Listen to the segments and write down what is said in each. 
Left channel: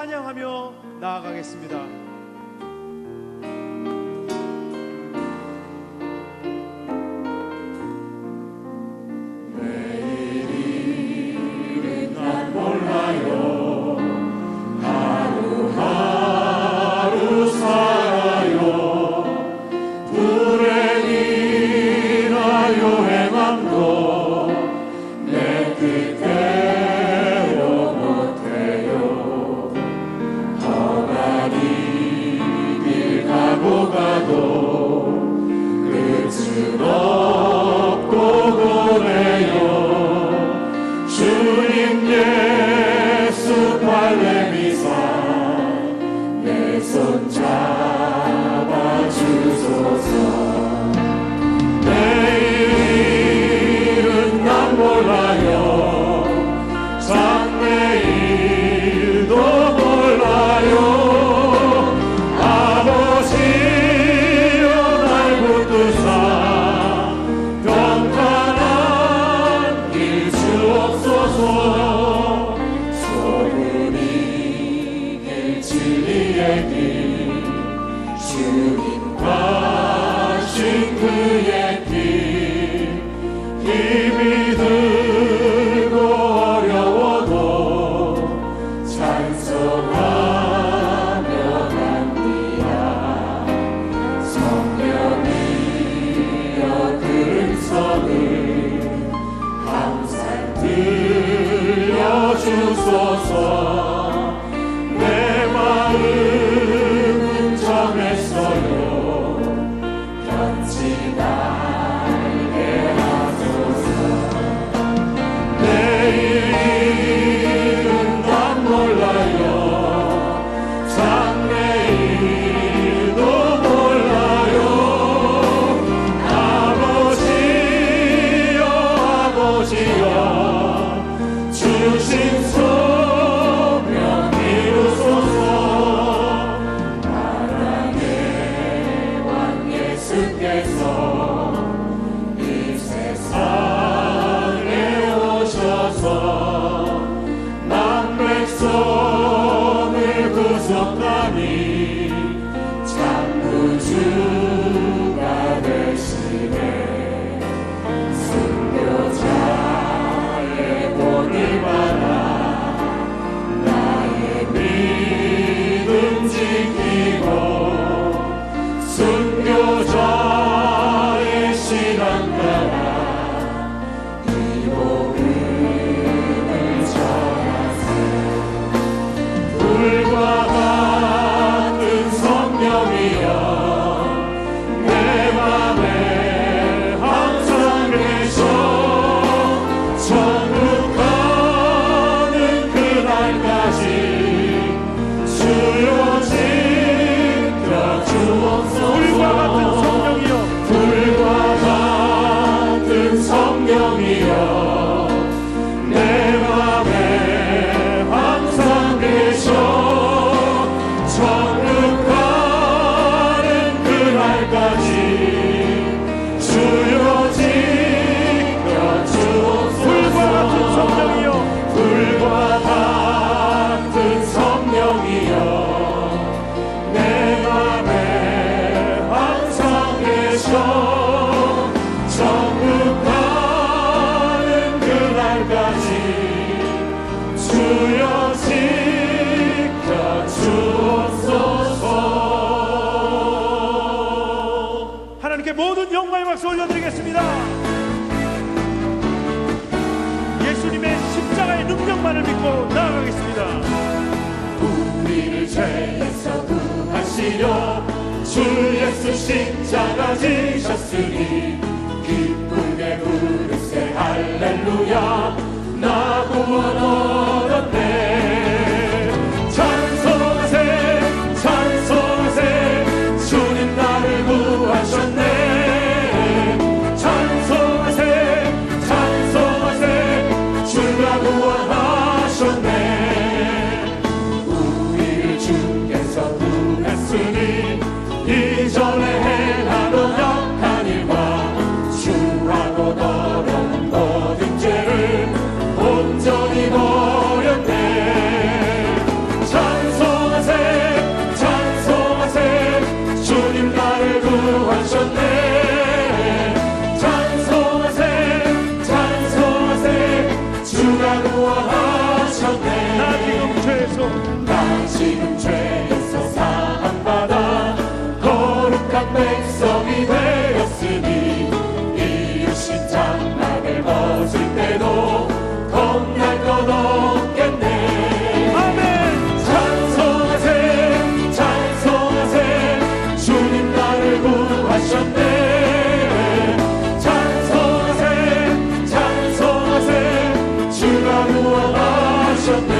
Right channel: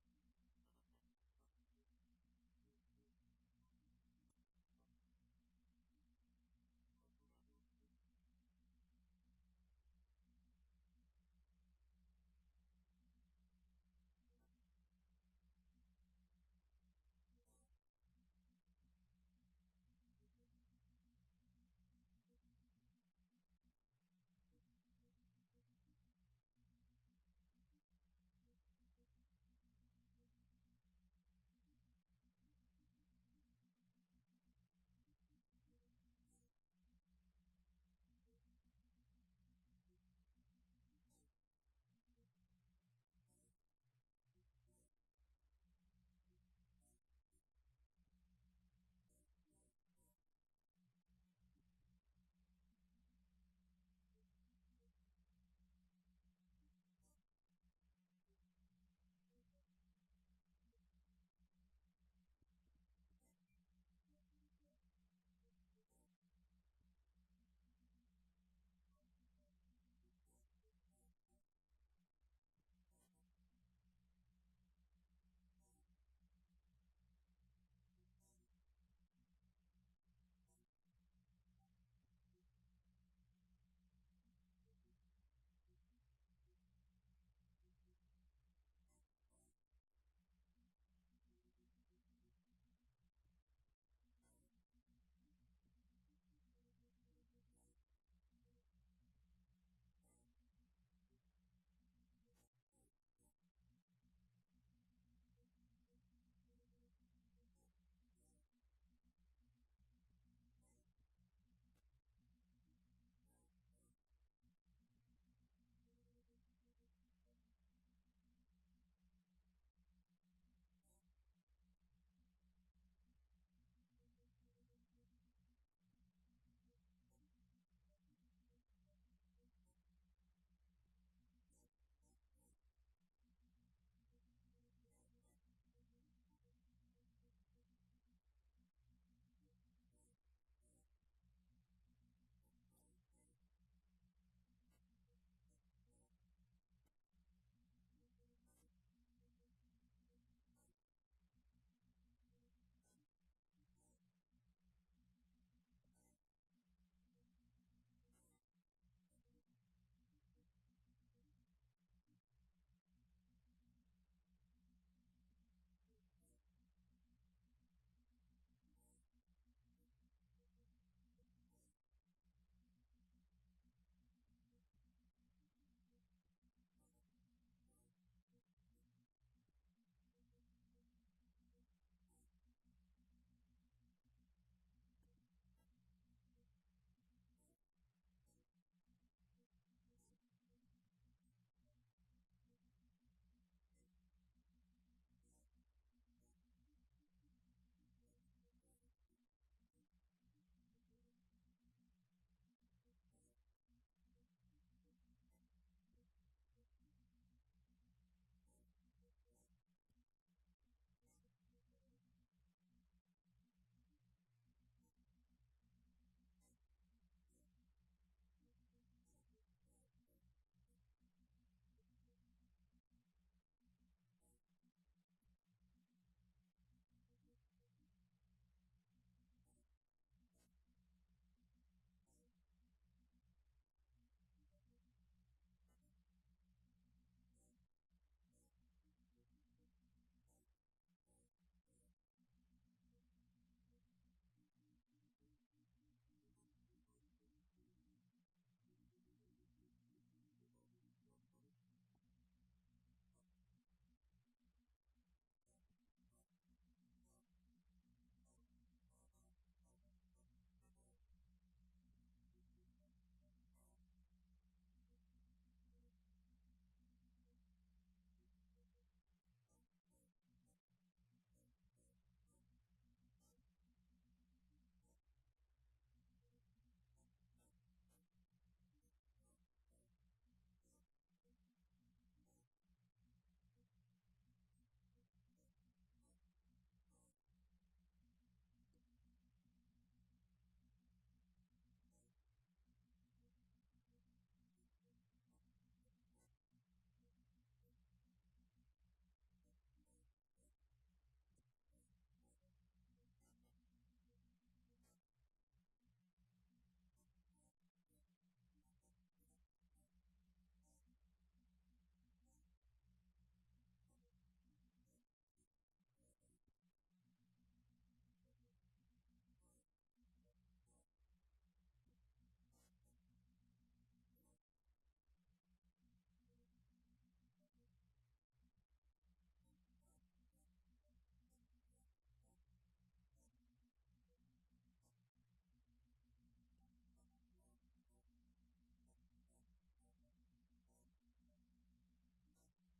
찬양하며 나아가겠습니다. 모든 영광의 박수 올려드리겠습니다. 예수님의 십자가의 능력만을 믿고 나아가겠습니다. 우리를 죄에서 구하시려 주 예수 십자가 지셨으니 기쁘게 부르세 할렐루야 나 구원 얻었네. 찬송하세 찬송하세 주님 나를 구하셨네. 이전에 행하던 약한 일과 구하셨네. 찬송하세 찬송하세 주가 구원하셨네.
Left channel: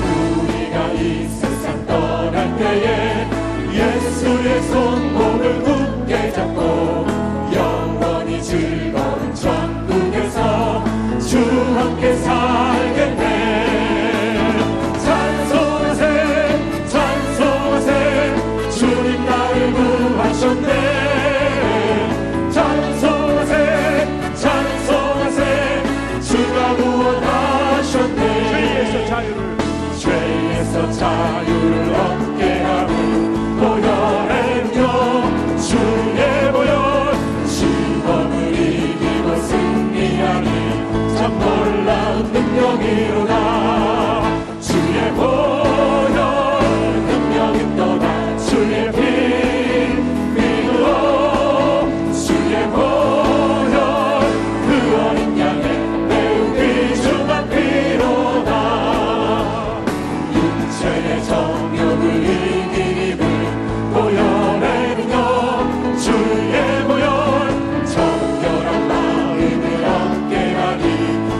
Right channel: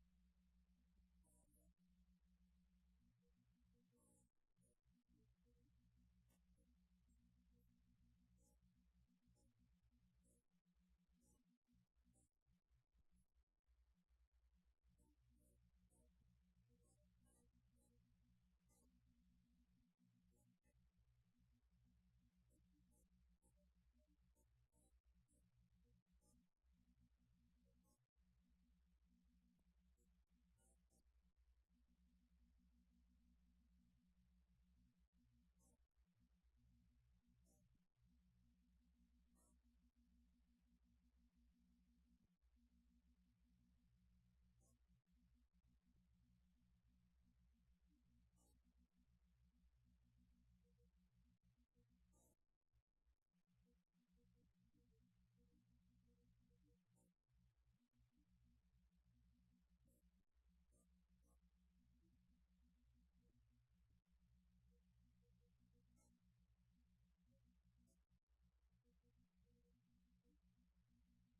우리가 이 세상 떠날 때에 예수의 손목을 굳게 잡고 영원히 즐거운 천국에서 주 함께 살겠네. 찬송하세 찬송하세 주님 나를 구하셨네. 찬송하세 찬송하세 주가 구원하셨네. 죄에서 자유를 죄에서 자유를 얻게 하는 보혈의요 주의 보혈 시험을 이기고 승리하니 참 놀라운 능력이로다. 주의 보혈 능력이 또다. 주의 피 믿으오 주의 보혈 그 어린 양의 매우 귀중한 피로다. 육체의 정욕을 이긴 힘을 보혈의 능력 주의 보혈 정결한 마음을 얻게 하니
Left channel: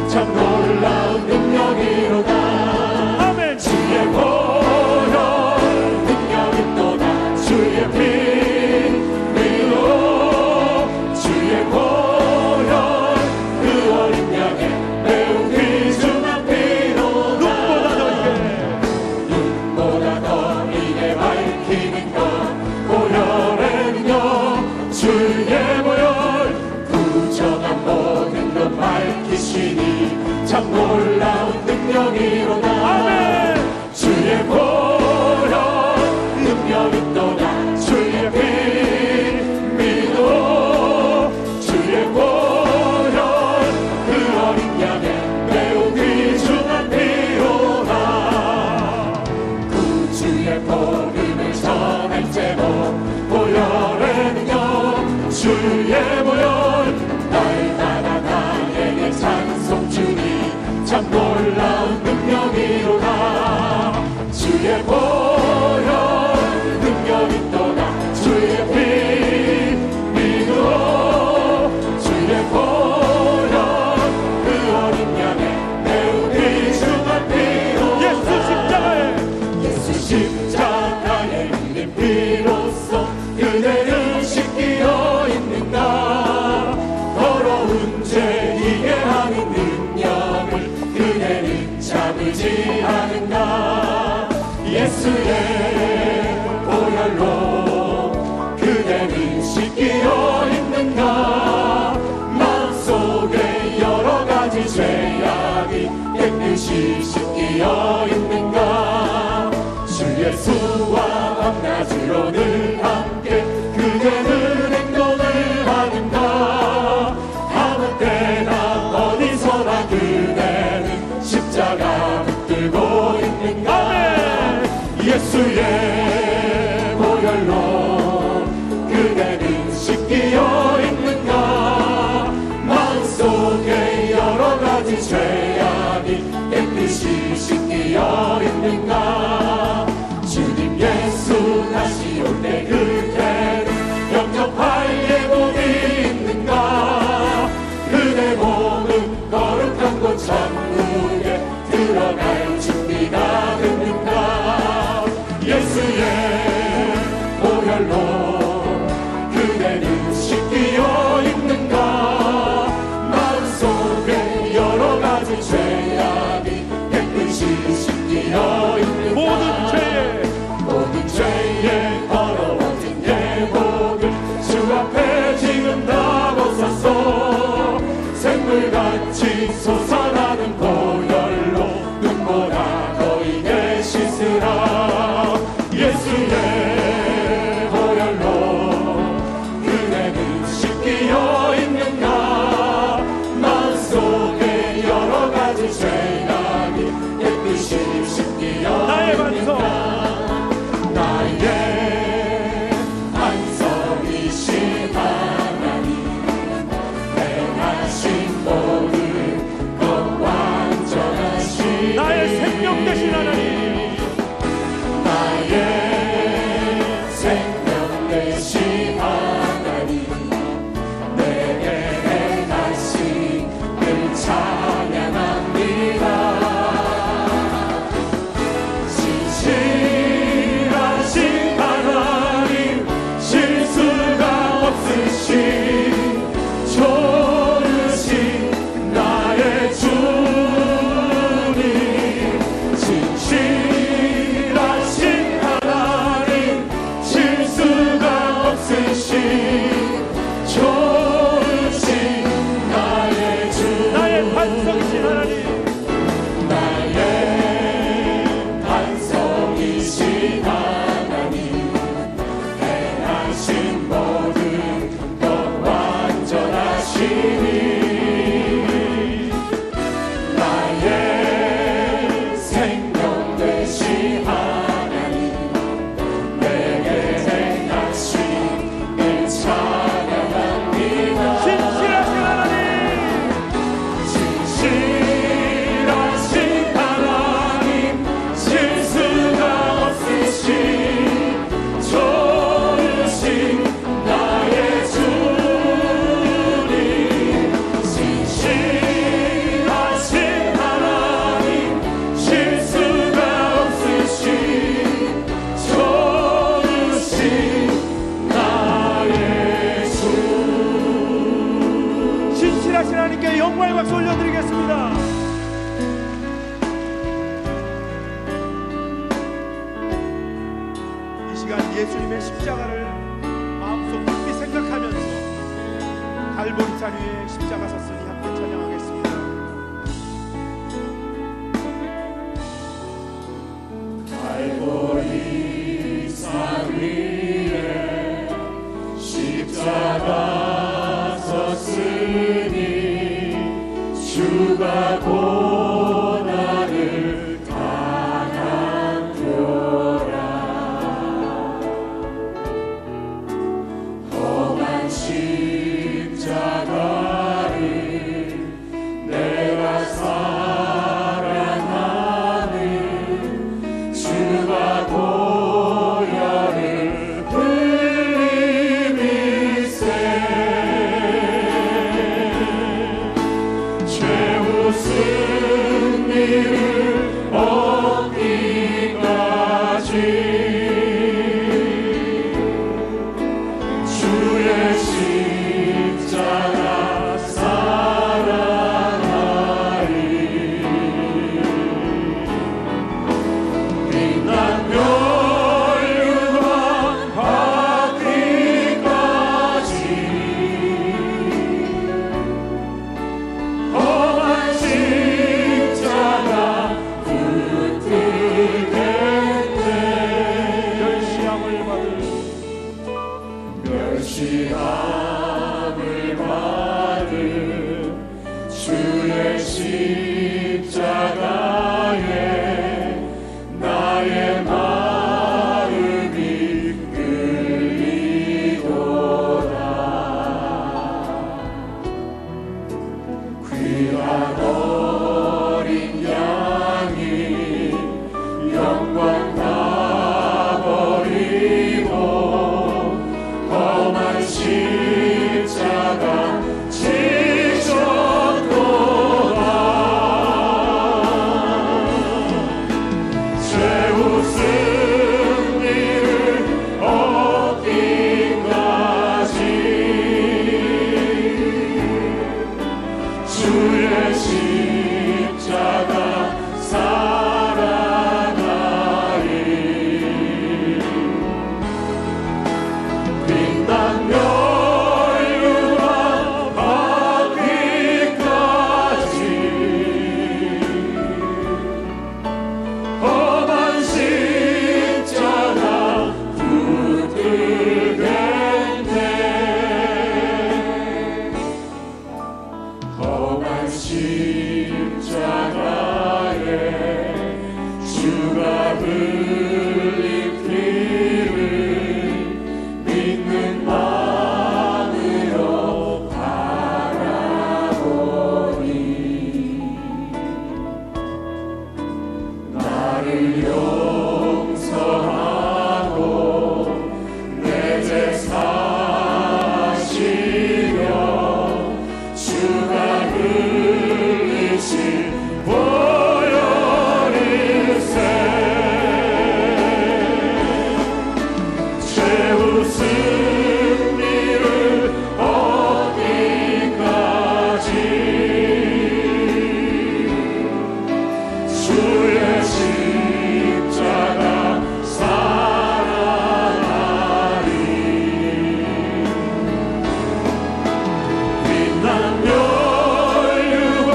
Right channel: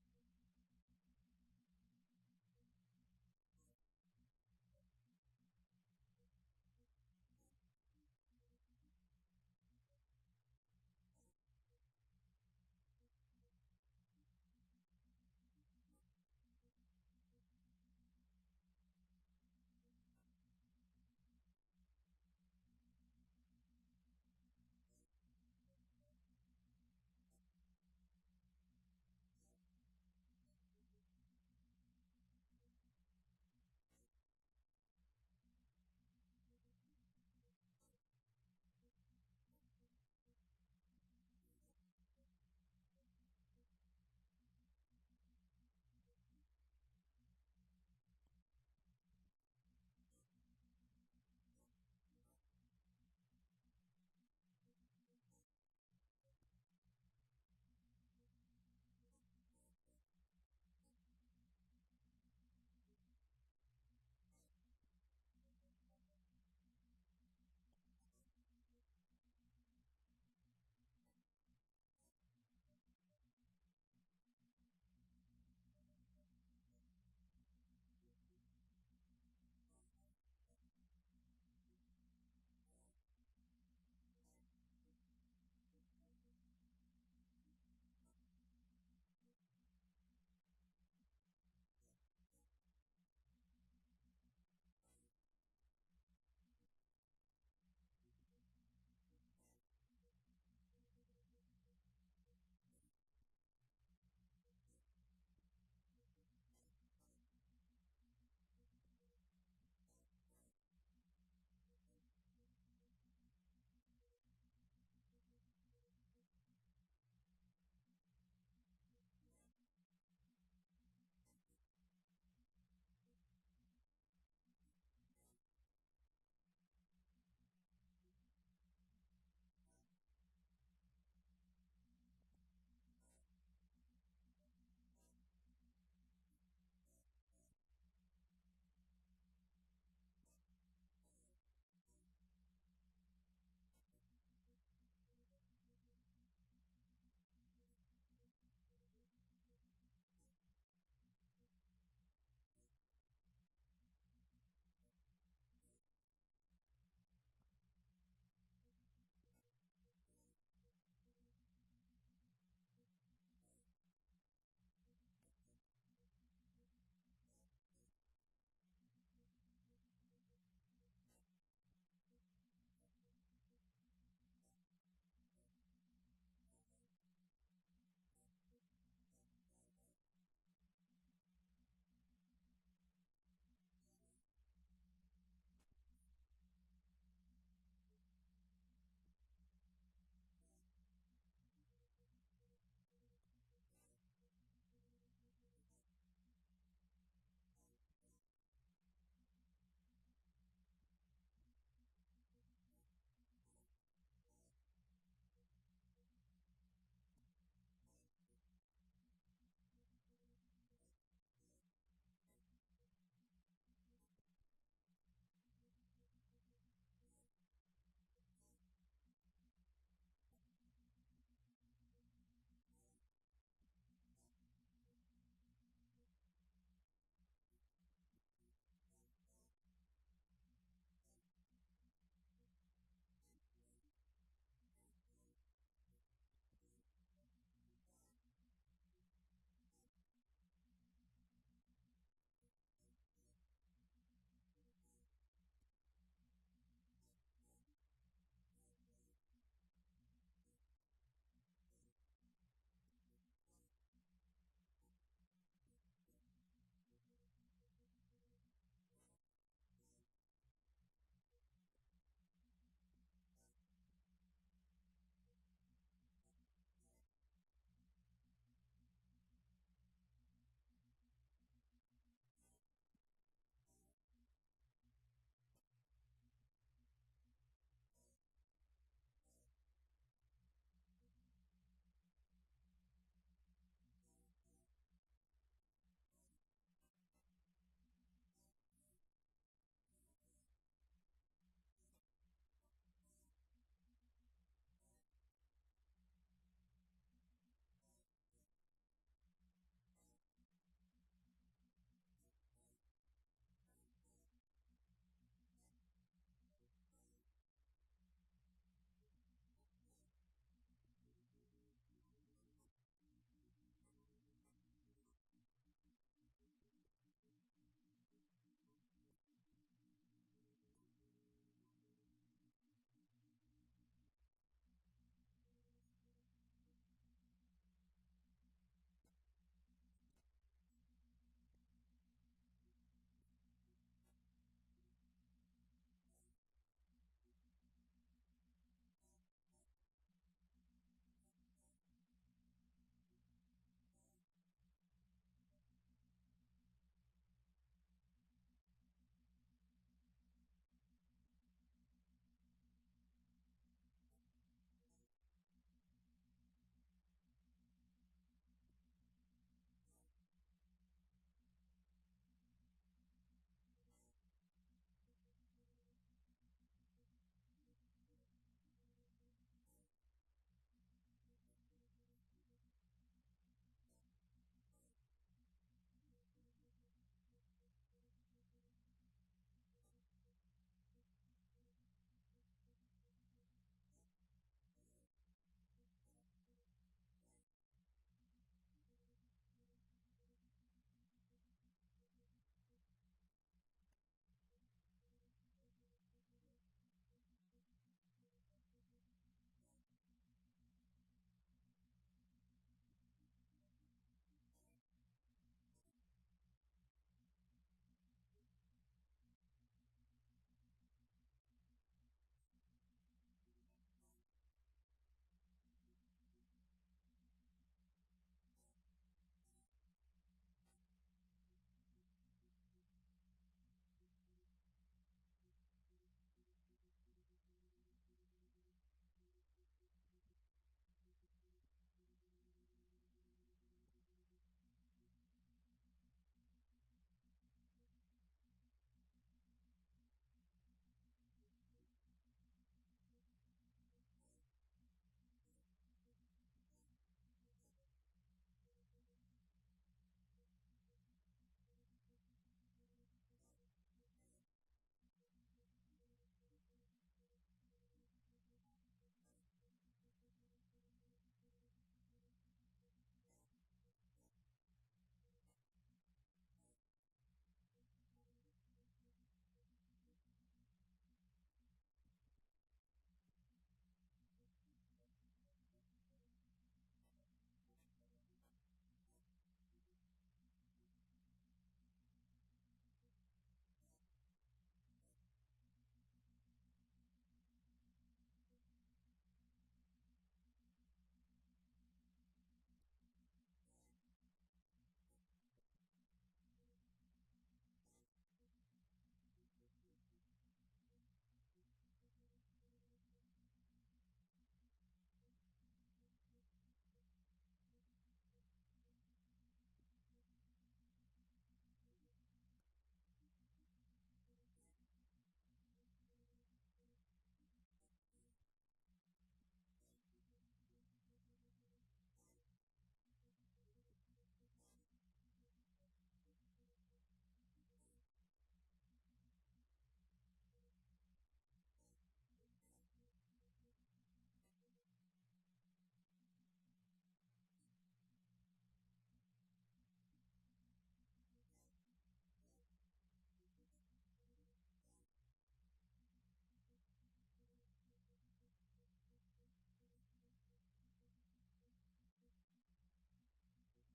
참 놀라운 능력이로다. 아멘. 주의 보혈 능력이 또다. 주의 피 믿어 주의 보혈 그 어린 양의 매우 귀중한 피로다. 눈보다 더 눈보다 더 이게 밝히는 것 보혈의 능력 주의 보혈 부정한 모든 것 밝히시니 참 놀라운 능력이로다. 아멘. 주의 보혈 능력이 또다. 주의 피 믿어 주의 보혈 그 어린 양의 매우 귀중한 피로다. 구주의 복음을 전할 제목 보혈의 능력 주의 보혈 날마다 나에게 찬송 주니 참 놀라운 능력이로다. 주의 보혈 능력이 또다. 주의 피 믿어 주의 보혈 그 어린 양의 매우 귀중한 피로다. 예수 십자가에 예수 십자가의 흘린 피로써 그대를 씻기어 있는가. 더러운 죄 이게 하는 능력을 그대는 참으지 않은가. 예수의 보혈로 그대는 씻기어 있는가. 마음속에 여러 가지 죄악이 깨끗이 씻기어 있는가. 주 예수와 밤낮으로 늘 함께 그대는 행동을 하는가. 아무 때나 어디서나 그대는 십자가 붙들고 있는가. 예수의 보혈로 그대는 씻기어 있는가. 마음속에 여러 가지 죄악이 깨끗이 씻기어 있는가. 주님 예수 다시 올 때 그대는 영접할 예복이 있는가. 그대 몸은 거룩한 곳 천국에 들어갈 준비가 됐는가. 예수의 보혈로 그대는 씻기어 있는가. 마음속에 여러 가지 죄악이 깨끗이 씻기어 있는가. 모든 죄에 더러워진 예복을 주 앞에 지금 다 벗었소. 샘물같이 솟아나는 보혈로 눈보다 너희게 씻으라. 예수의 보혈로 그대는 씻기어 있는가. 마음속에 여러 가지 죄악이 깨끗이 씻기어 나의 반석. 있는가. 나의 반석이신 하나님 행하신 모든 것 완전하신 나의 생명 되신 하나님. 나의 생명 되신 시간 예수님의 십자가를 마음속 깊이 생각하면서 갈보리 산 위에 십자가 섰으니 함께 찬양하겠습니다. 갈보리 산 위에 십자가 섰으니 주가 고난을 당한도라. 험한 십자가를 내가 사랑하는 주가 보혈을 흘리미세 최후 승리를 얻기까지 주의 십자가 사랑하리. 빛난 멸류관 받기까지 험한 십자가 붙들겠네. 멸시함을 받을 멸시함을 받은 주의 십자가에 나의 마음이 끌리도다. 귀한 어린 양이 영광 다 버리고 험한 십자가 지셨도다. 최후 승리를 얻기까지 주의 십자가 사랑하리. 빛난 멸류관 받기까지 험한 십자가 붙들겠네. 험한 십자가에 주가 흘린 피를 믿는 마음으로 바라보니 나를 용서하고 내 죄 사시려 주가 흘리신 보혈일세. 최후 승리를 얻기까지 주의 십자가 사랑하리. 빛난 멸류관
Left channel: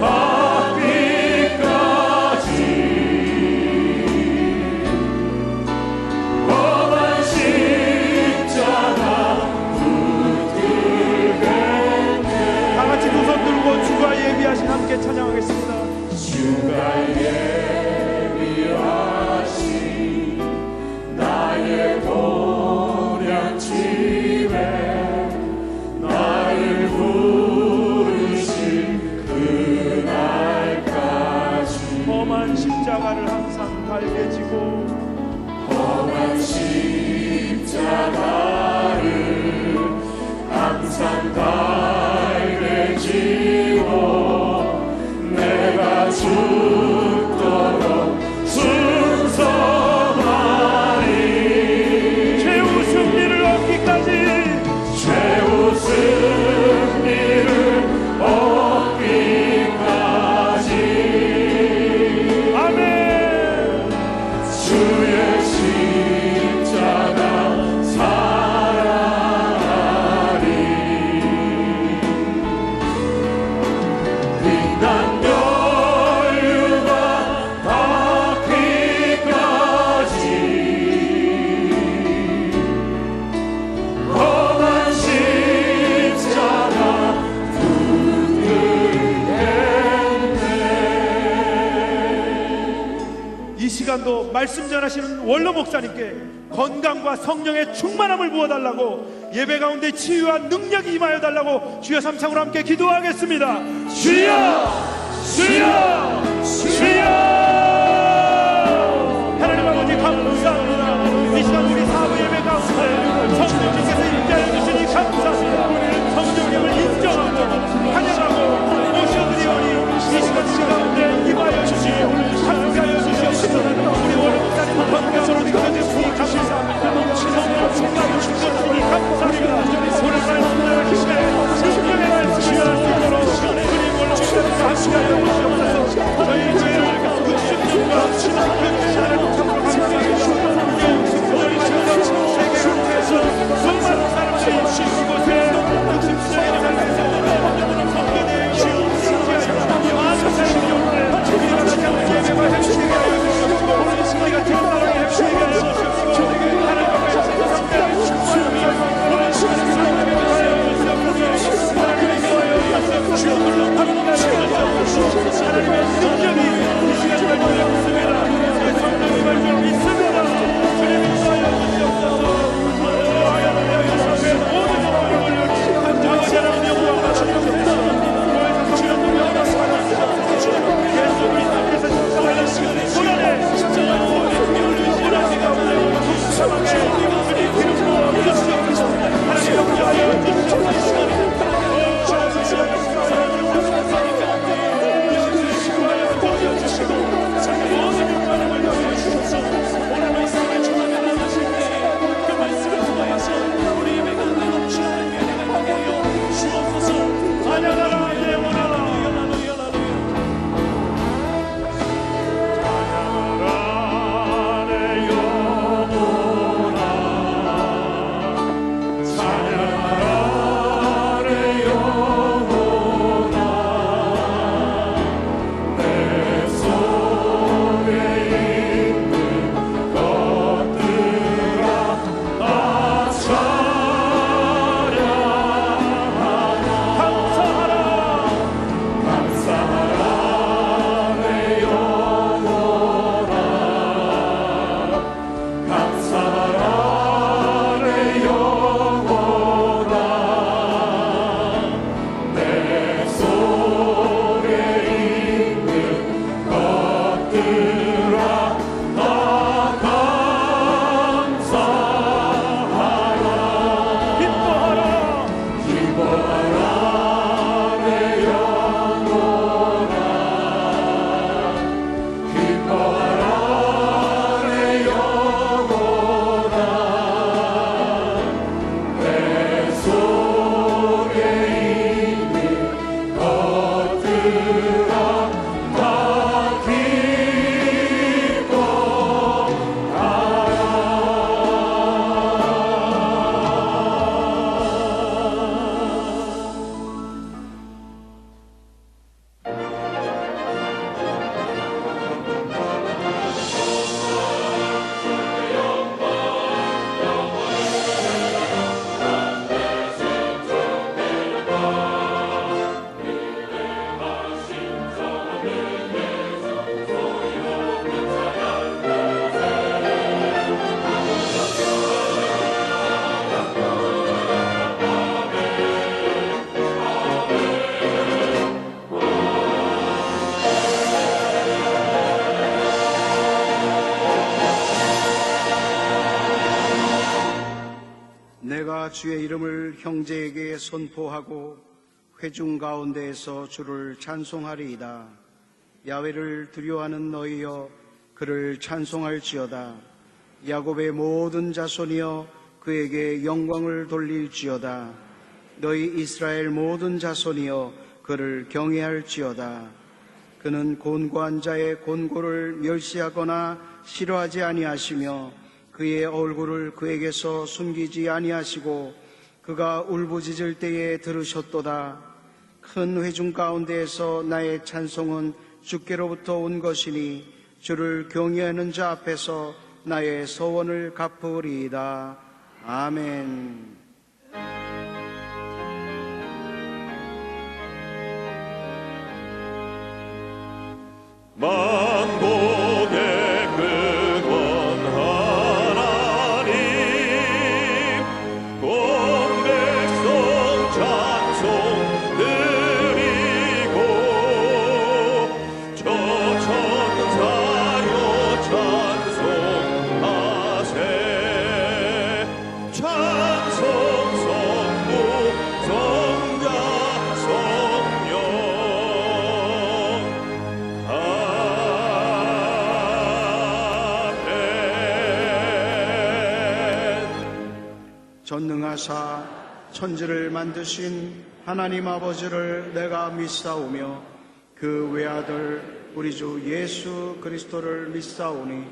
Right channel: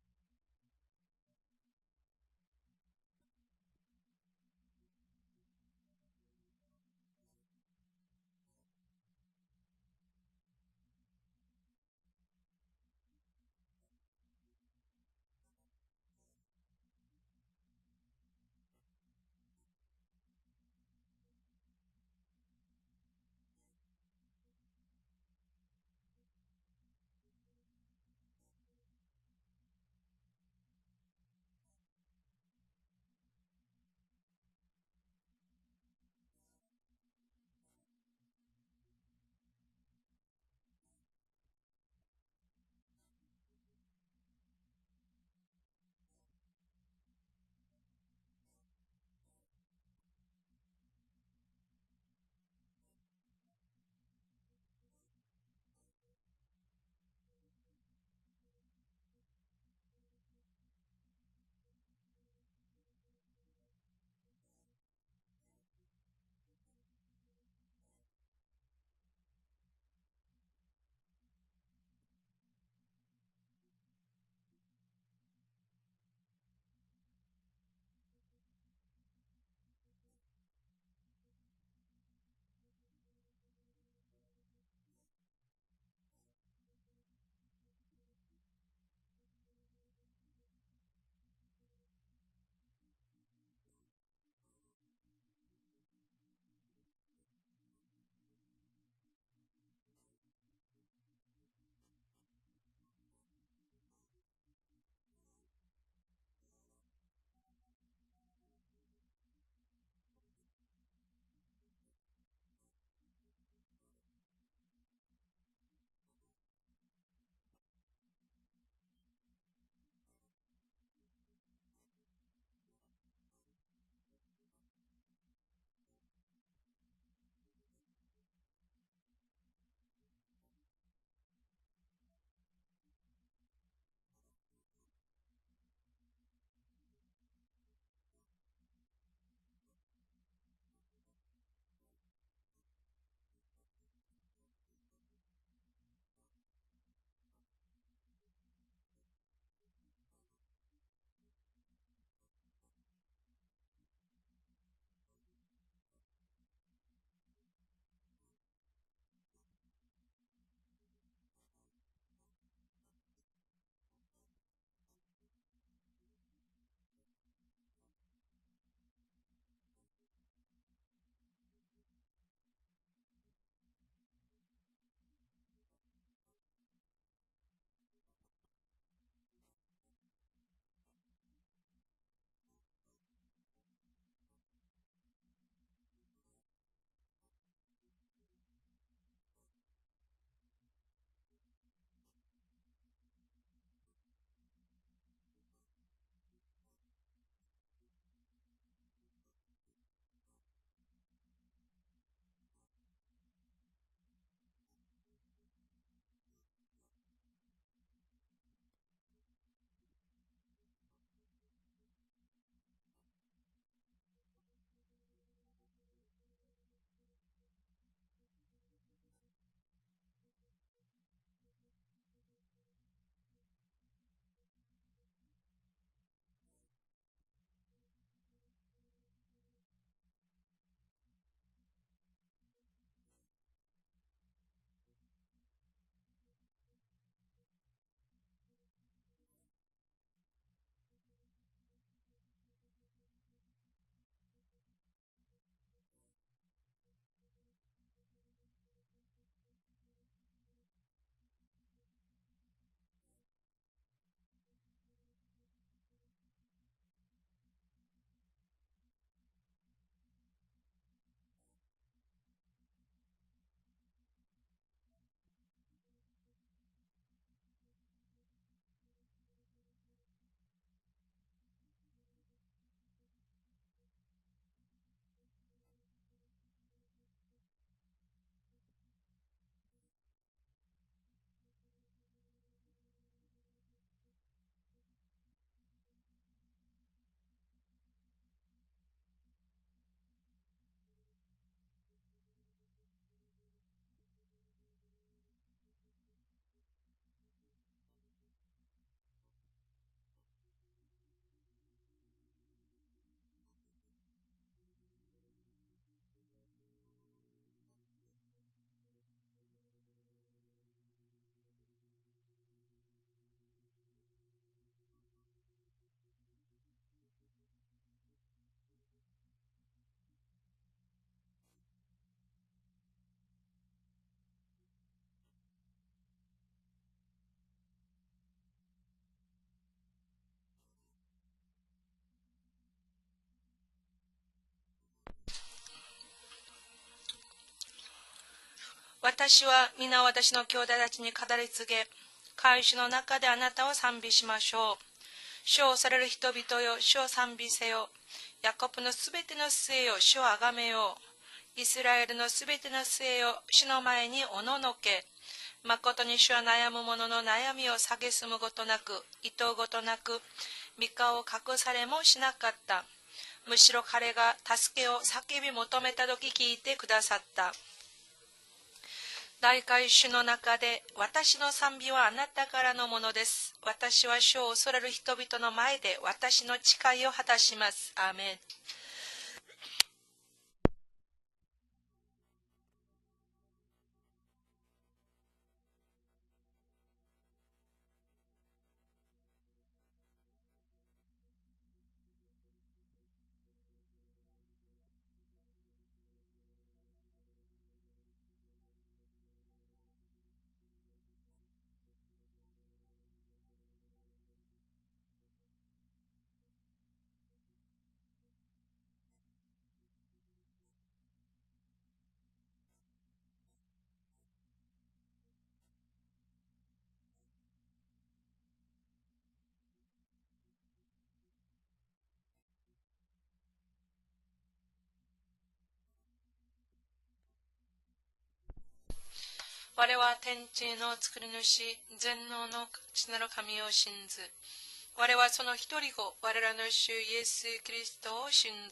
받기까지 험한 십자가 붙들겠네. 다 같이 두 손 들고 주가 예비하신 함께 찬양하겠습니다. 주가 예비하신 나의 도량 집에 나를 부르신 그날까지 험한 십자가를 항상 달게 지고 험한 십자가를 항상 달게 지고 내가 죽도록 순서하리. 최후 승리를 얻기까지 최후 승리를 얻기까지 아멘. 주의 십자가 또 말씀 전하시는 원로 목사님께 건강과 성령의 충만함을 부어달라고, 예배 가운데 치유와 능력이 임하여 달라고 주여 삼창으로 함께 기도하겠습니다. 주여, 주여, 주여. 하나님 아버지 감사합니다. 이 시간 우리 사부 예배 가운데 성령님께서 임재하여 주시니 감사합니다. 성령님을 인정하고 환영하고 모셔드리오니 이 시간 우리 가운데 임하여 주시고 함께하여 주시옵소서. 우리 원로 목사님 건강으로 믿어주시니 감사합니다. 성령 충만을 주시니 감사합니다. 오늘 말씀을 힘내 능력의 말씀을 수 있도록 주님 원로 목사님과 함께하여 주시옵소서. 저희 교회를 60년과 신앙교회를 참으로 감사합니다. 우리 지금 세계 각지에서 수많은 사람들이 이곳에 60년의 삶에서 성교대에 신지하여 많은 사람들이 오는데 우리가 같이 함께 예배와 행실하게 하여 주시옵시고 우리가 태어나라고 행실하게 하여 주시옵시고 하나님의 성령을 충만하게 오늘 시간에 하나님의 하여 주시옵소서. 하나님의 하여 주시옵소서. 하나님의 주시옵소서. 하나님의 능력이 이 시간을 보여 있습니다. 성령의 말씀을 믿습니다. 주님이 하여 주시옵소서. 모든 영광을 한주와 사랑의 영광을 받으시옵소서. 주님의 영광을 받으시옵소서. 예수 그리스도께서 십자가의 고난에 고난의 가운데 풍성하게 주님 기름으로 주시옵소서. 하나님 영광하여 주시옵소서. 내가 주의 이름을 형제에게 선포하고 회중 가운데에서 주를 찬송하리이다. 야훼를 두려워하는 너희여 그를 찬송할지어다. 야곱의 모든 자손이여 그에게 영광을 돌릴지어다. 너희 이스라엘 모든 자손이여 그를 경외할지어다. 그는 곤고한 자의 곤고를 멸시하거나 싫어하지 아니하시며 그의 얼굴을 그에게서 숨기지 아니하시고 그가 울부짖을 때에 들으셨도다. 큰 회중 가운데에서 나의 찬송은 주께로부터 온 것이니 주를 경외하는 자 앞에서 나의 소원을 갚으리이다. 아멘. 만복의 그 전능하사 천지를 만드신 하나님 아버지를 내가 믿사오며 그 외아들 우리 주 예수 그리스도를 믿사오니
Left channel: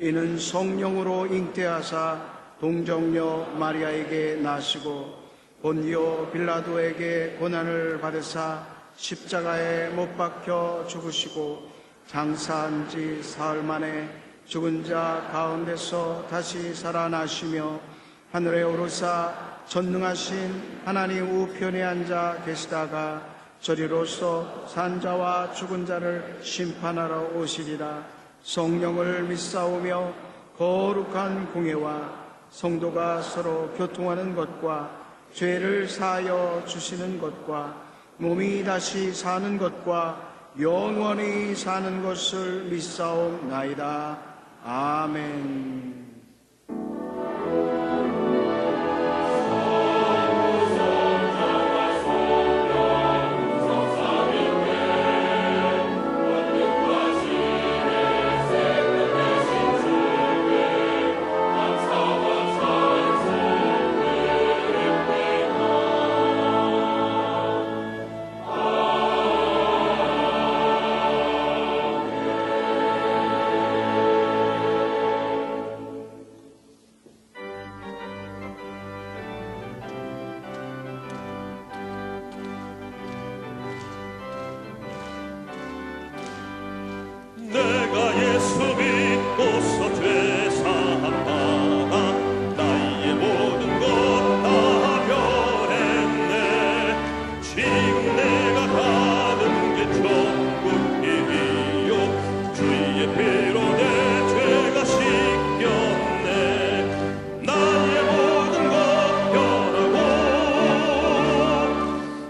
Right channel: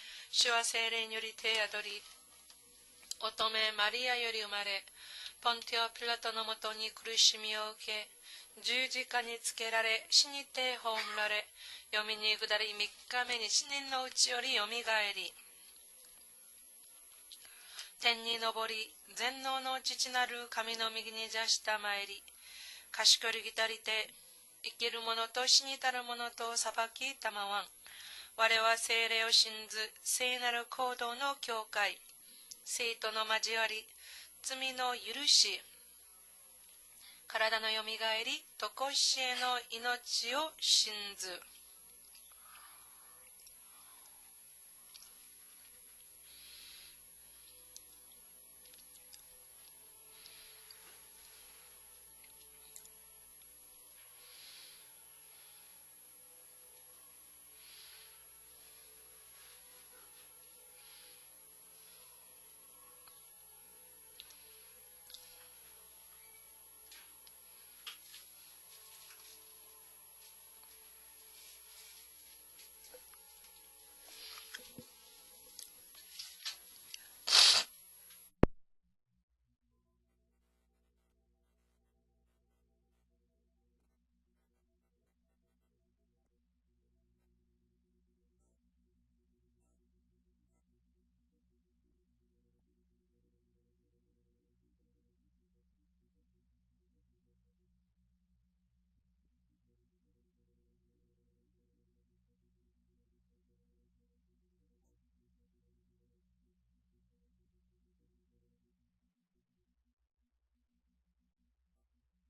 이는 성령으로 잉태하사 동정녀 마리아에게 나시고 본디오 빌라도에게 고난을 받으사 십자가에 못 박혀 죽으시고 장사한 지 사흘 만에 죽은 자 가운데서 다시 살아나시며 하늘에 오르사 전능하신 하나님 우편에 앉아 계시다가 저리로서 산자와 죽은 자를 심판하러 오시리라. 성령을 믿사오며 거룩한 공예와 성도가 서로 교통하는 것과 죄를 사하여 주시는 것과 몸이 다시 사는 것과 영원히 사는 것을 믿사옵나이다. 아멘. 내가 예수 믿고서 죄 사함받아 나의 모든 것 다 변했네. 지금 내가 가는 게 천국이요 주의 피로 내 죄가 씻겼네. 나의 모든 것 변하고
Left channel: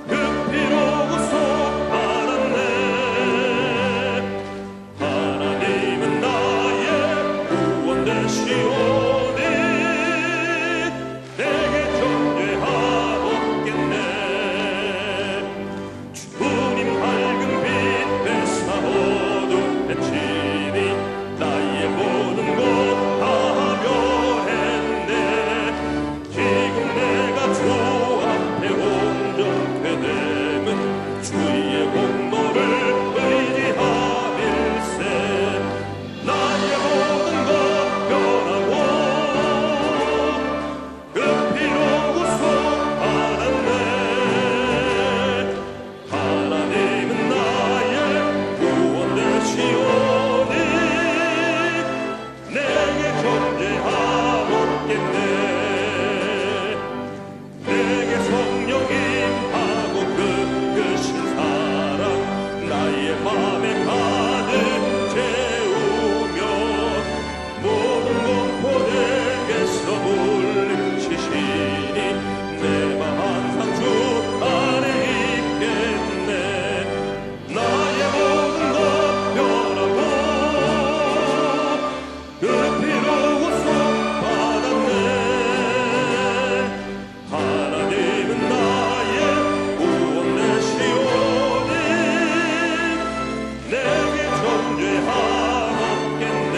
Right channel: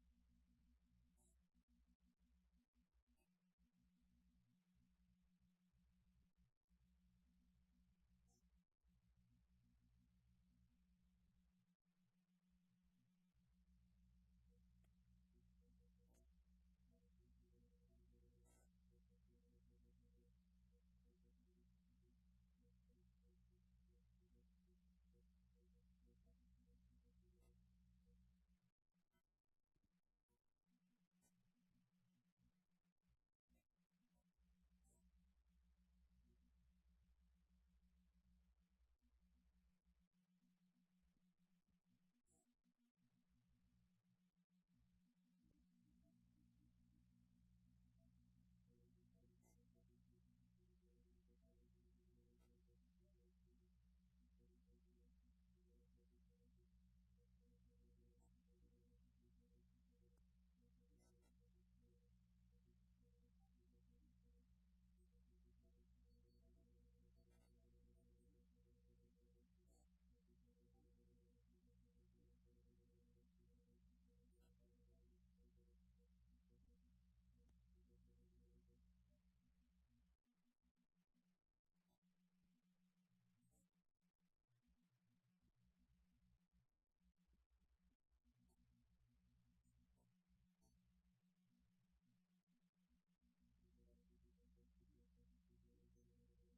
그 피로 구속 받았네. 하나님은 나의 구원 되시오니 내게 존재하옵겠네. 주님 밝은 빛 되사오도 해치니 나의 모든 것 다 변했네. 지금 내가 주 앞에 온전케 되면 주의 공로를 의지하밀세. 나의 모든 것 변하고 그 피로 구속 받았네. 하나님은 나의 구원 되시오니 내게 존재하옵겠네. 내게 성령 임하고 끝끝인 사랑 나의 맘에 가득 채우며 모든 공포 내게서 물리치시니 내 맘 항상 주 안에 있겠네. 나의 모든 것 변하고 그 피로 구속 받았네. 하나님은 나의 구원 되시오니 내게 존재하옵겠네.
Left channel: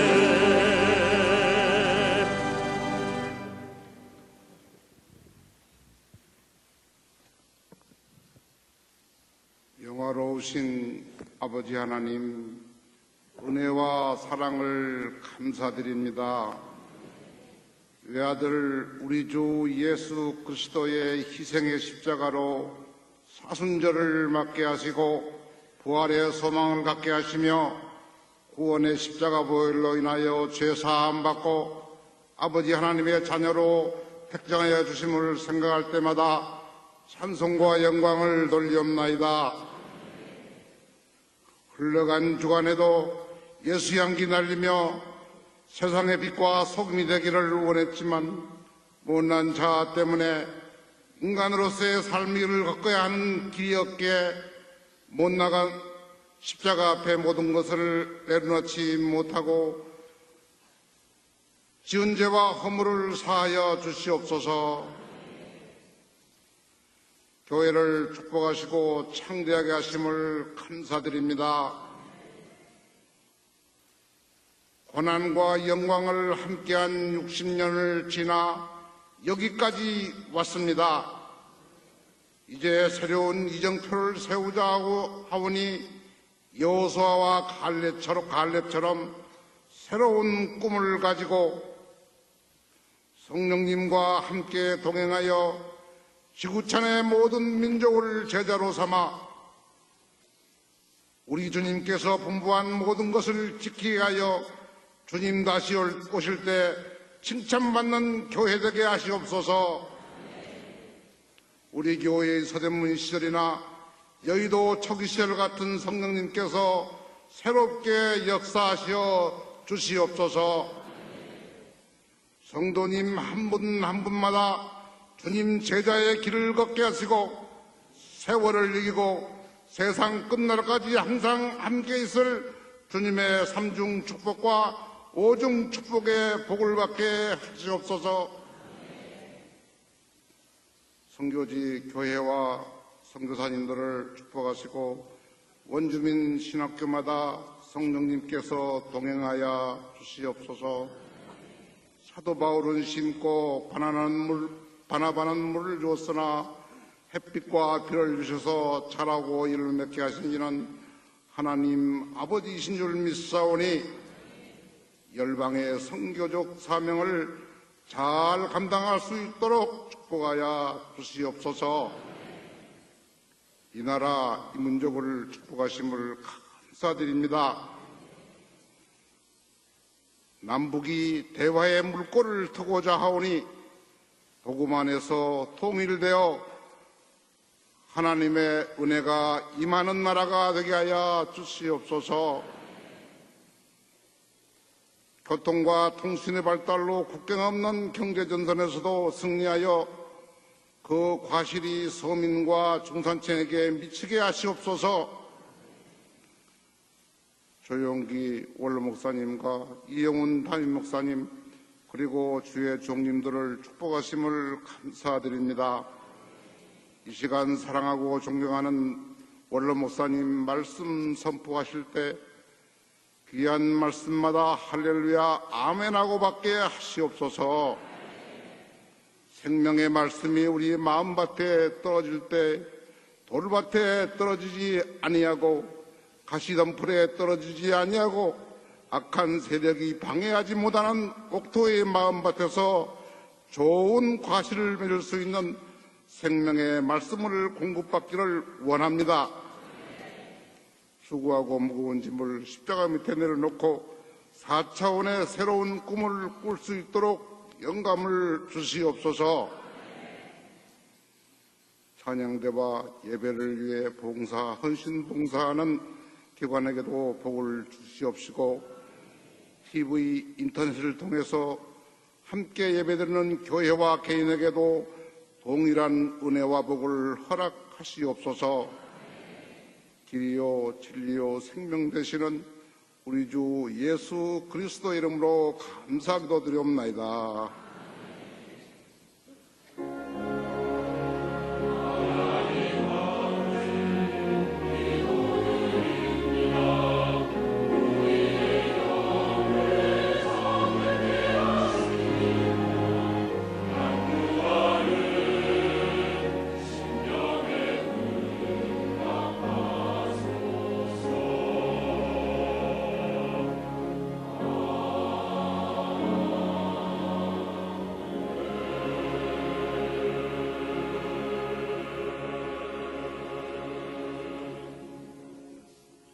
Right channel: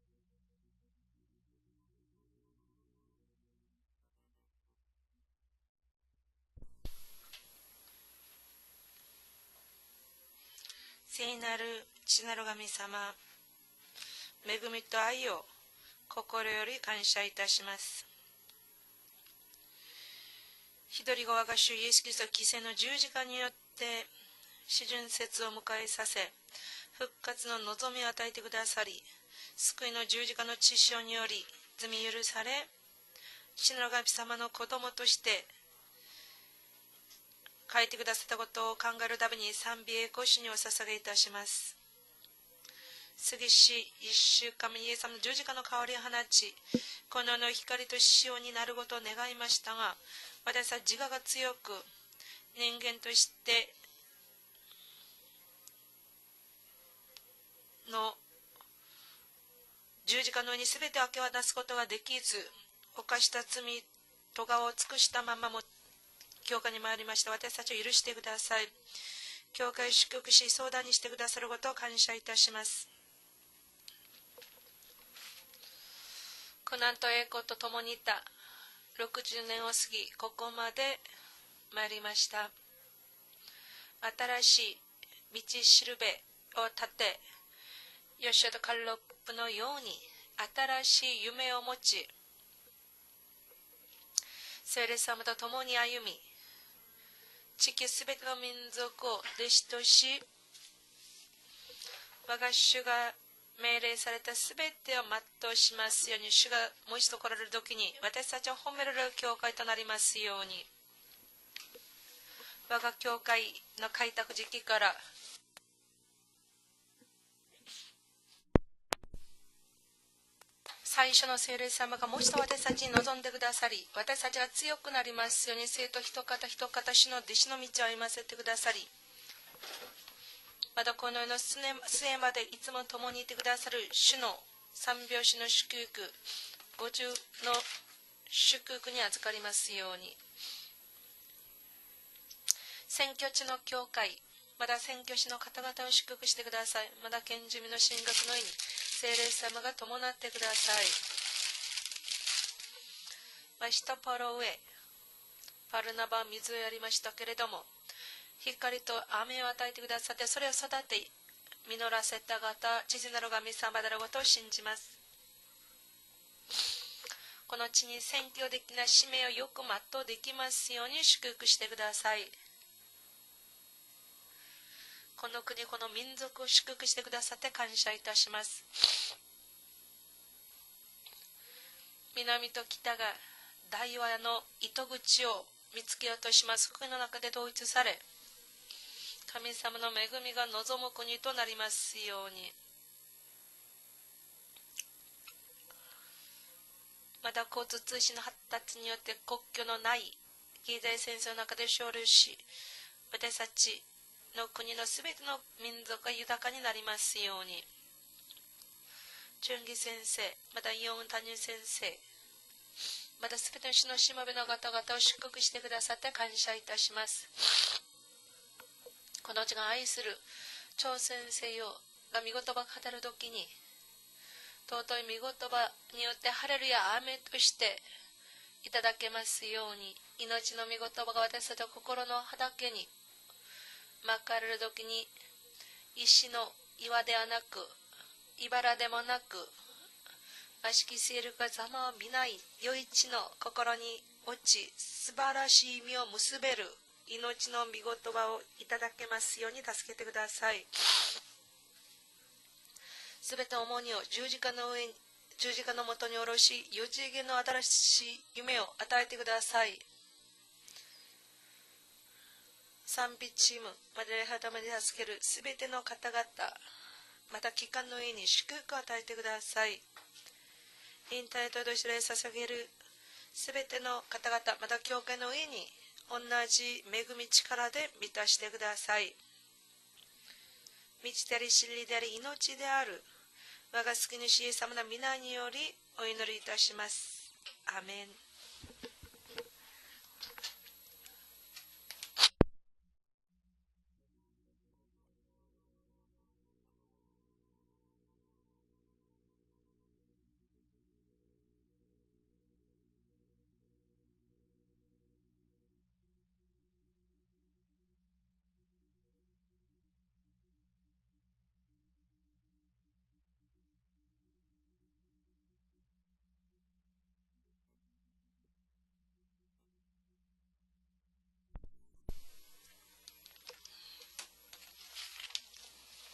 영화로우신 聖な 아버지 る 하나님, 父なる神様、 은혜와 사랑을 恵みと愛を 감사드립니다. 心より感謝いたします。 외아들 우리 주 예수 一 그리스도의 人が我が主 희생의 イエスキリスト 십자가로 犠牲の十字架によって 사순절을 맞게 하시고 節を迎えさせ 부활의 소망을 갖게 復活の 하시며 望みを与えてくださり 구원의 십자가 보혈로 인하여 죄 사함 받고 罪許され 아버지 하나님의 자녀로 택정하여 주심을 생각할 때마다 찬송과 영광을 돌리옵나이다. 흘러간 주간에도 예수 향기 날리며 세상의 빛과 소금이 되기를 원했지만 못난 자 때문에 인간으로서의 삶을 겪어야 하는 뒤없게 못 나간 십자가 앞에 모든 것을 내려놓지 못하고 지은 죄와 허물을 사하여 주시옵소서. 교회를 축복하시고 창대하게 하심을 감사드립니다. 고난과 영광을 함께한 60년을 지나 여기까지 왔습니다. 이제 새로운 이정표를 세우자고 하오니 여호수아와 갈렙처럼 새로운 꿈을 가지고 성령님과 함께 동행하여 지구촌의 모든 민족을 제자로 삼아 우리 주님께서 분부한 모든 것을 지키게 하여 주님 다시 오실 때 칭찬받는 교회 되게 하시옵소서. 우리 교회의 서대문 시절이나 여의도 초기 시절 같은 성령님께서 새롭게 역사하시어 주시옵소서. 성도님 한 분 한 분마다 주님 제자의 길을 걷게 하시고 세월을 이기고 세상 끝날까지 항상 함께 있을 주님의 삼중 축복과 오중 축복의 복을 받게 하시옵소서. 선교지 교회와 선교사님들을 축복하시고 원주민 신학교마다 성령님께서 동행하여 주시옵소서. 사도 바울은 심고 바나바는 물을 주었으나 햇빛과 비를 주셔서 자라고 이를 맺게 하시는 하나님 아버지이신 줄 믿사오니 열방의 선교적 사명을 잘 감당할 수 있도록 도와야 주시옵소서. 이 나라 이 민족을 축복하심을 감사드립니다. 남북이 대화의 물꼬를 트고자 하오니 복음 안에서 통일되어 하나님의 은혜가 임하는 나라가 되게 하여 주시옵소서. 교통과 통신의 발달로 국경 없는 경제전선에서도 승리하여 그 과실이 서민과 중산층에게 미치게 하시옵소서. 조용기 원로 목사님과 이영훈 담임 목사님 그리고 주의 종님들을 축복하심을 감사드립니다. 이 시간 사랑하고 존경하는 원로 목사님 말씀 선포하실 때 귀한 말씀마다 할렐루야 아멘하고 받게 하시옵소서. 생명의 말씀이 우리 마음밭에 떨어질 때 돌밭에 떨어지지 아니하고 가시덤불에 떨어지지 아니하고 악한 세력이 방해하지 못하는 옥토의 마음밭에서 좋은 과실을 맺을 수 있는 생명의 말씀을 공급받기를 원합니다. 수고하고 무거운 짐을 십자가 밑에 내려놓고 4차원의 새로운 꿈을 꿀 수 있도록 영감을 주시옵소서. 찬양대와 예배를 위해 봉사, 헌신 봉사하는 기관에게도 복을 주시옵시고 TV, 인터넷을 통해서 함께 예배드리는 교회와 개인에게도 동일한 은혜와 복을 허락하시옵소서. 길이요 진리요 생명 되시는 우리 주 예수 그리스도 이름으로 감사기도드리옵나이다.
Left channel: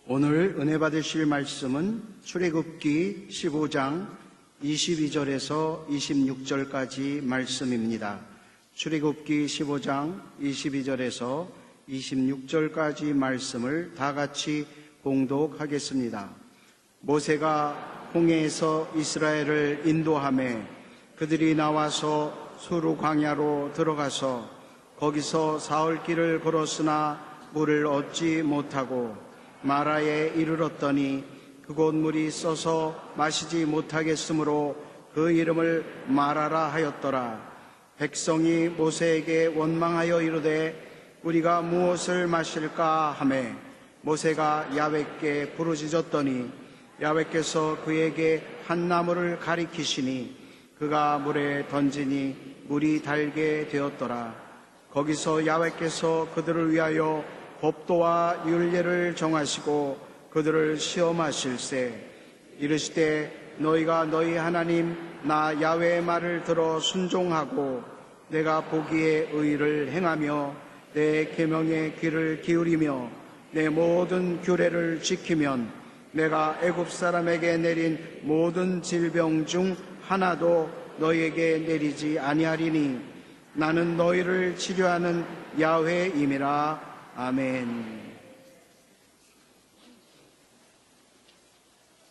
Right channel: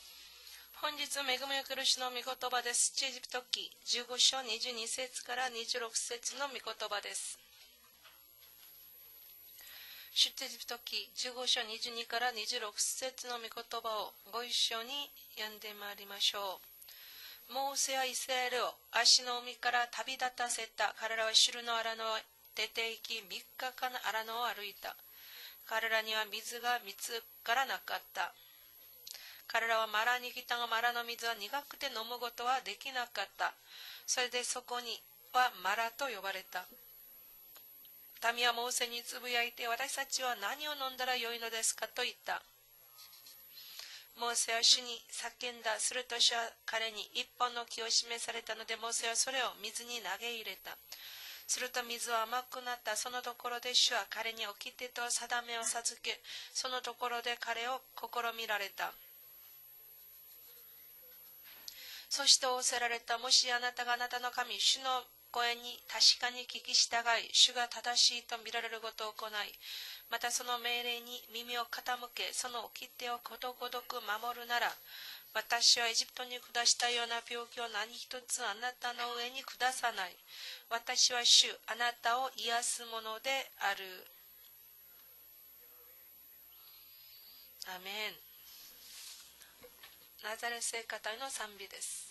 오늘 은혜 받으실 말씀은 출애굽기 15장 22절에서 26절까지 말씀입니다. 출애굽기 15장 22절에서 26절까지 말씀을 다 같이 봉독하겠습니다. 모세가 홍해에서 이스라엘을 인도하매 그들이 나와서 수르 광야로 들어가서 거기서 사흘길을 걸었으나 물을 얻지 못하고 마라에 이르렀더니 그곳 물이 써서 마시지 못하겠으므로 그 이름을 마라라 하였더라. 백성이 모세에게 원망하여 이르되 우리가 무엇을 마실까 하매 모세가 야훼께 부르짖었더니 야훼께서 그에게 한 나무를 가리키시니 그 그가 물에 던지니 물이 달게 되었더라. 거기서 야훼께서 그들을 위하여 법도와 율례를 정하시고 그들을 시험하실세. 이르시되 너희가 너희 하나님 나 야훼의 말을 들어 순종하고 내가 보기에 의를 행하며 내 계명에 귀를 기울이며 내 모든 규례를 지키면 내가 애굽 사람에게 내린 모든 질병 중 하나도 너희에게 내리지 아니하리니 나는 너희를 치료하는 야훼임이라. 아멘. ナザレ聖歌隊の賛美です。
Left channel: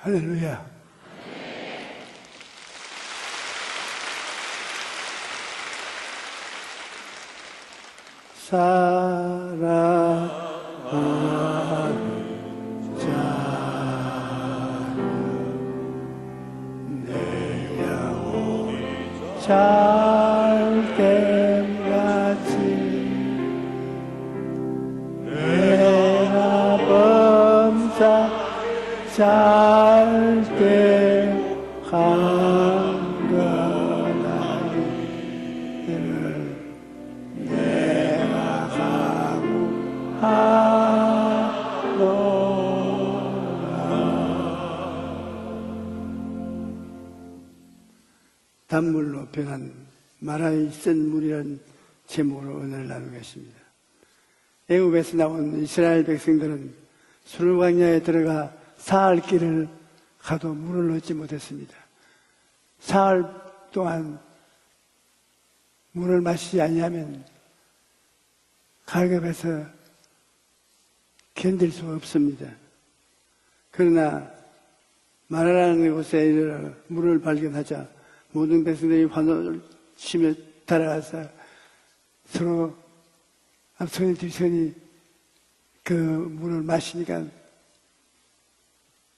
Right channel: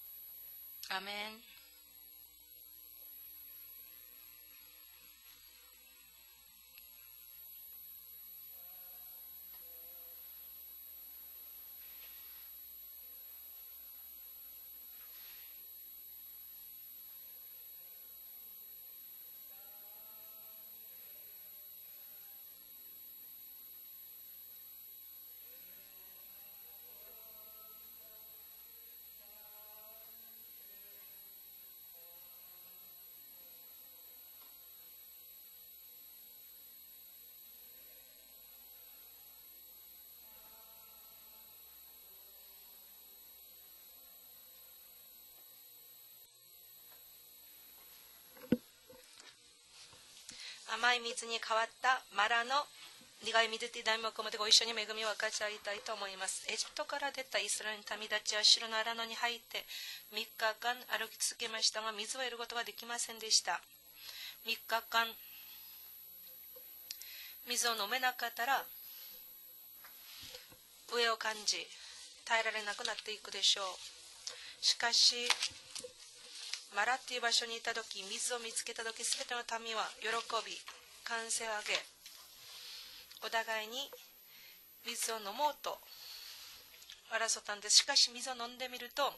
할렐루야. 아멘. 사랑하는 자는 내 영혼 잘됨같이 내가 범사 잘때 한거나니 내가 각오하노라. 단물로 변한 마라의 甘い 쓴 水に 물이라는 変わったマ 제목으로 ラの 오늘 나누고 苦い 있습니다. 水という題目を持ってご一緒に恵みを 애국에서 感謝 나온 したいと思 이스라엘 います。エ 백성들은 ジプトから出たイスラエル 수르광야에 の民たち 들어가 は城の中 사흘 に入って 길을 3 가도 日間 물을 歩 얻지 き続けまし 못했습니다. たが水を得ることができません 사흘 でした。 동안 3日間 물을 마시지 아니하면 水を飲めなかったら 가급에서 上を感じ 견딜 수가 耐 없습니다. えられなくなっていくでしょう。 그러나 しかし 마라라는 곳에 이르러 マラってい 물을 う場所に行った 발견하자 時水を見 모든 つけた時 백성들이 イスラエルの 환호를 民は喜 심에 び 따라가서 歓声を上げ 서로 お互いに 앞손이 뒤손이 水を飲もうと 그 물을 마시니까 争ったんです。しかし水を飲んでみると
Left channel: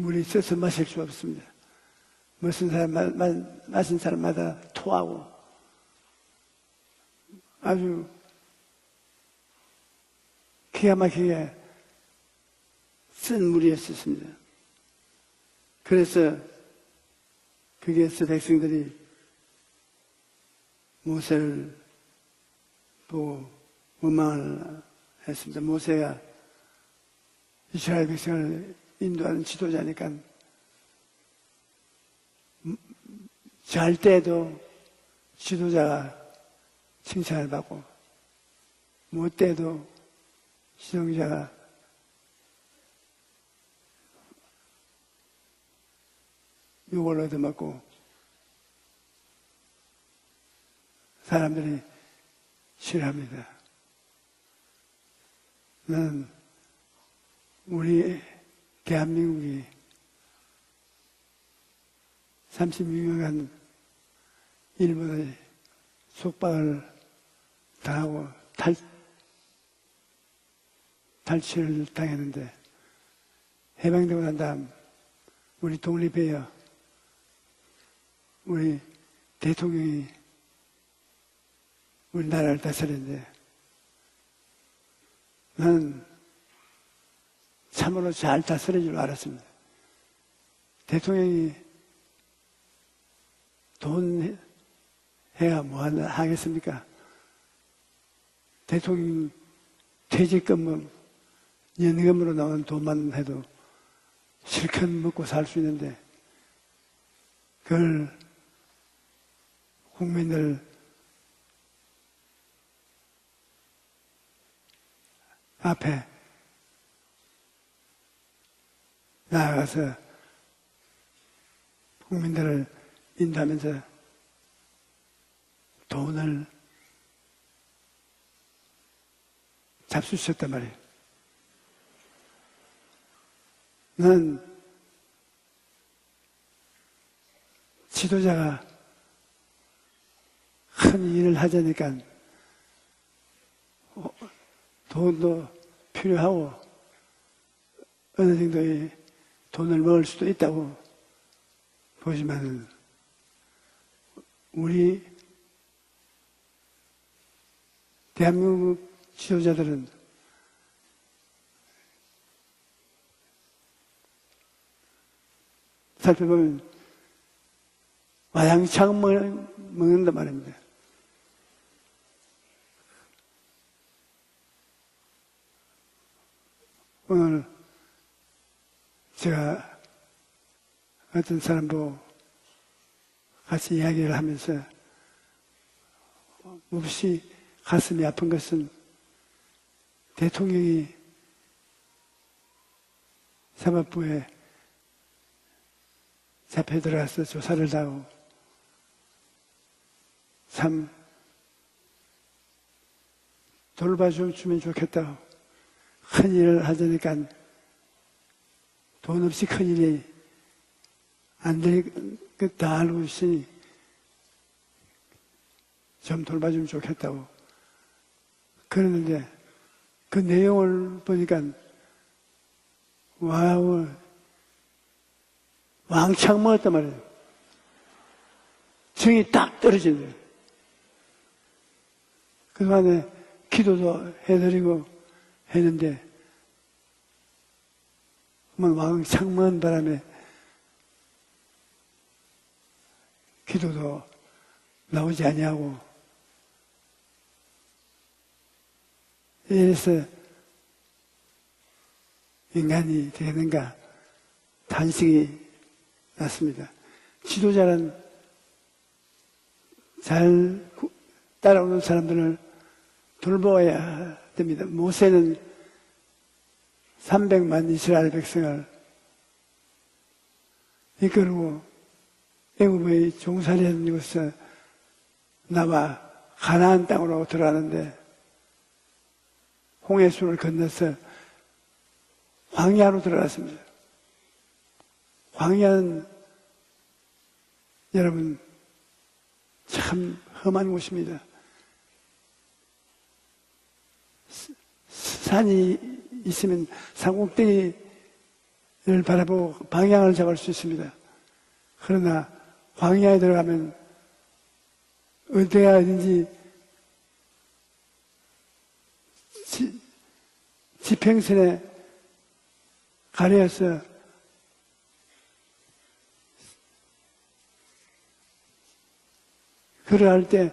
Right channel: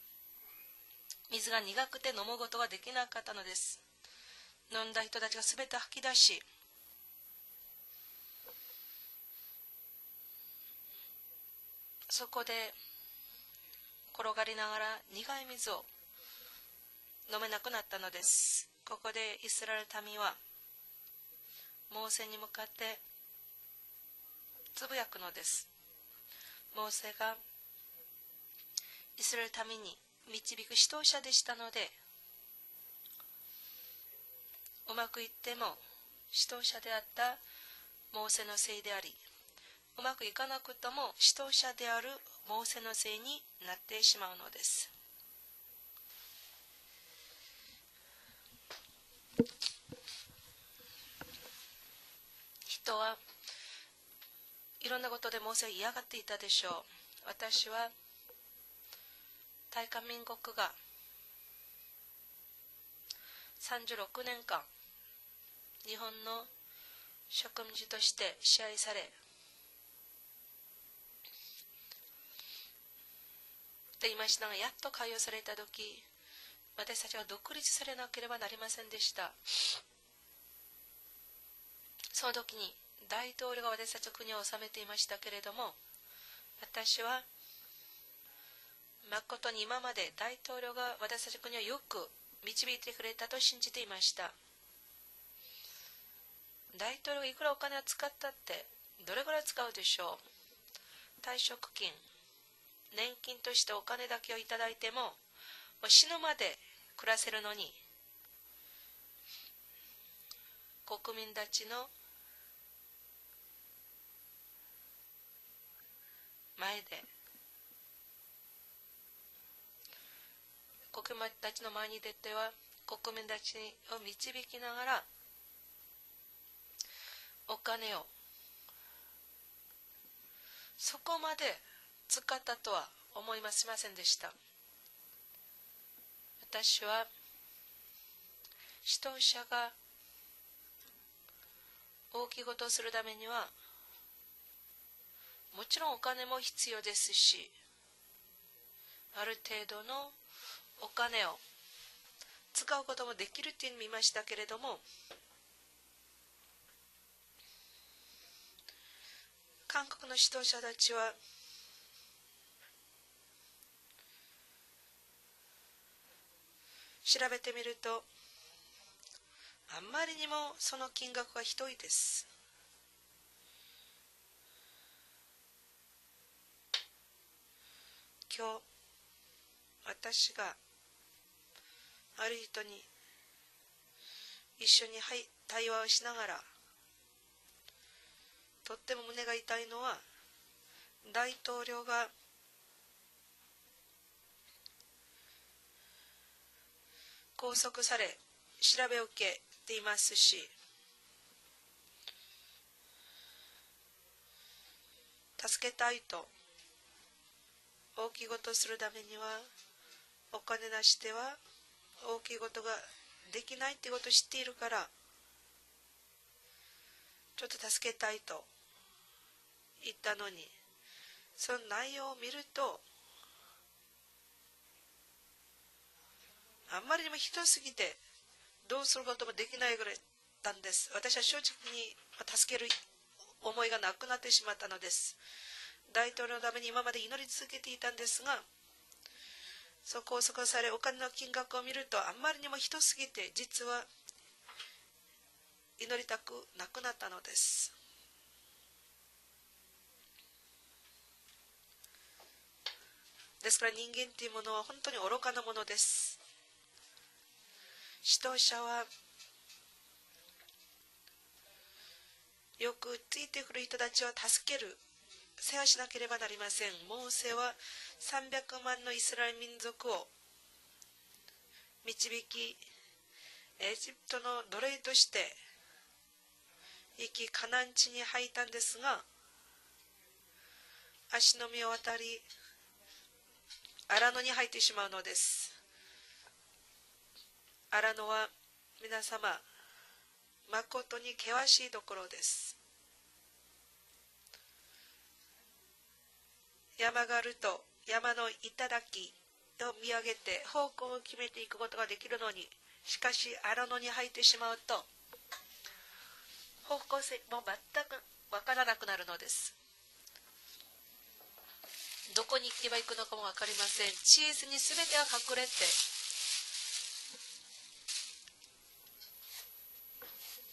물이 써서 마실 수 없습니다. 水が苦くて飲むことが 무슨 でき 사람 なかったのです。 마신 사람마다 飲んだ 토하고 人たちが全て吐き出し 아주 기가 막히게 そこで 쓴 물이었습니다. 転がりながら苦い水を 그래서 飲めなくなったの 거기에서 です。 백성들이 ここでイスラエル民は 모세를 モーセに向かって 보고 원망을 つぶやくのです。 했습니다. 모세가 モーセが 이스라엘 백성을 イ 인도하는 スラエル民 지도자니까 に導く指導者でしたので 잘 때도 うまくいっても指 지도자가 導者であった 칭찬을 받고 モーセのせいであり 못 때도 うまくいかなくとも指導指導者者であるモーセのせいになってしまうのです。 욕을 얻어먹고 사람들이 人は 싫어합니다. いろんなことでモーセは嫌がっていたでしょう。私は 우리 대한민국이 大韓民国が 36년간 36年間 일본의 日本の 속박을 植民地として支配され 탈취를 당했는데 てい 해방되고 ま 난 したが 다음 やっと解放された 우리 時 독립해야 私たちは独立されなければなりませんでした。 대통령이 その 우리나라를 時に 다스렸는데 大統領が私たちの国を治めていましたけれども 나는 私は 참으로 잘 다스릴 줄 ま 알았습니다. ことに今まで大統領が私 대통령이 たちの国をよく導いてくれたと信じていました。 돈 해야 뭐 하겠습니까? 大統領がいくらお金を使ったって 대통령이 どれぐらい使うでしょう。 퇴직금은 退職金、 연금으로 나온 돈만 年 해도 金としてお金だけをいただい 실컷 ても 먹고 살 수 있는데 もう死ぬまで暮らせるのに 그걸 국민들 国民たちの 앞에 前で 나아가서 国民たちの前に出て 국민들을 は国民たちを 인도하면서 導きながら 돈을 お金を 잡수셨단 말이에요. そこまで使ったとは思いませんでした。 나는 私は 지도자가 指導者が 큰 일을 하자니까 大きいことをするためには 돈도 もちろんお金も必要ですし、 어느 정도의 ある程 돈을 度 먹을 の 수도 있다고 お金を 보지만 使うこともできるっていうのを見ましたけれども、 우리 대한민국 지도자들은 韓国の指導者たちは 살펴보면 調べてみると 와양창 あま 먹는단 りにも 말입니다. その金額がひどいです。 오늘 今日 제가 私が 어떤 사람 보고 ある人に 같이 이야기를 하면서 一緒に対話をしながら 몹시 가슴이 아픈 것은 とっても胸が痛いのは 대통령이 大統領が 사법부에 잡혀 들어가서 拘 조사를 束 하고 され調べを受けていますし 참 돌봐주면 좋겠다고 助けたい 큰 일을 하자니까 大きいことをするために 돈 は 없이 큰 일이 お金なしでは 안 될 大きいこ 것 と 다 が 알고 で 있으니 きないっていうことを知っているから 좀 돌봐주면 좋겠다고 ちょっと助けたいと 그러는데 言った 그 のに 내용을 보니까 その内容を見ると 와우 왕창 먹었단 あま 말이에요. りにもひどすぎてどうする 정이 ことも 딱 できない 떨어져요. たんです。私は正直に助ける 그간에 思いがな 기도도 くなってしまったの 해드리고 です。 했는데 大統領のために今まで祈り続けていたんですが、 뭐 왕창 먹은 바람에 そう拘束されお金の金額を見るとあんまりにもひどすぎて実は 기도도 나오지 아니하고 祈りたくなくなったのです。 이래서 인간이 ですか 되는가 ら人間っていうものは本当に愚かなものです。 맞습니다. 지도자는 指導者は 잘 따라오는 사람들을 よくついている人 돌보아야 たちを助け 됩니다. る、 모세는 世話しなければなりません。モーセは 300만 이스라엘 300 백성을 万のイスラエル民族を 이끌고 導き、 애굽의 エ 종살이한 ジプト 이곳을 の奴隷として 나와 가나안 生 땅으로 きカナン 들어가는데 地に入ったんですが、 홍해수를 건너서 足の実を渡り 광야로 들어갔습니다. 荒野に入ってしまうのです。 광야는 荒野は 여러분 皆様 참 험한 誠に 곳입니다. 険しいところです。 산이 있으면 山があると 산꼭대기를 山の頂 바라보고 を 방향을 見上 잡을 げ 수 て 있습니다. 方向を決めていくことができる 그러나 のに、 광야에 しかし荒 들어가면 野に入ってしまうと 어디가 어딘지 方向性も全くわからなくなるのです。 지평선에 どこに行けば行くのかも分かりません。 가려서 地図に全てが隠れて 걸어갈 때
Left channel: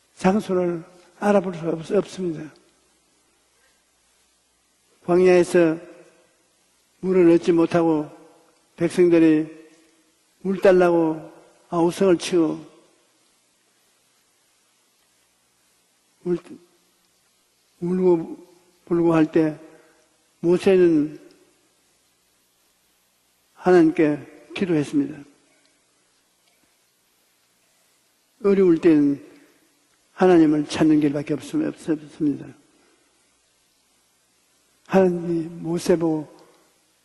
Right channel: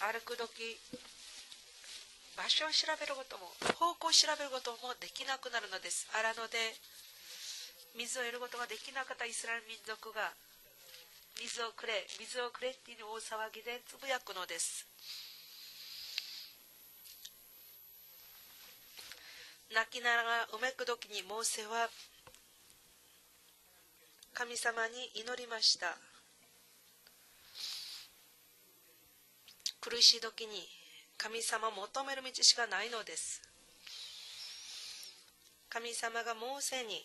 ある時 장소를 알아볼 수 없습니다. 場所を調べることも方向を調べることもでき 광야 ない 에서 のです荒野で 물을 얻지 못하고 水を得ることができないイ 백성들이 スラエル民族が 물 달라고 水を 아우성을 くれ、水を 치고 くれっていう大騒ぎでつぶやくのです。 울고 불고 할 때 泣きながら 모세는 泣く時にモーセは 하나님께 神様に 기도했습니다. 祈りました。 어려울 때는 苦しい時に 하나님을 찾는 길밖에 神様を求める道 없습니다. しかないのです。 하나님이 神 모세 様 보고 がモーセに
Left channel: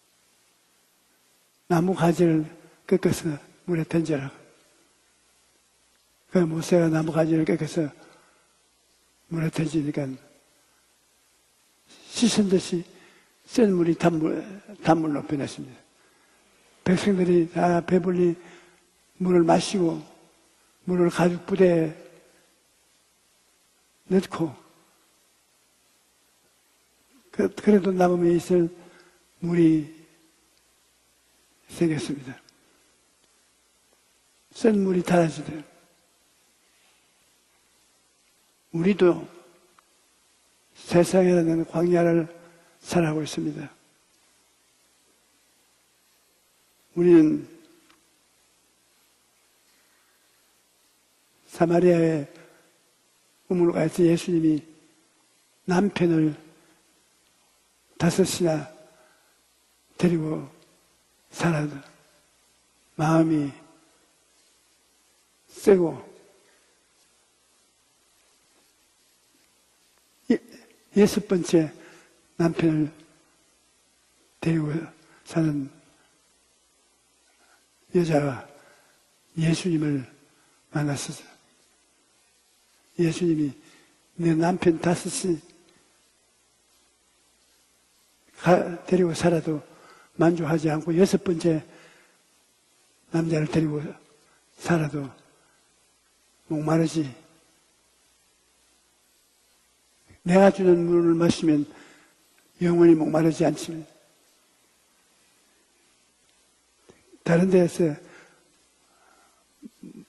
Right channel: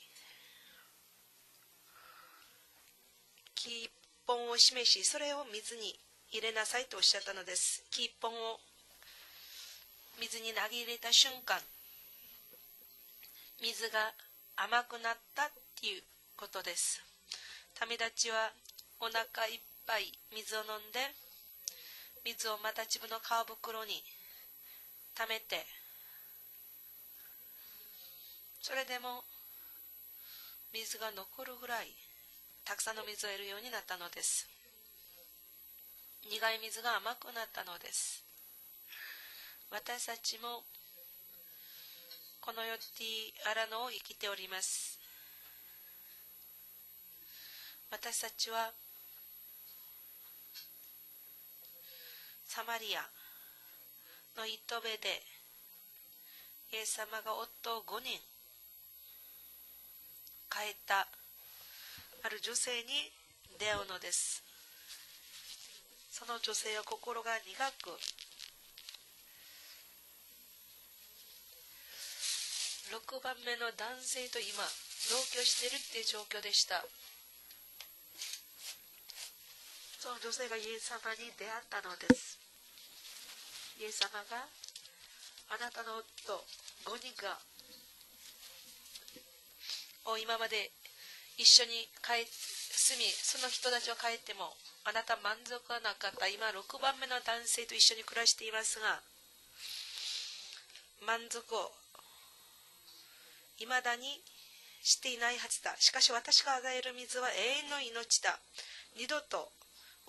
나무 가지를 꺾어서 木 물에 一 던져라. 本を示し、それを水に 그 入れなさい 모세가 とおっ 나무 しゃったの 가지를 です。 꺾어서 木一本を 물에 던지니까 水に投げ入れた瞬間、 씻은 듯이 센 물이 水が甘く 단물 な 높이 った 됐습니다. ということです。 백성들이 다 神たち 배불리 はお腹 물을 いっ 마시고 ぱい水を飲ん 물을 で、 가죽 부대에 水をまた自分の皮袋に 넣고 溜めて、 그래도 남음에 있을 それでも 물이 水が残るぐらい 생겼습니다. たくさんの水を得るようになったのです。 센 물이 달아지대. 苦い水が甘くなったのです。 우리도 私たちも 세상이라는 광야를 この世 살아가고 に 있습니다. 荒野を生きております。 우리는 私たちは 사마리아에 サマリア 우물가에서 の 예수님이 糸部で 남편을 イエス様 5이나 데리고 帰った 살아도 ある女性に 마음이 出会うのです。 세고 その女性は心が苦く 여섯 번째 남편을 6番目の男性と 데리고 今同居しているっていう状況でした。 여자가 예수님을 その女性がイエス様に出会ったのです。 예수님이 イエス様 내 が 남편 5이 あなたの夫5人が 데리고 살아도 今まで 만족하지 않고 여섯 一 번째 緒に住み、そ 남자를 の人 데리고 たちを帰っても、あ 살아도 なた満足はなかった。今、 목 6番 마르지 目の男性と一緒に暮らしていますが、 내가 주는 물을 마시면 영원히 목마르지 い 않지만 まだにしていないはずだ。しかし私が与える水は 다른 永遠の 데서 命だ。二度と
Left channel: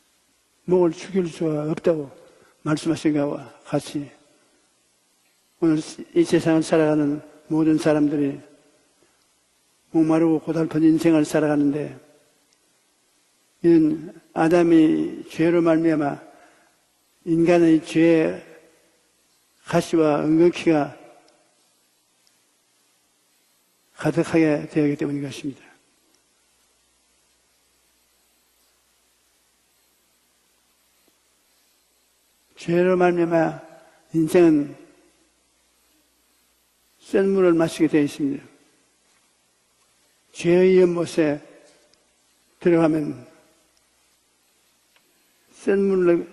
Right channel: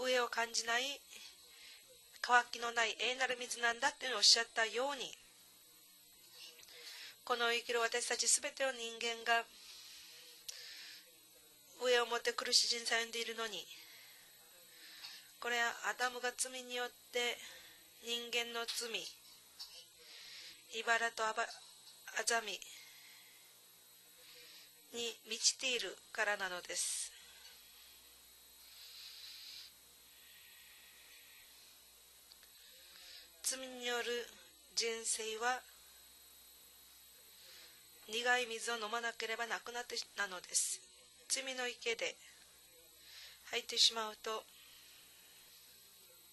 飢えを感じない 목을 죽일 수가 없다고 乾きのない永 말씀하신 遠なる 것과 水なんだって 같이 おっしゃったように、 오늘 이 세상을 살아가는 この生き 모든 る私たち 사람들이 すべての人間が 목마르고 고달픈 인생을 飢え 살아가는데 を持って苦しい人生を歩んでいるのに、 이는 아담이 죄로 アダム 말미암아 が罪によって 인간의 人 죄의 間の罪、 가시와 은근키가 バラとあざみ 가득하게 되었기 に 때문인 満ち 것입니다. ているからなのです。 죄로 말미암아 罪による 인생은 人生は 센 물을 마시게 되어 苦 있습니다. い水を飲まなければなくなってなのです。 죄의 연못에 罪の池で 들어가면 入ってしまうと 센 물로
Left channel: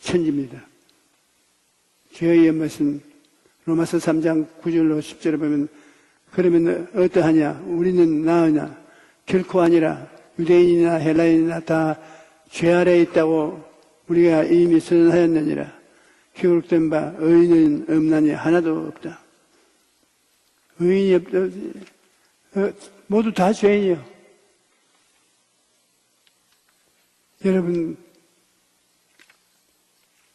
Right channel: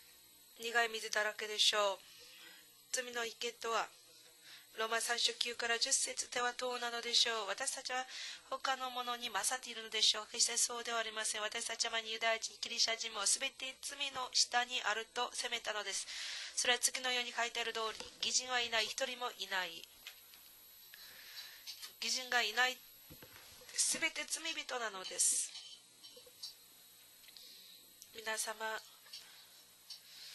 천집니다. 苦い水だらけでしょう。 죄의 연못은 罪の池とは 로마서 3장 9절로 ローマ書 10절에 9 보면 から10節では 그러면 どうなのでしょう。 어떠하냐? 私たちは 우리는 나으냐? 他のものに 결코 아니라 유대인이나 헬라인이나 다 죄 아래에 있다고 우리가 이미 선언하였느니라. 교육된 바 의인은 없나니 하나도 없다. 의인이 없다. 모두 다 죄인이에요. 여러분,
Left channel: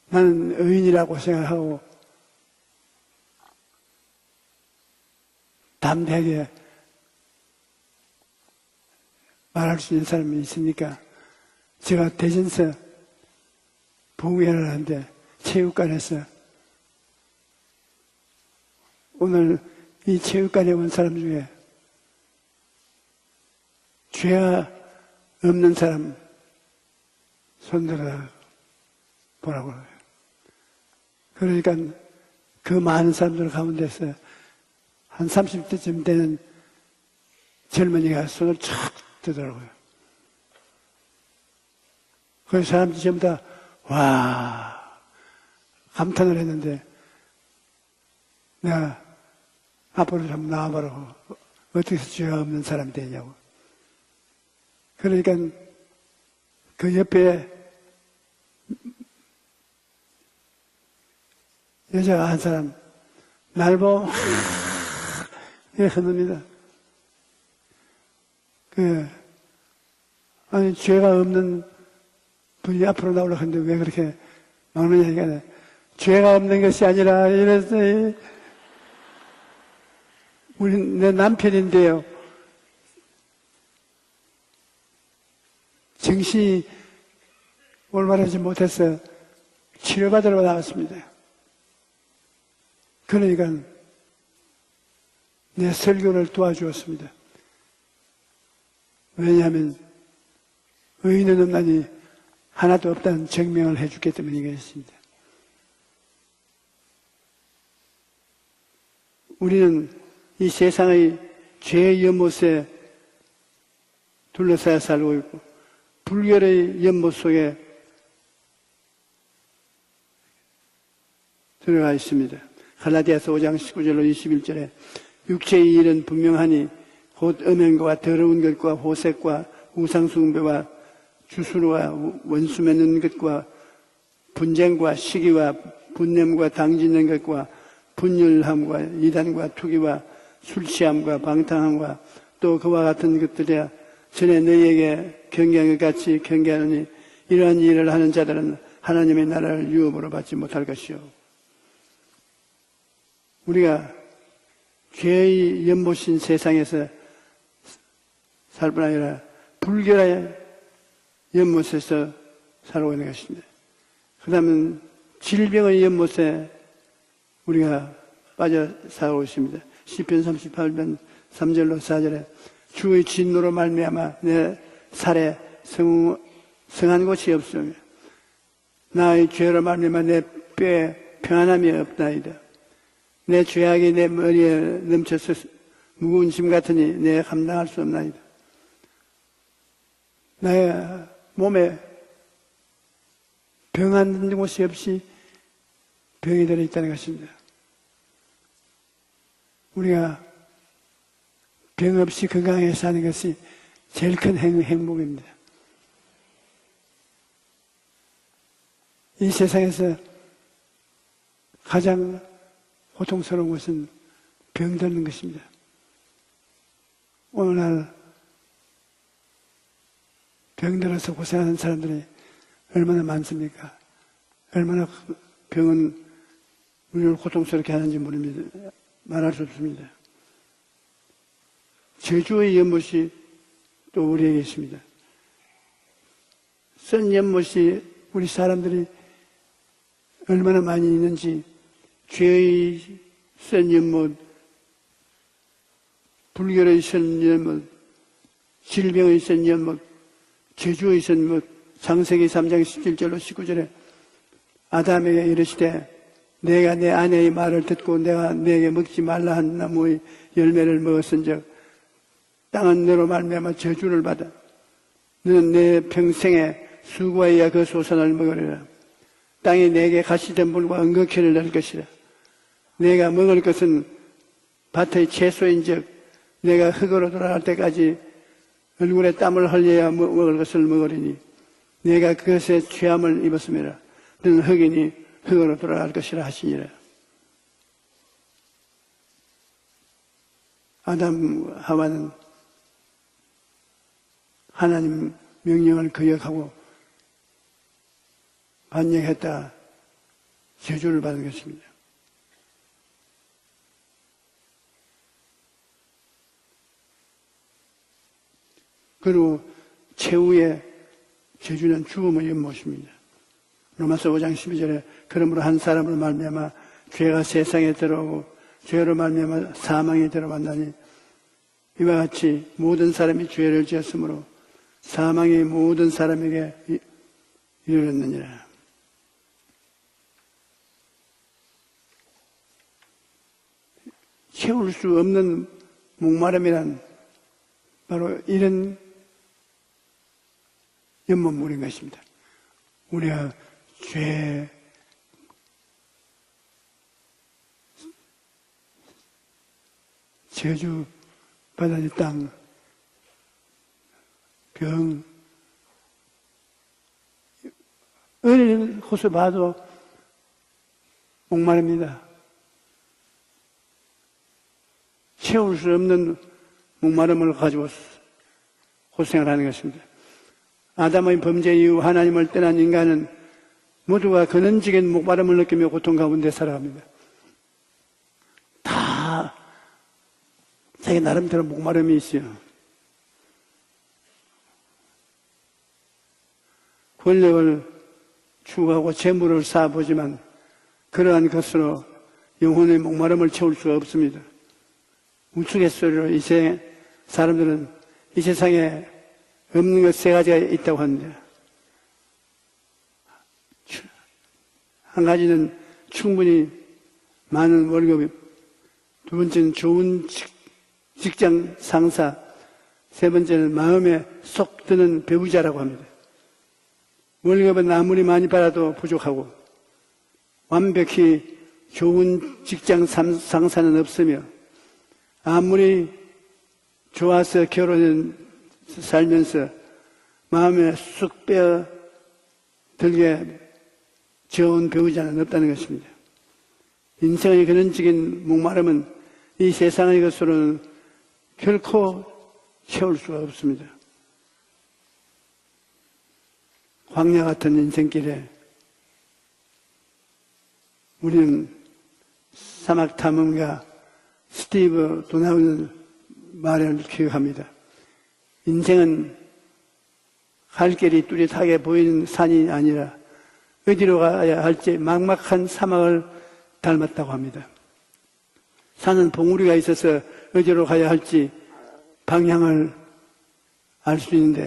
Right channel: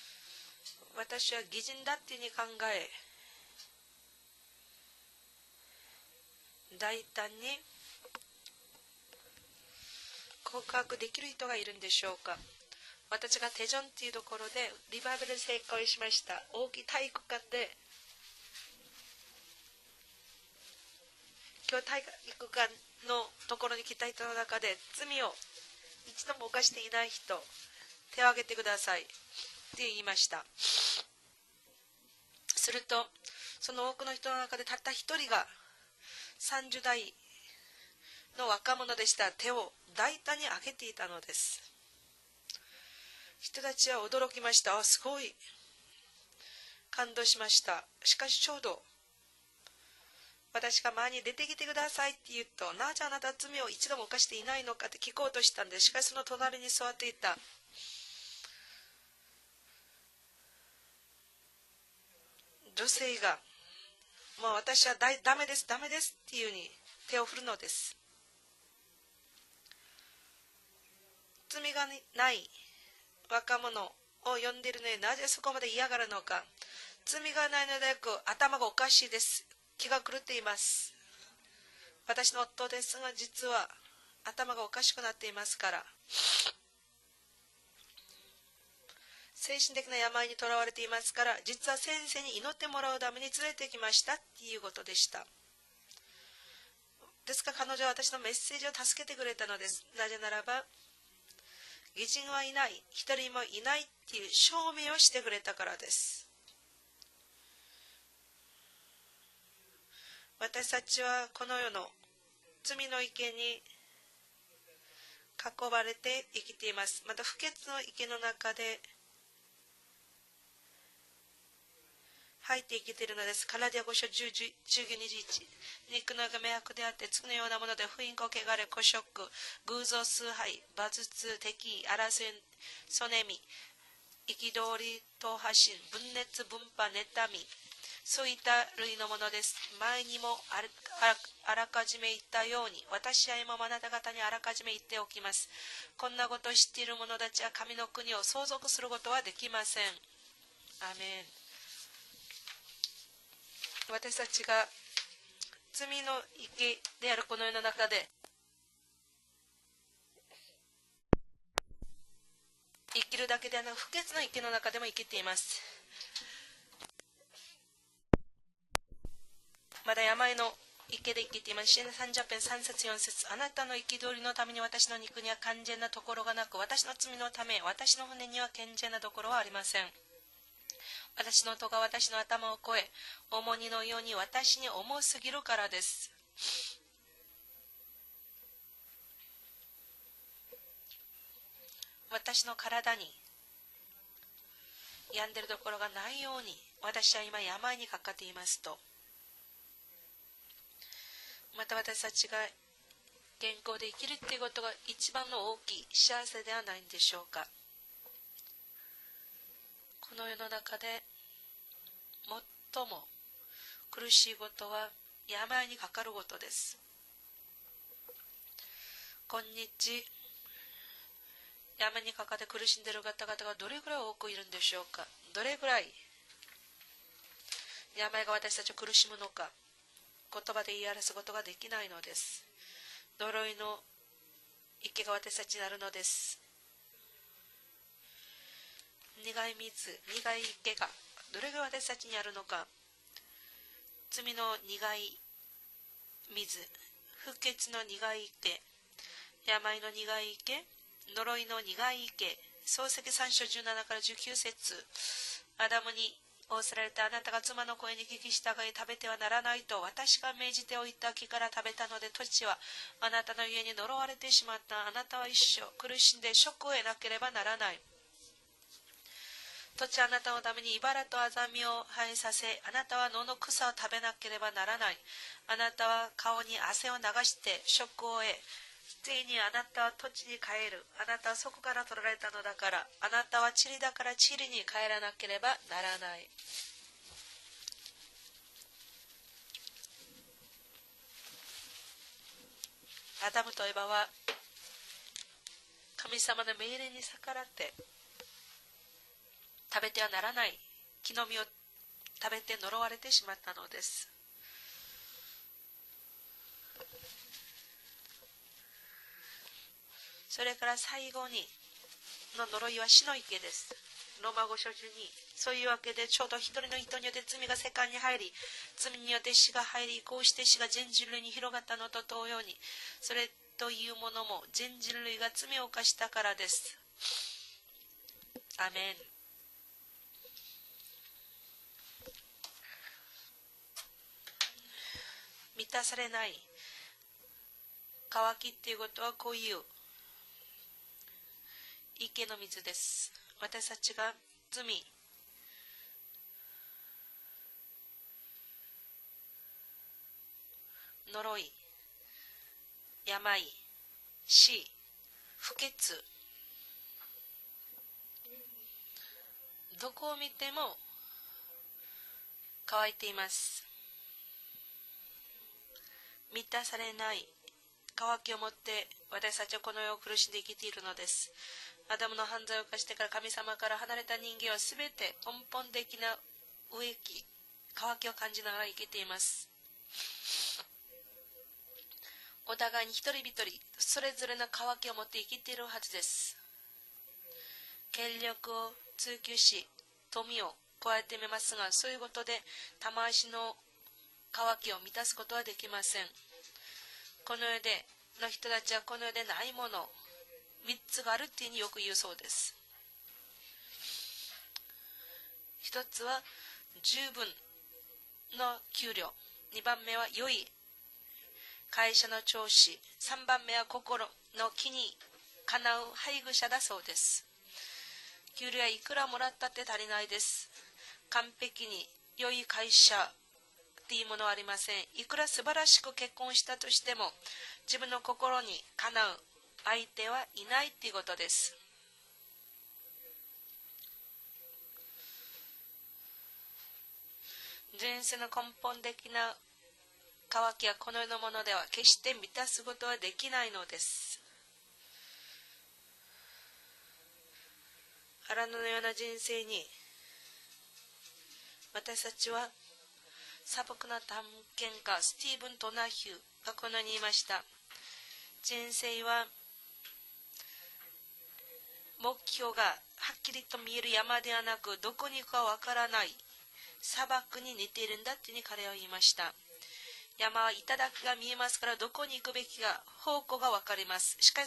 나는 의인이라고 생각하고 담대하게 말할 수 있는 사람이 있으니까 제가 대전서 부회를 하는데 체육관에서 오늘 이 체육관에 온 사람 중에 죄가 없는 사람 손들어 보라고. 그러니까 그 많은 사람들 가운데서 한 30대쯤 되는 젊은이가 손을 쫙 들어. 그 사람들이 전부 다 와 감탄을 했는데 야 앞으로 좀 나와보라고. 어떻게 죄가 없는 사람이 되냐고. 그러니까 그 옆에 여자가 한 사람 날 보고 했습니다. 아니 죄가 없는 분이 앞으로 나오려고 하는데 왜 그렇게 마음이 죄가 없는 것이 아니라 이래서 우리 내 남편인데요. 정신이 올바르지 못해서 치료받으러 나왔습니다. 그러니까 내 설교를 도와주었습니다. 왜냐하면 의인은 없나니 하나도 없다는 증명을 해주기 때문이겠습니다. 우리는 이 세상의 죄의 연못에 둘러싸여 살고 있고 불결의 연못 속에 들어가 있습니다. 갈라디아서 5장 19절로 21절에 육체의 일은 분명하니 곧 음행과 더러운 것과 호색과 우상숭배와 주술과 원수 맺는 것과 분쟁과 시기와 분념과 당짓는 것과 분열함과 이단과 투기와 술취함과 방탕함과 또 그와 같은 것들이야 전에 너희에게 경계한 것 같이 경계하느니 이러한 일을 하는 자들은 하나님의 나라를 유업으로 받지 못할 것이요. 우리가 죄의 연못인 세상에서 살 뿐 아니라 불결의 연못에서 살고 있는 것입니다. 그 다음에 질병의 연못에 우리가 빠져 살고 있습니다. 시편 38편 3절로 4절에 주의 진노로 말미암아 내 살에 성한 곳이 없음 나의 죄로 말미암아 내 뼈에 평안함이 없나이다. 내 죄악이 내 머리에 넘쳐서 무거운 짐 같으니 내가 감당할 수 없나이다. 나의 몸에 私の体に 병한 곳이 없이 病んでるところがないよ 병이 う 들어 に 있다는 私は 것입니다. 今病にかかっていますと 우리가 また 병 私 없이 たちが 건강하게 사는 것이 健康で生き 제일 ると 큰 いうことが 행복입니다. 一番の大きい幸せではないんでしょうか。 이 세상에서 この世の中で 가장 最も 고통스러운 것은 苦しいことは 병드는 것입니다. 病にかかることです。 오늘날 今日 병들어서 고생하는 病 사람들이 にかかって苦しんでいる 얼마나 方々 많습니까? がどれくらい多くいるんでしょ 얼마나 うか。どれくらい 병은 우리를 고통스럽게 하는지 病が 모르는데 私たちを苦しむ 말할 の 수 か 없습니다. 言葉で言い表すことができないのです。 제주의 연못이 呪いの 또 우리에게 있습니다. 池が私たちになるのです。 쓴 연못이 우리 사람들이 苦い水、苦い 얼마나 池が 많이 ど 있는지 れぐらい私たちにあるのか。 죄의 쓴 연못, 罪の苦い水、 불결의 쓴 不 연못, 潔の苦い池、 질병의 쓴 病 연못, の苦い池、 제주의 쓴 呪 연못, いの苦い池、 창세기 3장 創世記 17절로 3 19절에 17から19節 아담에게 ア 이르시되 ダムに 내가 내 아내의 말을 듣고 내가 내게 먹지 말라 한 나무의 열매를 먹었은즉 땅은 너로 말미암아 저주를 받아 너는 내 평생에 수고하여 그 소산을 먹으리라. 땅이 내게 가시덤불과 은극회를 넣을 것이라. 내가 먹을 것은 밭의 채소인즉 내가 흙으로 돌아갈 때까지 얼굴에 땀을 흘려야 먹을 것을 먹으리니 내가 그것에 취함을 입었습니다. 너는 흙이니 흙으로 돌아갈 것이라 하시니라. 아담 하와는 アダムとエバは 하나님 명령을 神 거역하고 様の命令に逆らって 반역했다 食べてはならない 저주를 火 받은 の実を 것입니다. 食べて呪われてしまったのです。 그리고 それ 최후의 から最後に 저주는 죽음의 この呪い 연못입니다. は死の池です。 로마서 5장 12절에 그러므로 한 사람을 말미암아 죄가 세상에 들어오고 죄로 말미암아 사망에 들어간다니 이와 같이 모든 사람이 죄를 지었으므로 사망이 모든 사람에게 이르렀느니라. アメン。 채울 수 없는 満たされない 목마름이란 바로 渇きってい 이런 うことはこういう 연못물인 것입니다. 池の水です。 우리가 私たちが 죄 罪、 저주 呪い、 받은 땅, 病、死、 병, 不潔、 어느 곳을 봐도 どこを見ても 목마릅니다. 乾いています。 채울 수 없는 満たされない 목마름을 가지고 渇きを持って 고생을 하는 私たちはこ 것입니다. の世を苦しんで生きているのです。 아담의 범죄 이후 하나님을 떠난 인간은 모두가 근원적인 목마름을 느끼며 고통 가운데 살아갑니다. 渇きを感じながら生きています。 자기 나름대로 목마름이 있어요. お互いに一人一人それぞれの渇きを持って生きているはずです。 권력을 権力を 추구하고 재물을 쌓아보지만 富を加えて 그러한 いますが 것으로 そういうことで 영혼의 목마름을 채울 수가 없습니다. 渇きを満たすことはできません。 우스갯소리로 이 사람들은 이 세상에 この世でないも 없는 の 것 세 가지가 있다고 3つ 합니다. があるっていうふうによく言うそうです。 한 가지는 一つは 충분히 十分 많은 월급, の給料、 두 번째는 二番目 좋은 は良い 직장 会社 상사, の上司、 세 번째는 三番目 마음에 は 쏙 心 드는 배우자라고 叶う 합니다. 配偶者だそうです。 월급은 아무리 많이 いくら 받아도 も 부족하고 らったって足りないです。 완벽히 完璧に 좋은 良い 직장 会社 상사는 いい 없으며 ものはありません。いくら素晴らしく結婚したとしても 좋아서 自分 결혼을 の心にかなう 살면서 相手はいない 마음에 というこ 쑥 とです。 빼어 들게 좋은 배우자는 없다는 것입니다. 인생의 근원적인 목마름은 이 세상의 것으로는 渇きはこの世のものでは 결코 決して満たすことはできないのです。 광야 같은 인생길에 荒野のような人生に 우리는 私たちは 사막 砂 탐험가 漠の探 스티브 検家 도나후는 ドナヒュー 말을 このように言いました 기억합니다. 人生 인생은 は 갈 길이 뚜렷하게 보이는 目標 산이 が 아니라 はっきりと見える 어디로 山では 가야 なく 할지 どこに行くか 막막한 わからない 사막을 砂 닮았다고 漠 합니다. に似ているんだって 산은 봉우리가 있어서 어디로 가야 할지 방향을 알 수 있는데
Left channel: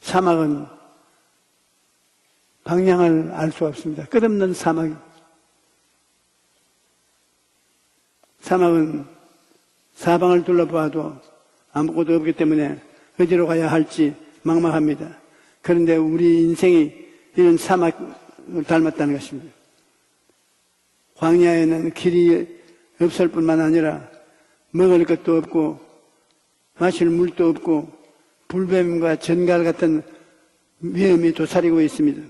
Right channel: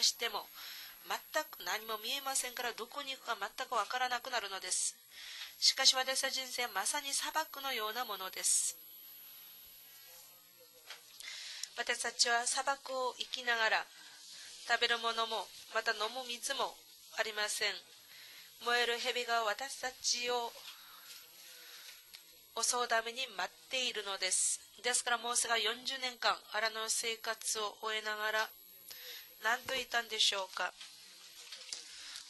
사막은 방향을 알 수 없습니다. 끝없는 사막. 사막은 사방을 둘러봐도 아무것도 없기 때문에 어디로 가야 할지 막막합니다. 그런데 우리 인생이 이런 사막을 닮았다는 것입니다. 광야에는 길이 없을 뿐만 아니라 먹을 것도 없고 마실 물도 없고 불뱀과 전갈 같은 위험이 도사리고 있습니다.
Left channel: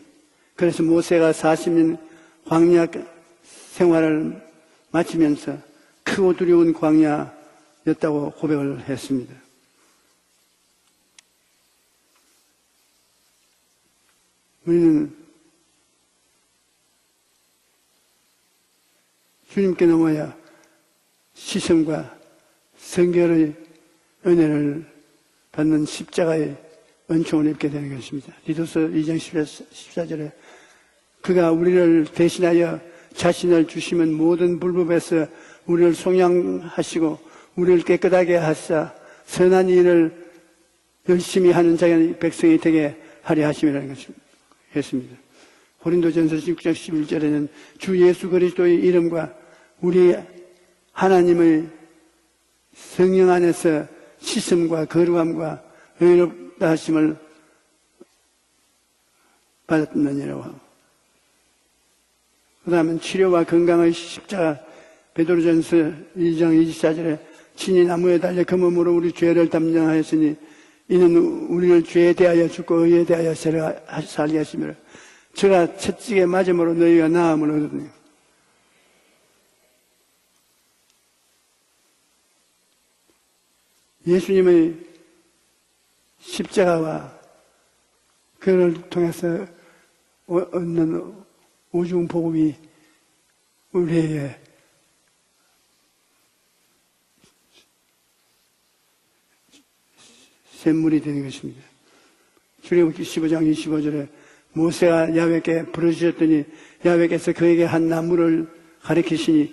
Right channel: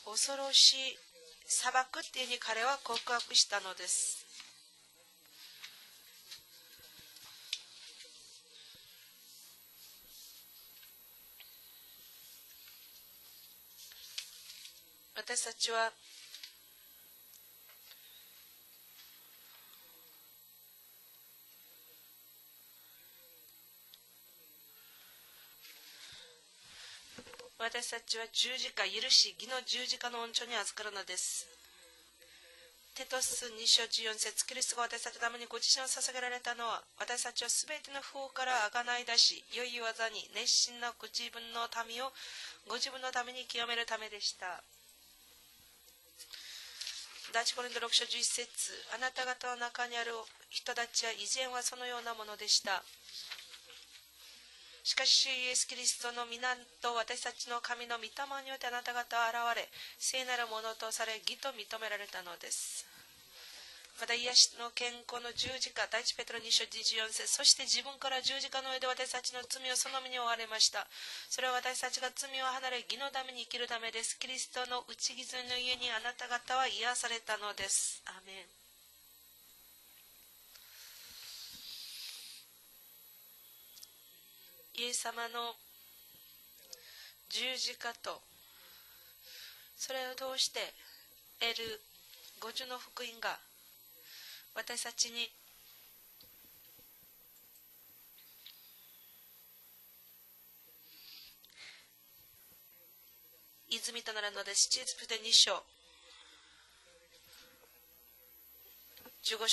그래서 모세가 40년 광야 생활을 마치면서 크고 두려운 광야였다고 고백을 했습니다. 우리는 주님께 넘어야 시선과 성결의 은혜를 받는 십자가의 은총을 입게 되는 것입니다. 디도서 2장 14절에 그가 우리를 대신하여 자신을 주시면 모든 불법에서 우리를 속량하시고 우리를 깨끗하게 하사 선한 일을 열심히 하는 자의 백성이 되게 하려 하심이라는 것입니다. 고린도전서 6장 11절에는 주 예수 그리스도의 이름과 우리 하나님의 성령 안에서 씻음과 거룩함과 의롭다 하심을 받았느니라. 그 다음은 치료와 건강의 십자가 베드로전서 1장 24절에 친히 나무에 달려 그 몸으로 우리 죄를 담당하였으니 이는 우리를 죄에 대하여 죽고 의에 대하여 살게 하시며 저가 채찍에 맞음으로 너희가 나음을 얻으니 예수님의 십자가와 그를 통해서 얻는 오중 복음이 우리에게 샘물이 되는 것입니다. 출애굽기 15장 25절에 모세가 야훼께 부르짖었더니 야훼께서 그에게 한 나무를 가리키시니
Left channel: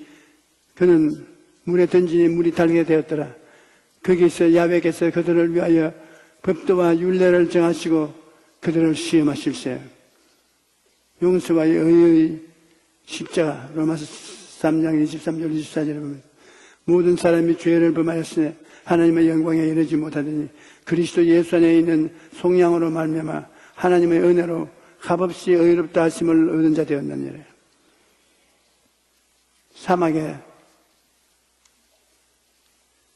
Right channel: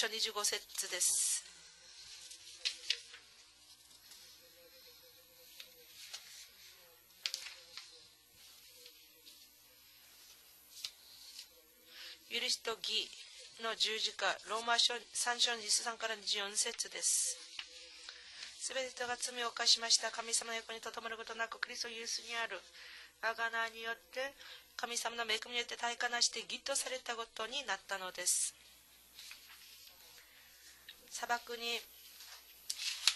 그는 물에 던지니 물이 달게 되었더라. 거기서 야훼께서 그들을 위하여 법도와 율례를 정하시고 그들을 시험하실세. 용서와 의의 십자가 로마서 3장 23절 24절에 보면 모든 사람이 죄를 범하였으니 하나님의 영광에 이르지 못하더니 그리스도 예수 안에 있는 속량으로 말미암아 하나님의 은혜로 값없이 의롭다 하심을 얻은 자 되었느니라. 사막에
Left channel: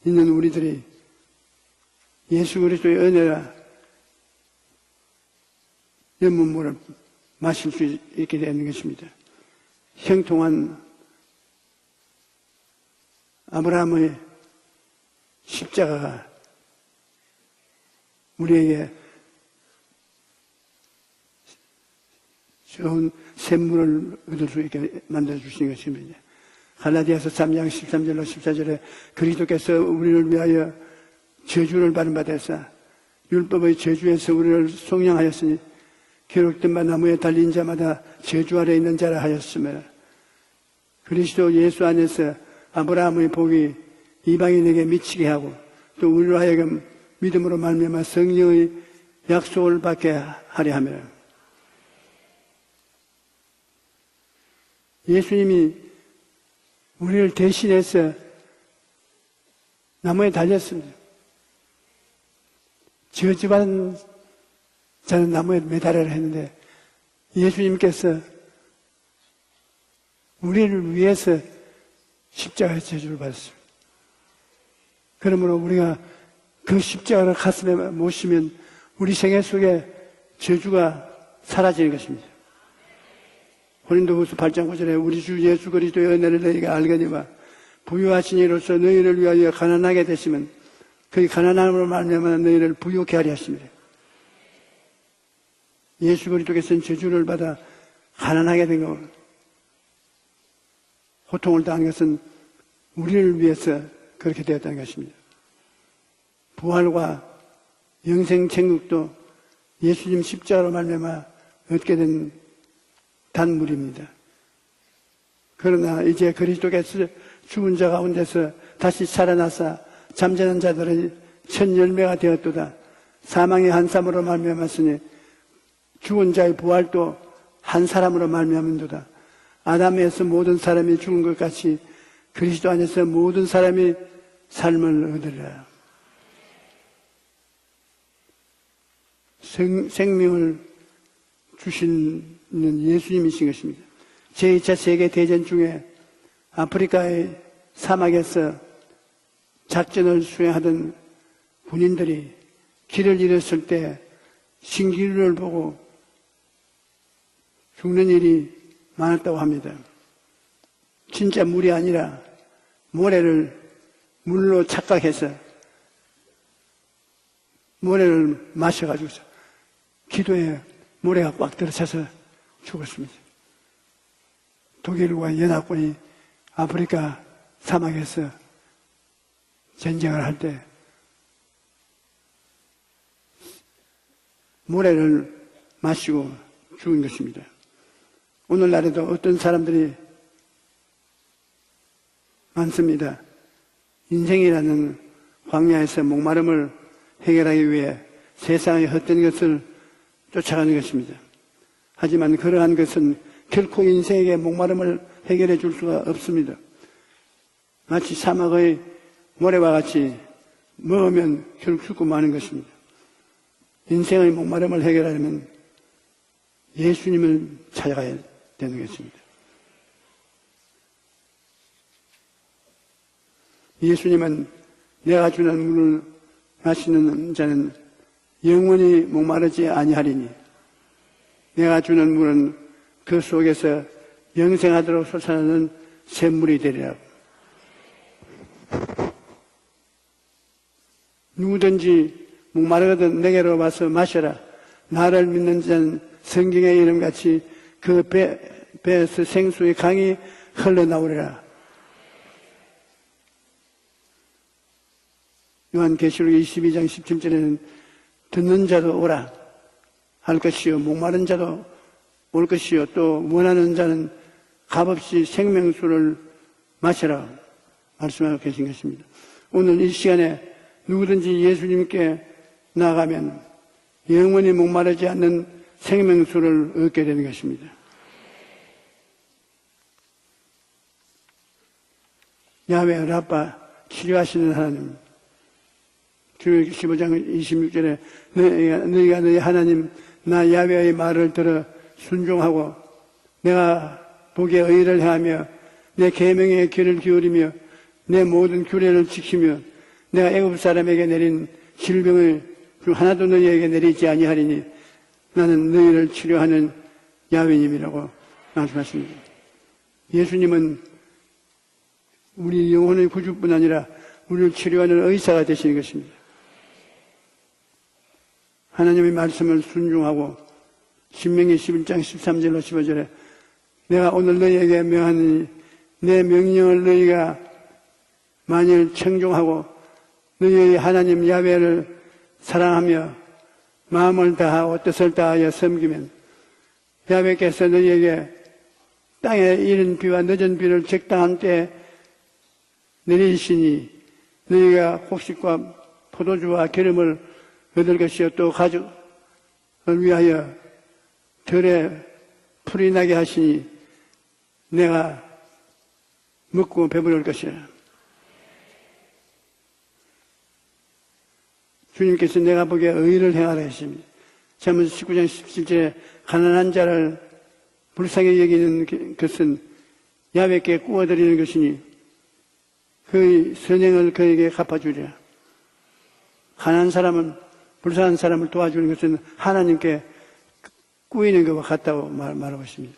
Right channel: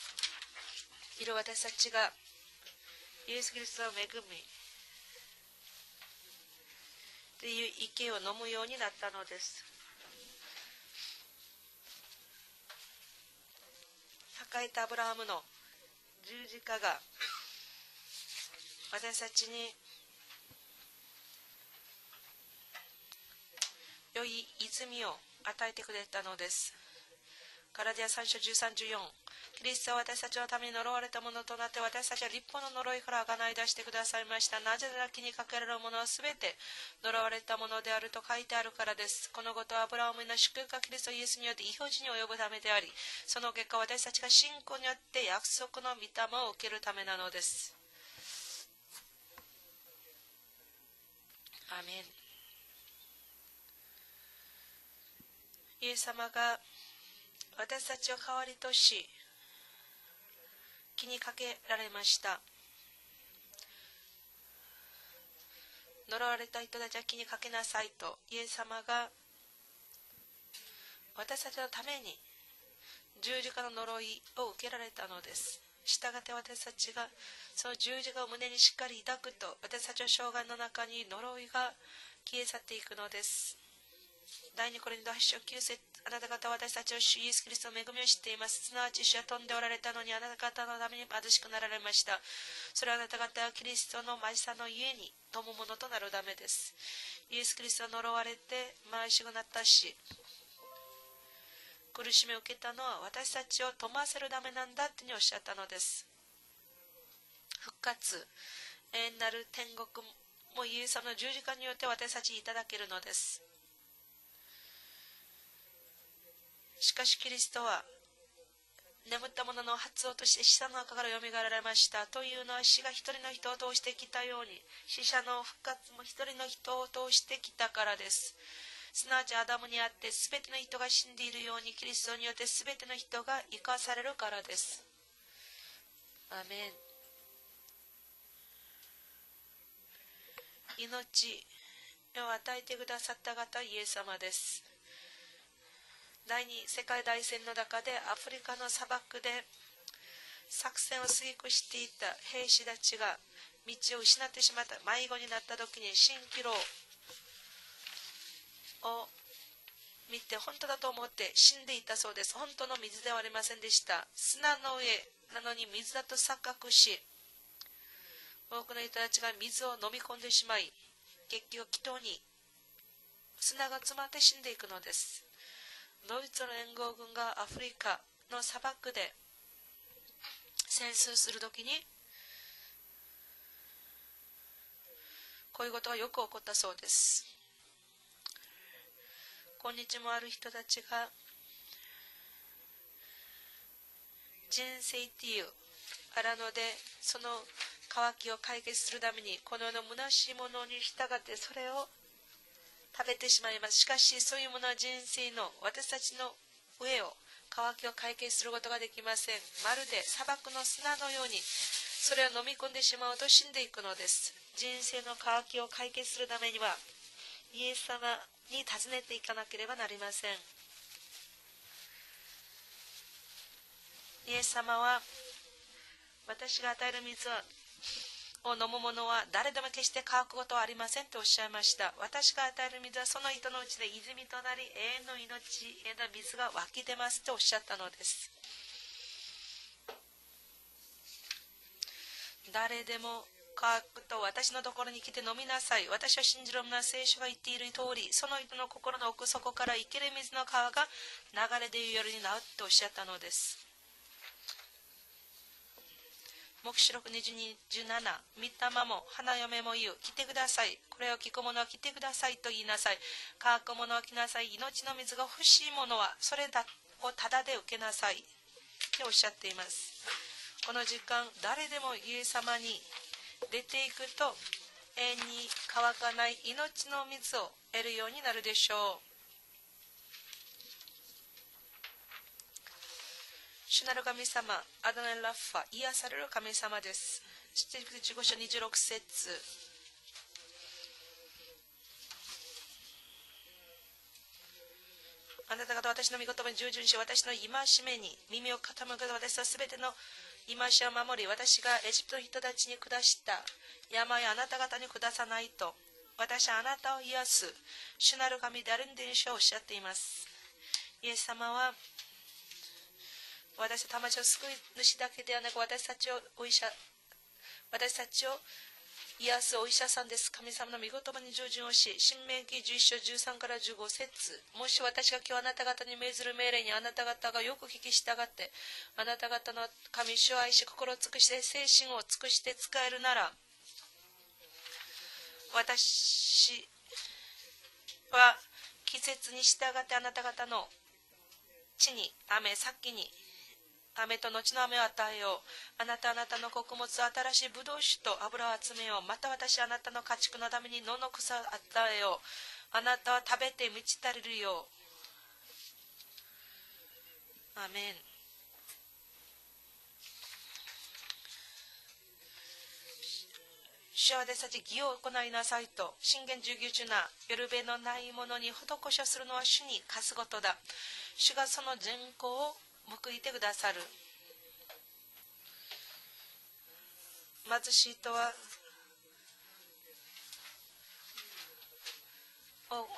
있는 우리들이 예수 그리스도의 은혜라 연문물을 마실 수 있게 되는 것입니다. 형통한 아브라함의 십자가가 우리에게 좋은 샘물을 얻을 수 있게 만들어주신 것입니다. 갈라디아서 3장 13절로 14절에 그리스도께서 우리를 위하여 저주를 받은 바 되사 율법의 저주에서 우리를 속량하였으니 기록된 바 나무에 달린 자마다 저주 아래 있는 자라 하였으며 그리스도 예수 안에서 아브라함의 복이 이방인에게 미치게 하고 또 우리로 하여금 믿음으로 말미암아 성령의 약속을 받게 하려 하며 예수님이 우리를 대신해서 나무에 달렸습니다. 저주받은 자는 나무에 매달아야 했는데 예수님께서 우리를 위해서 십자가의 저주를 받으셨습니다. 그러므로 우리가 그 십자가를 가슴에 모시면 우리 생애 속에 저주가 사라지는 것입니다. 고린도후서 8장 9절에 우리 주 예수 그리스도의 은혜를 너희가 알거니와 부유하신 이로서 너희를 위하여 가난하게 되시면 그 가난함으로 말미암아 너희를 부유케 하려 하십니다. 예수 그리스도께서는 저주를 받아 가난하게 된 거고 고통을 당한 것은 우리를 위해서 그렇게 되었다는 것입니다. 부활과 영생 천국도 예수님 십자가로 말미암아 얻게 되는 단물입니다. 그러나 이제 그리스도께서 죽은 자 가운데서 다시 살아나사 잠자는 자들은 천 열매가 되었도다. 사망의 한 사람으로 말미암았으니 죽은 자의 부활도 한 사람으로 말미암은도다. 아담에서 모든 사람이 죽은 것 같이 그리스도 안에서 모든 사람이 삶을 얻으리라. 생명을 주시는 예수님이신 것입니다. 제2차 세계대전 중에 아프리카의 사막에서 작전을 수행하던 군인들이 길을 잃었을 때 신기루를 보고 죽는 일이 많았다고 합니다. 진짜 물이 아니라 모래를 물로 착각해서 모래를 마셔가지고 기도에 모래가 꽉 들어차서 죽었습니다. 독일과 연합군이 아프리카 사막에서 전쟁을 할 때 모래를 마시고 죽은 것입니다. 오늘날에도 어떤 사람들이 많습니다. 인생이라는 광야에서 목마름을 해결하기 위해 세상의 헛된 것을 쫓아가는 것입니다. 하지만 그러한 것은 결코 인생에게 목마름을 해결해 줄 수가 없습니다. 마치 사막의 모래와 같이 먹으면 결국 죽고 마는 것입니다. 인생의 목마름을 해결하려면 예수님을 찾아가야 되는 것입니다. 예수님은 내가 주는 물을 마시는 자는 영원히 목마르지 아니하리니 내가 주는 물은 그 속에서 영생하도록 솟아나는 샘물이 되리라. 누구든지 목마르거든 내게로 와서 마셔라. 나를 믿는 자는 성경의 이름같이 그 배에서 생수의 강이 흘러나오리라. 요한계시록 22장 17절에는 듣는 자도 오라 할 것이요 목마른 자도 올 것이요 또 원하는 자는 값없이 생명수를 마시라 말씀하고 계신 것입니다. 오늘 이 시간에 누구든지 예수님께 나아가면 영원히 목마르지 않는 생명수를 얻게 되는 것입니다. 야훼 라파 치료하시는 하나님, 주의 15장 26절에 너희가 너희 하나님 나 야훼의 말을 들어 순종하고 내가 보기에 의를 행하며 내 계명의 귀를 기울이며 내 모든 규례를 지키며 내가 애굽 사람에게 내린 질병을 그 하나도 너희에게 내리지 아니하리니 나는 너희를 치료하는 야훼님이라고 말씀하십니다. 예수님은 우리 영혼의 구주뿐 아니라 우리를 치료하는 의사가 되시는 것입니다. 하나님의 말씀을 순종하고 신명기 11장 13절로 15절에 내가 오늘 너희에게 명하니 내 명령을 너희가 만일 청종하고 너희의 하나님 야훼를 사랑하며 마음을 다하고 뜻을 다하여 섬기면 야훼께서 너희에게 땅에 이른 비와 늦은 비를 적당한 때에 내리시니 너희가 곡식과 포도주와 기름을 얻을 것이요 또 가족을 위하여 들에 풀이 나게 하시니 내가 먹고 배부를 것이라. 주님께서 내가 보기에 의를 행하라 하십니다. 잠언 19장 17절에 가난한 자를 불쌍히 여기는 것은 야훼께 구워드리는 것이니 그의 선행을 그에게 갚아주리라. 가난한 사람은 불쌍한 사람을 도와주는 것은 하나님께 꾸이는 것과 같다고 말하고 있습니다.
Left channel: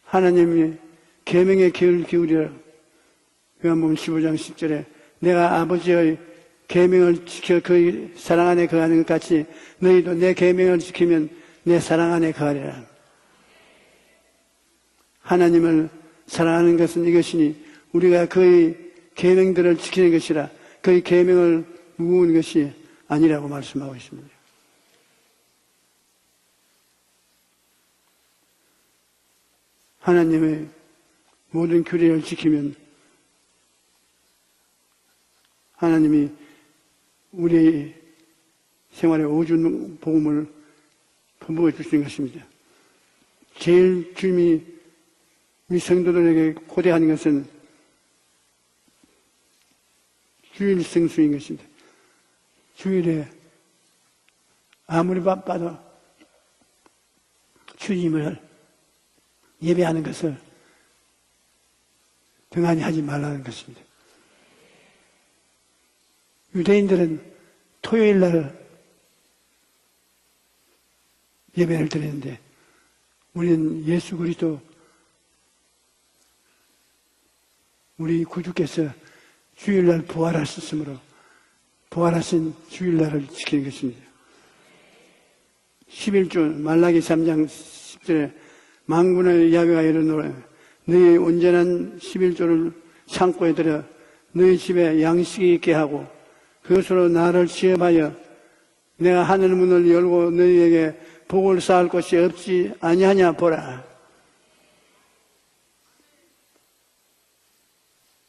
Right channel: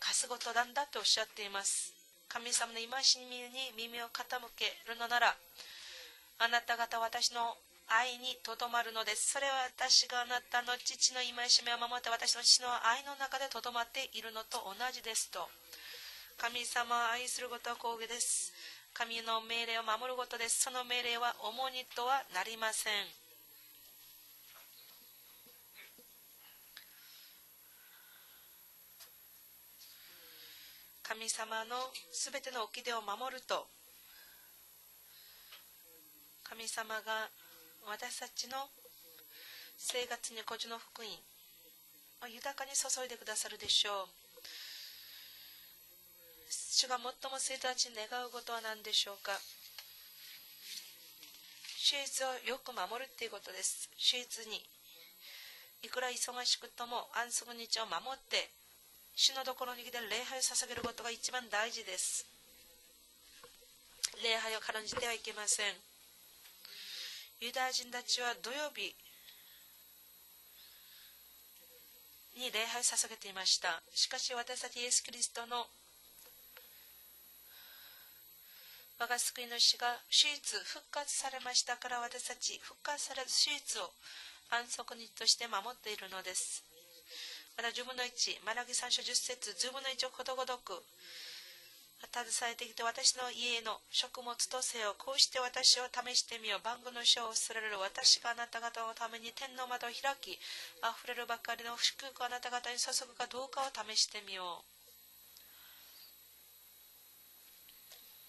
하나님이 계명의 귀를 기울이라. 요한복음 15장 10절에 내가 아버지의 계명을 지켜 그의 사랑 안에 거하는 것 같이 너희도 내 계명을 지키면 내 사랑 안에 거하리라. 하나님을 사랑하는 것은 이것이니 우리가 그의 계명들을 지키는 것이라 그의 계명을 우는 것이 아니라고 말씀하고 있습니다. 하나님의 모든 규례를 지키면 하나님이 우리의 생활에 오준 복음을 부어 주시는 것입니다. 제일 주님이 우리 성도들에게 고대하는 것은 주일 성수인 것입니다. 주일에 아무리 바빠도 주님을 예배하는 것을 등한히 하지 말라는 것입니다. 유대인들은 토요일 날 예배를 드리는데 우리는 예수 그리스도 우리 구주께서 주일날 부활하셨으므로 부활하신 주일날을 지키는 것입니다. 11조 말라기 3장 10절에 만군의 야훼가 이르노라 너희의 온전한 11조를 창고에 들여 너희 집에 양식이 있게 하고 그것으로 나를 시험하여 내가 하늘 문을 열고 너희에게 복을 쌓을 것이 없지 아니하냐 보라.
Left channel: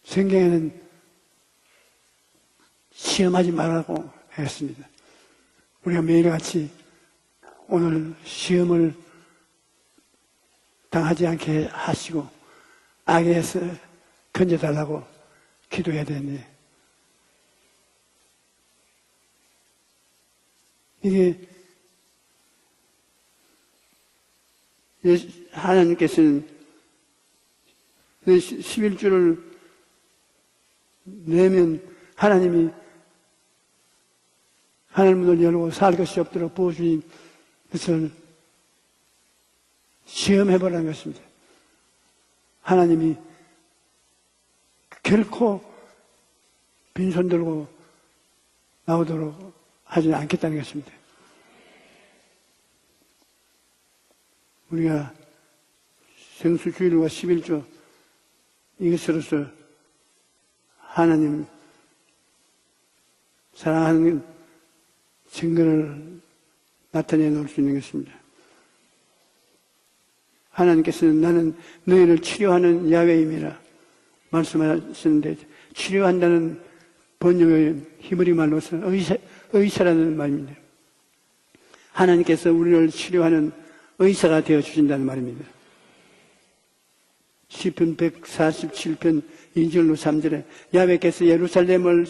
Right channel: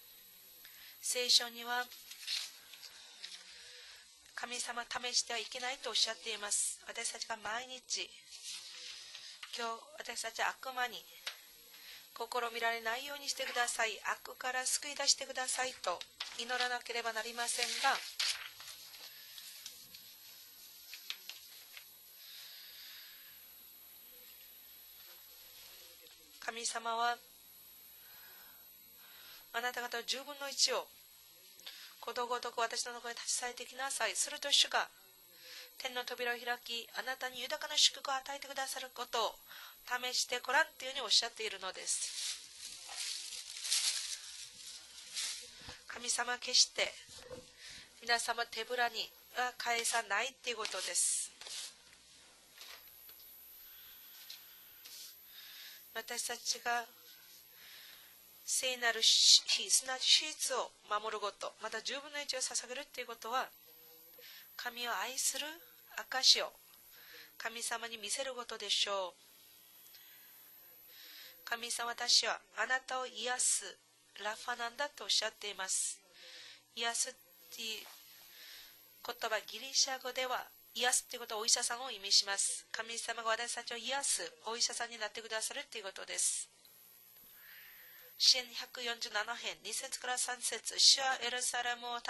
성경에는 시험하지 말라고 했습니다. 우리가 매일같이 오늘 시험을 당하지 않게 하시고 악에서 건져달라고 기도해야 되는데 이게 하나님께서는 11조를 내면 하나님이 하늘 문을 열고 살 것이 없도록 부어주신 것을 시험해보라는 것입니다. 하나님이 결코 빈손 들고 나오도록 하지 않겠다는 것입니다. 우리가 성수주일과 11조 이것으로서 하나님 사랑하는 증거를 나타내 놓을 수 있는 것입니다. 하나님께서는 나는 너희를 치료하는 야훼이니라 말씀하셨는데 치료한다는 번역의 히브리 말로서 의사라는 말입니다. 하나님께서 우리를 치료하는 의사가 되어주신다는 말입니다. 시편 147편 2절로 3절에 야훼께서 예루살렘을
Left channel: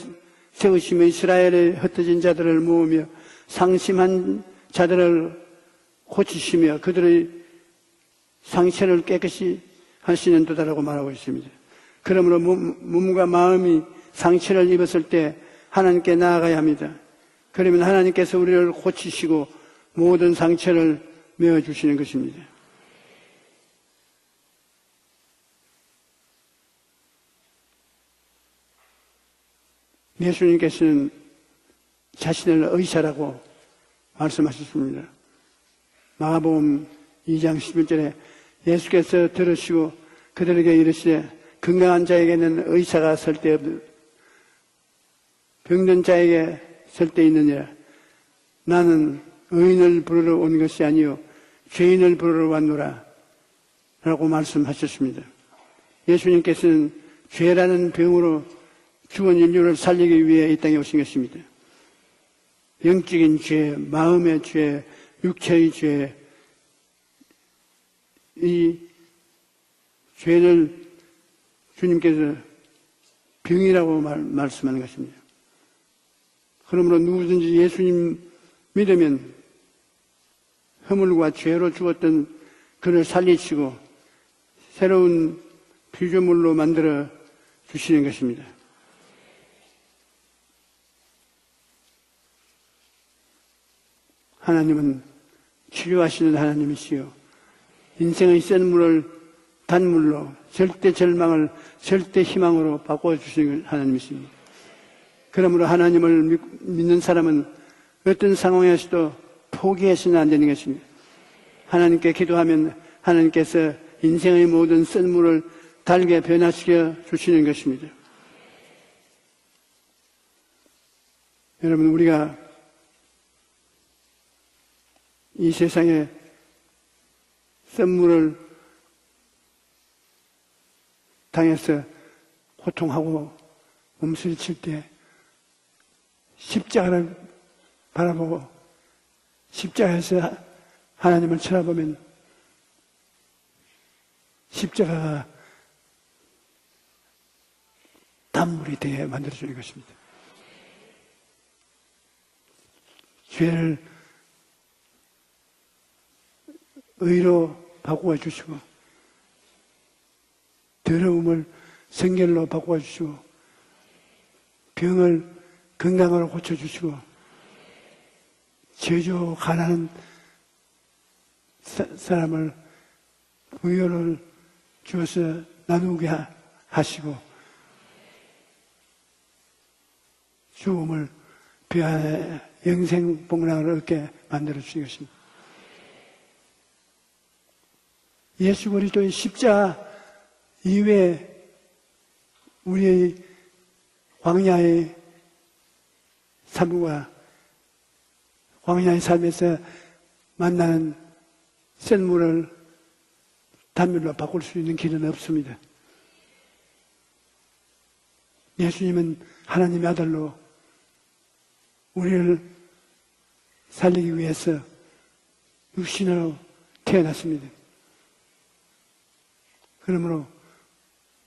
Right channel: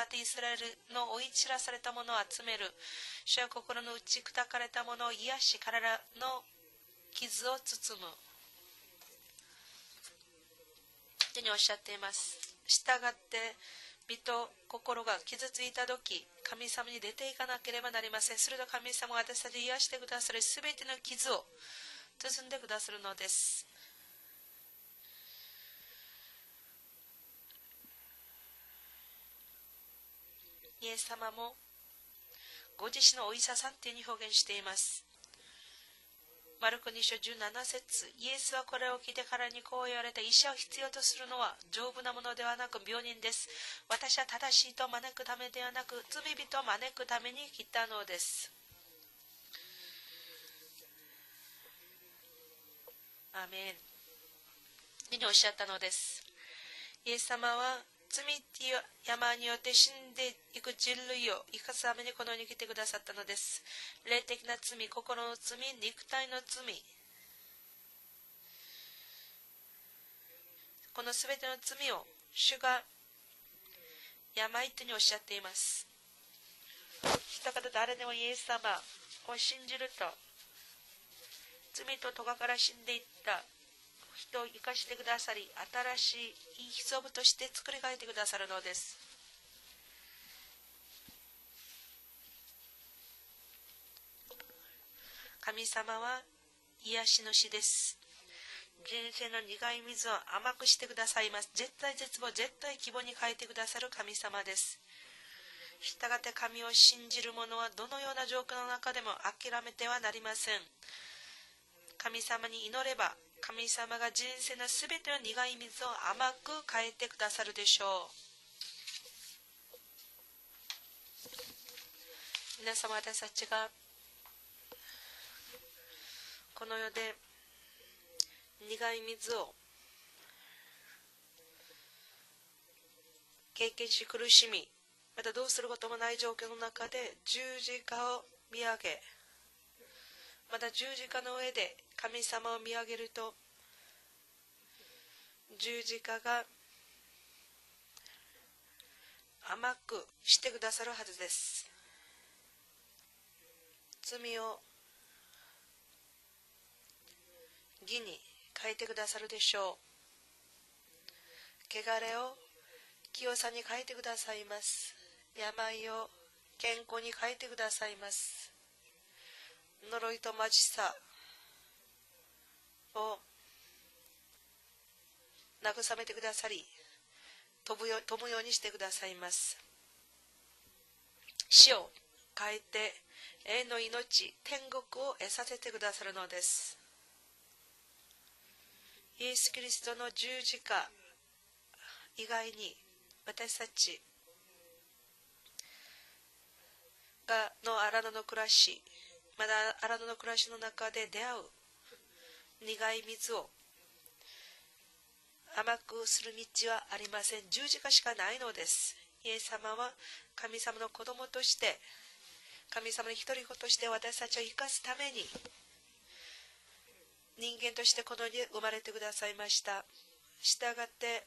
세우시며 이스라엘의 흩어진 자들을 모으며 상심한 자들을 고치시며 그들의 상처를 깨끗이 하시는 도다라고 말하고 있습니다. 그러므로 몸과 마음이 상처를 입었을 때 하나님께 나아가야 합니다. 그러면 하나님께서 우리를 고치시고 모든 상처를 메워주시는 것입니다. 예수님께서는 자신을 의사라고 말씀하셨습니다. 마가복음 2장 11절에 예수께서 들으시고 그들에게 이르시되 건강한 자에게는 의사가 절대 없고 병든 자에게 절대 있느냐 나는 의인을 부르러 온 것이 아니요 죄인을 부르러 왔노라 라고 말씀하셨습니다. 예수님께서는 죄라는 병으로 죽은 인류를 살리기 위해 이 땅에 오신 것입니다. 영적인 죄, 마음의 죄, 육체의 죄, 이 죄를 주님께서 병이라고 말씀하는 것입니다. 그러므로 누구든지 예수님 믿으면 허물과 죄로 죽었던 그를 살리시고 새로운 피조물로 만들어 주시는 것입니다. 하나님은 치료하시는 하나님이시요 인생의 센 물을 단물로 절대 절망을 절대 희망으로 바꿔주시는 하나님이십니다. 그러므로 하나님을 믿는 사람은 어떤 상황에서도 포기해서는 안 되는 것입니다. 하나님께 기도하면 하나님께서 인생의 모든 센 물을 달게 변화시켜 주시는 것입니다. 여러분 우리가 이 세상에 샘물을 당해서 고통하고 経験し苦 음순 し 칠 み 때 またどうすることもない状況の 십자가를 中で十字架 바라보고 を見上げ 십자가에서 また十字架の 하나님을 上で 쳐다보면 神様を見上げると 십자가가 十字架が 단물이 되게 만들어주는 甘 것입니다. くしてくださるはずです。 죄를 罪を 의로 바꾸어 주시고 変えてくださるでしょ 더러움을 う。汚れを 성결로 바꾸어 주시고 清さに変えてくださいます。 병을 病を 건강으로 고쳐 健 주시고 康に変えてくださいます。 저주 가난한 呪いと貧しさ 사람을 を 의를 주어서 나누게 하시고 飛ぶようにしてくださいます。 죽음을 死を 그 変 안에 えて 영생 복락을 霊の 얻게 命、 만들어 天国 주시겠습니다. を得させてくださるのです。 예수 그리스도의 イエス・キリ 십자가 ストの十字架 이외에 以外に 우리의 私たち 광야의 삶과 の荒野の暮らし、 광야의 삶에서 まだ荒野の暮らしの中で出会う 샘물을 苦い水を 단물로 바꿀 수 있는 길은 없습니다. 甘くする道はありません。十字架しかないのです。 예수님은 イエス様 하나님의 は 아들로 神様の子供として 우리를 神様の一人子として 살리기 私たちを 위해서 生かすために 육신으로 태어났습니다. 人間としてこの世に生まれてくださいました。 그러므로 したがって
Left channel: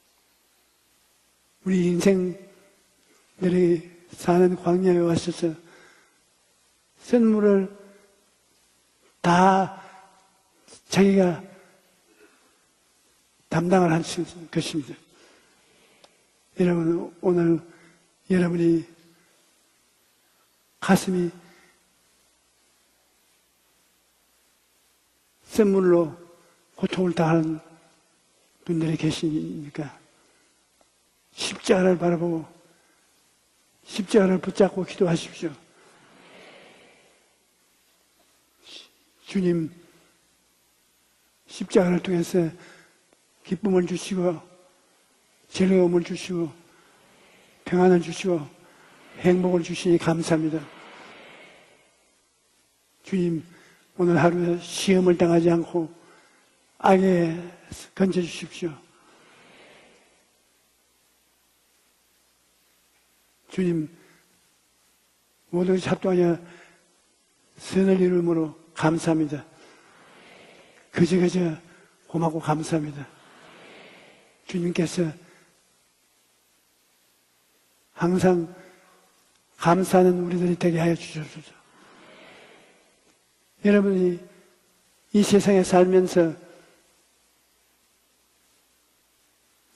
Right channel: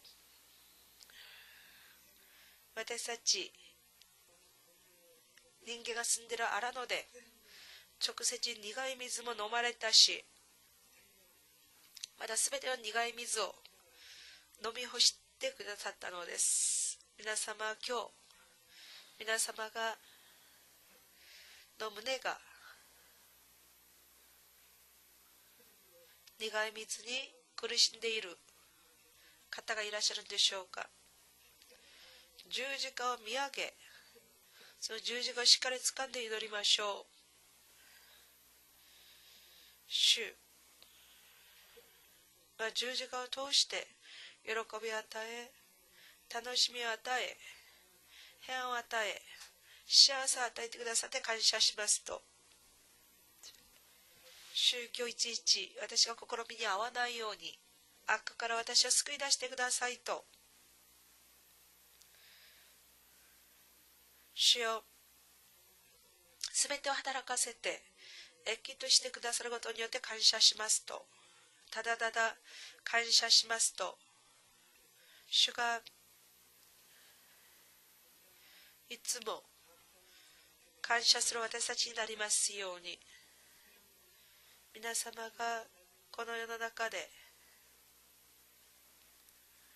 우리 인생들이 私たち 사는 광야에 와서서 人間が住んでいる荒野で 샘물을 直接苦い水も生まれたし、 자기가 まだ全ての苦い水を 담당을 할 수 있을 飲み 것입니다. 干してくださったのです。 여러분 皆 오늘 様、今日 여러분이 皆様が 가슴이 の胸が 샘물로 苦い 고통을 水 당하는 に苦しんでいる 분들이 方 계시니까 がいらっしゃるんでしょうか。 십자가를 바라보고 十字架を見上げ、 십자가를 붙잡고 その十字架を 기도하십시오. しっかり掴んで祈りましょ 주님 う。主 십자가를 통해서 が十字架を通して 기쁨을 주시고 喜びを与え、 즐거움을 주시고 楽しみを与え、 평안을 주시고 平安を与え、 행복을 주시니 幸せを与 감사합니다. えてくださって感謝しますと。 주님 오늘 하루 시험을 당하지 않고 私が試みに合わないよう 악에 に、 건져 悪から 주십시오. 私を救い出してくださいと。 주님 主よ、 모든 것이 합동하여 すべてを働かせて、 선을 이루므로 益としてくだ 감사합니다. さることによって感謝しますと。 그저 ただただ 고맙고 감사합니다. 感謝しますと。 주님께서 主が 항상 いつも 감사하는 우리들이 되게 하여 感謝する 주시옵소서. 私たちになりますように。 여러분이 皆様 이 が 세상에 こ 살면서 の世の中で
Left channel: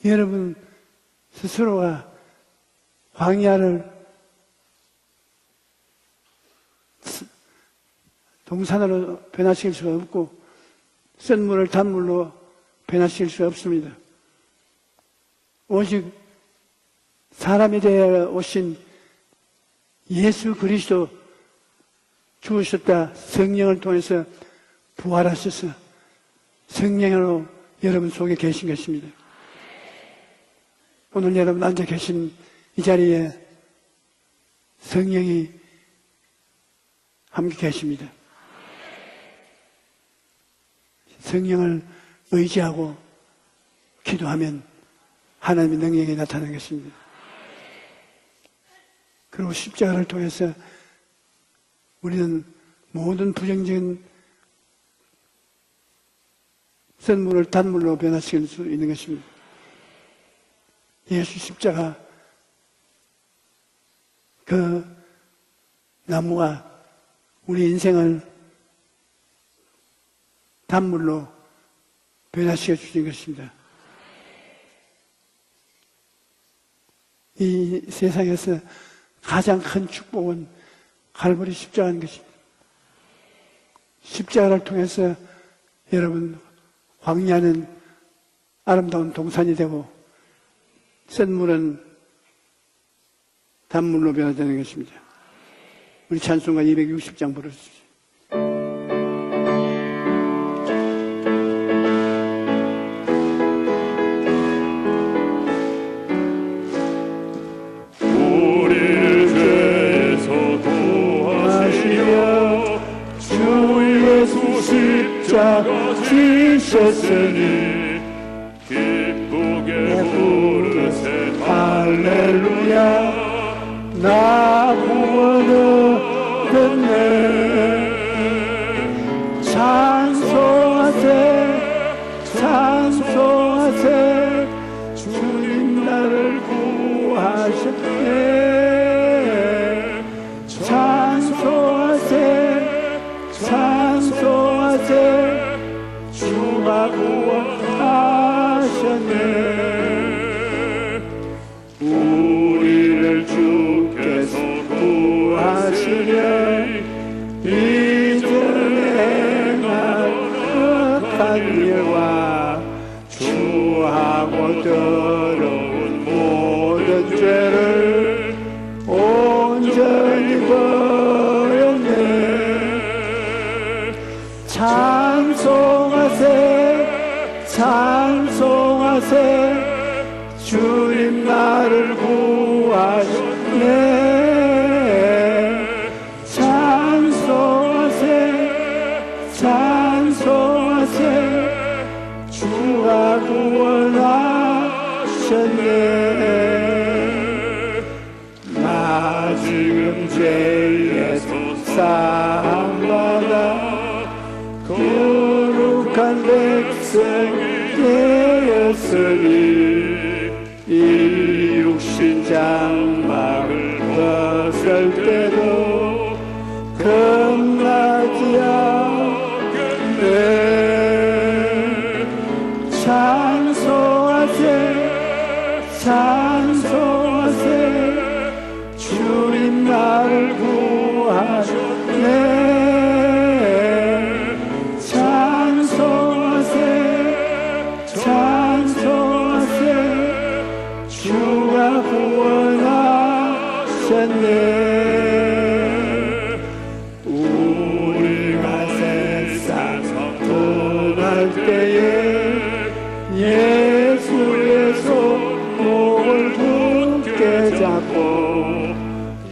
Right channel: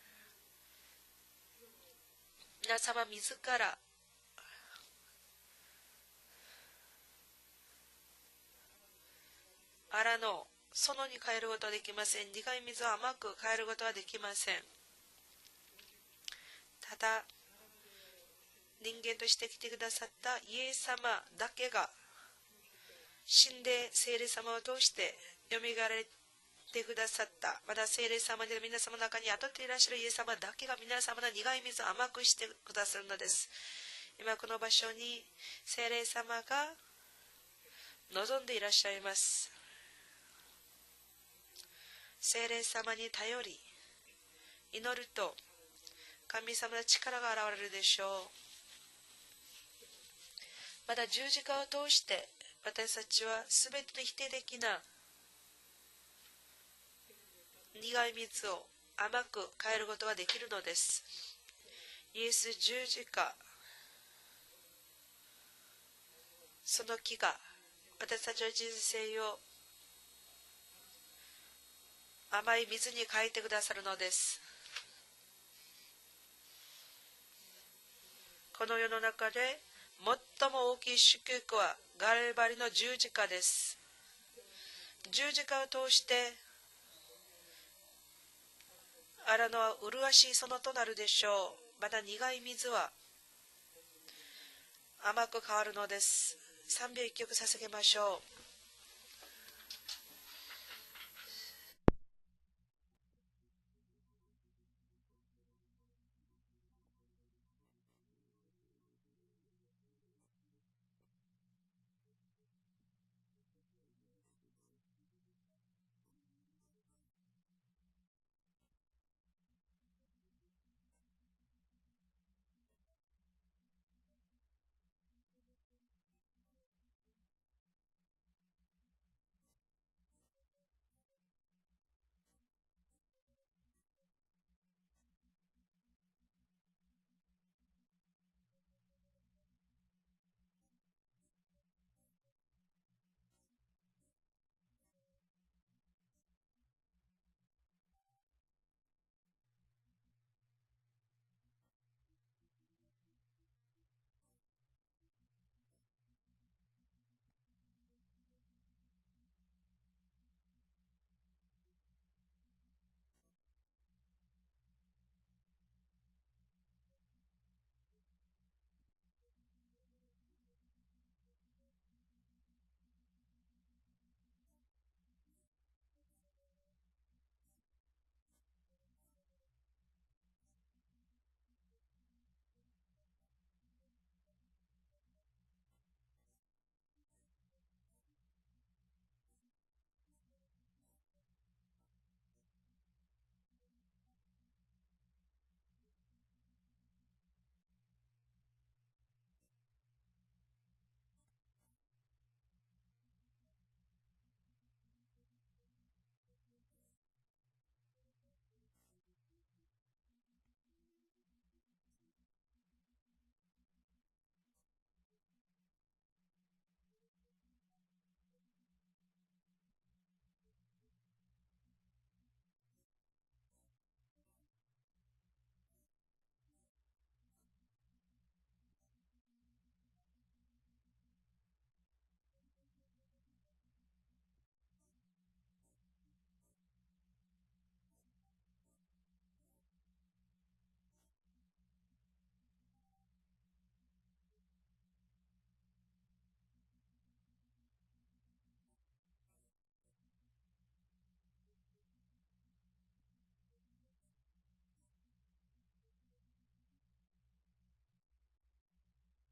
여러분 스스로가 皆様自ら 광야를 동산으로 변화시킬 수가 荒 없고 野そのに変えることはできません。 샘물을 苦い水を甘く 변화시킬 変え 수 ることは 없습니다. できません。 오직 ただ 사람이 되어 오신 人間として来てくださった 예수 イエス 그리스도 様だけが 주셨다 성령을 통해서 聖霊様を通して부활하셔서 蘇られ 성령으로 また 여러분 聖霊 속에 様 계신 の 것입니다. 中に宿っていらっしゃるイエス様だけが皆様 오늘 の 여러분 苦い 앉아 水を甘 계신 くしてく 이 ださるの 자리에 です今この場所に 성령이 聖霊様が 함께 계십니다. 望んでいらっしゃいます。 성령을 聖霊 의지하고 様に頼り 기도하면 祈ると 하나님의 능력이 神 나타나는 様の 것입니다. 力が現れるでしょう。 그리고 십자가를 통해서 また十字架を通して 우리는 私たちは 모든 全て 부정적인 の否定的な 선물을 단물로 苦い 변화시킬 水を 수 있는 甘 것입니다. く変えることができるのです。 예수 십자가 イエス十字架 그 나무가 その木が 우리 인생을 私たちの人生を 단물로 甘い 변화시킬 水 수 に 있는 変えてく 것입니다. ださるのです。 이 세상에서 この世の中で 가장 큰 最 축복은 も大きい祝 갈보리 福は 십자가인 ガ 것입니다. ルバリの十字架です。 십자가를 통해서 十字架を通して 여러분 광야는 아름다운 荒 동산이 野 되고 麗しい園となるでしょう。 샘물은 また苦い水は 단물로 변화되는 것입니다. 甘く変わるのです。 우리 찬송가 260장 賛美を 부르 捧げましょう。 우리를 죄에서 도와주시며 주 예수 십자가 지셨으니 기쁘게 할렐루야 나 구원 얻었네 찬송하세 찬송하세 주님 나를 구하셨네 찬송하세 찬송하세 주가 구원하셨네 우리를 주께서 구하시려 이전에 행한 악한 일과 주하고 더러운 모든 죄를 온전히 버렸네 찬송하세 찬송하세 주님 나를 구하셨네 찬송하세 찬송하세 주가 구원하셨네 나 지금 죄에서 사함받아 거룩한 백성 되었으니 이 육신 장막을 벗을 때도 겁나지 않겠네 찬송하세 찬송하세 주님 나를 구하셨네 찬송하세 찬송하세 주가 구원하셨네 우리가 세상 떠날 때에 예수의 손목을 굳게 잡고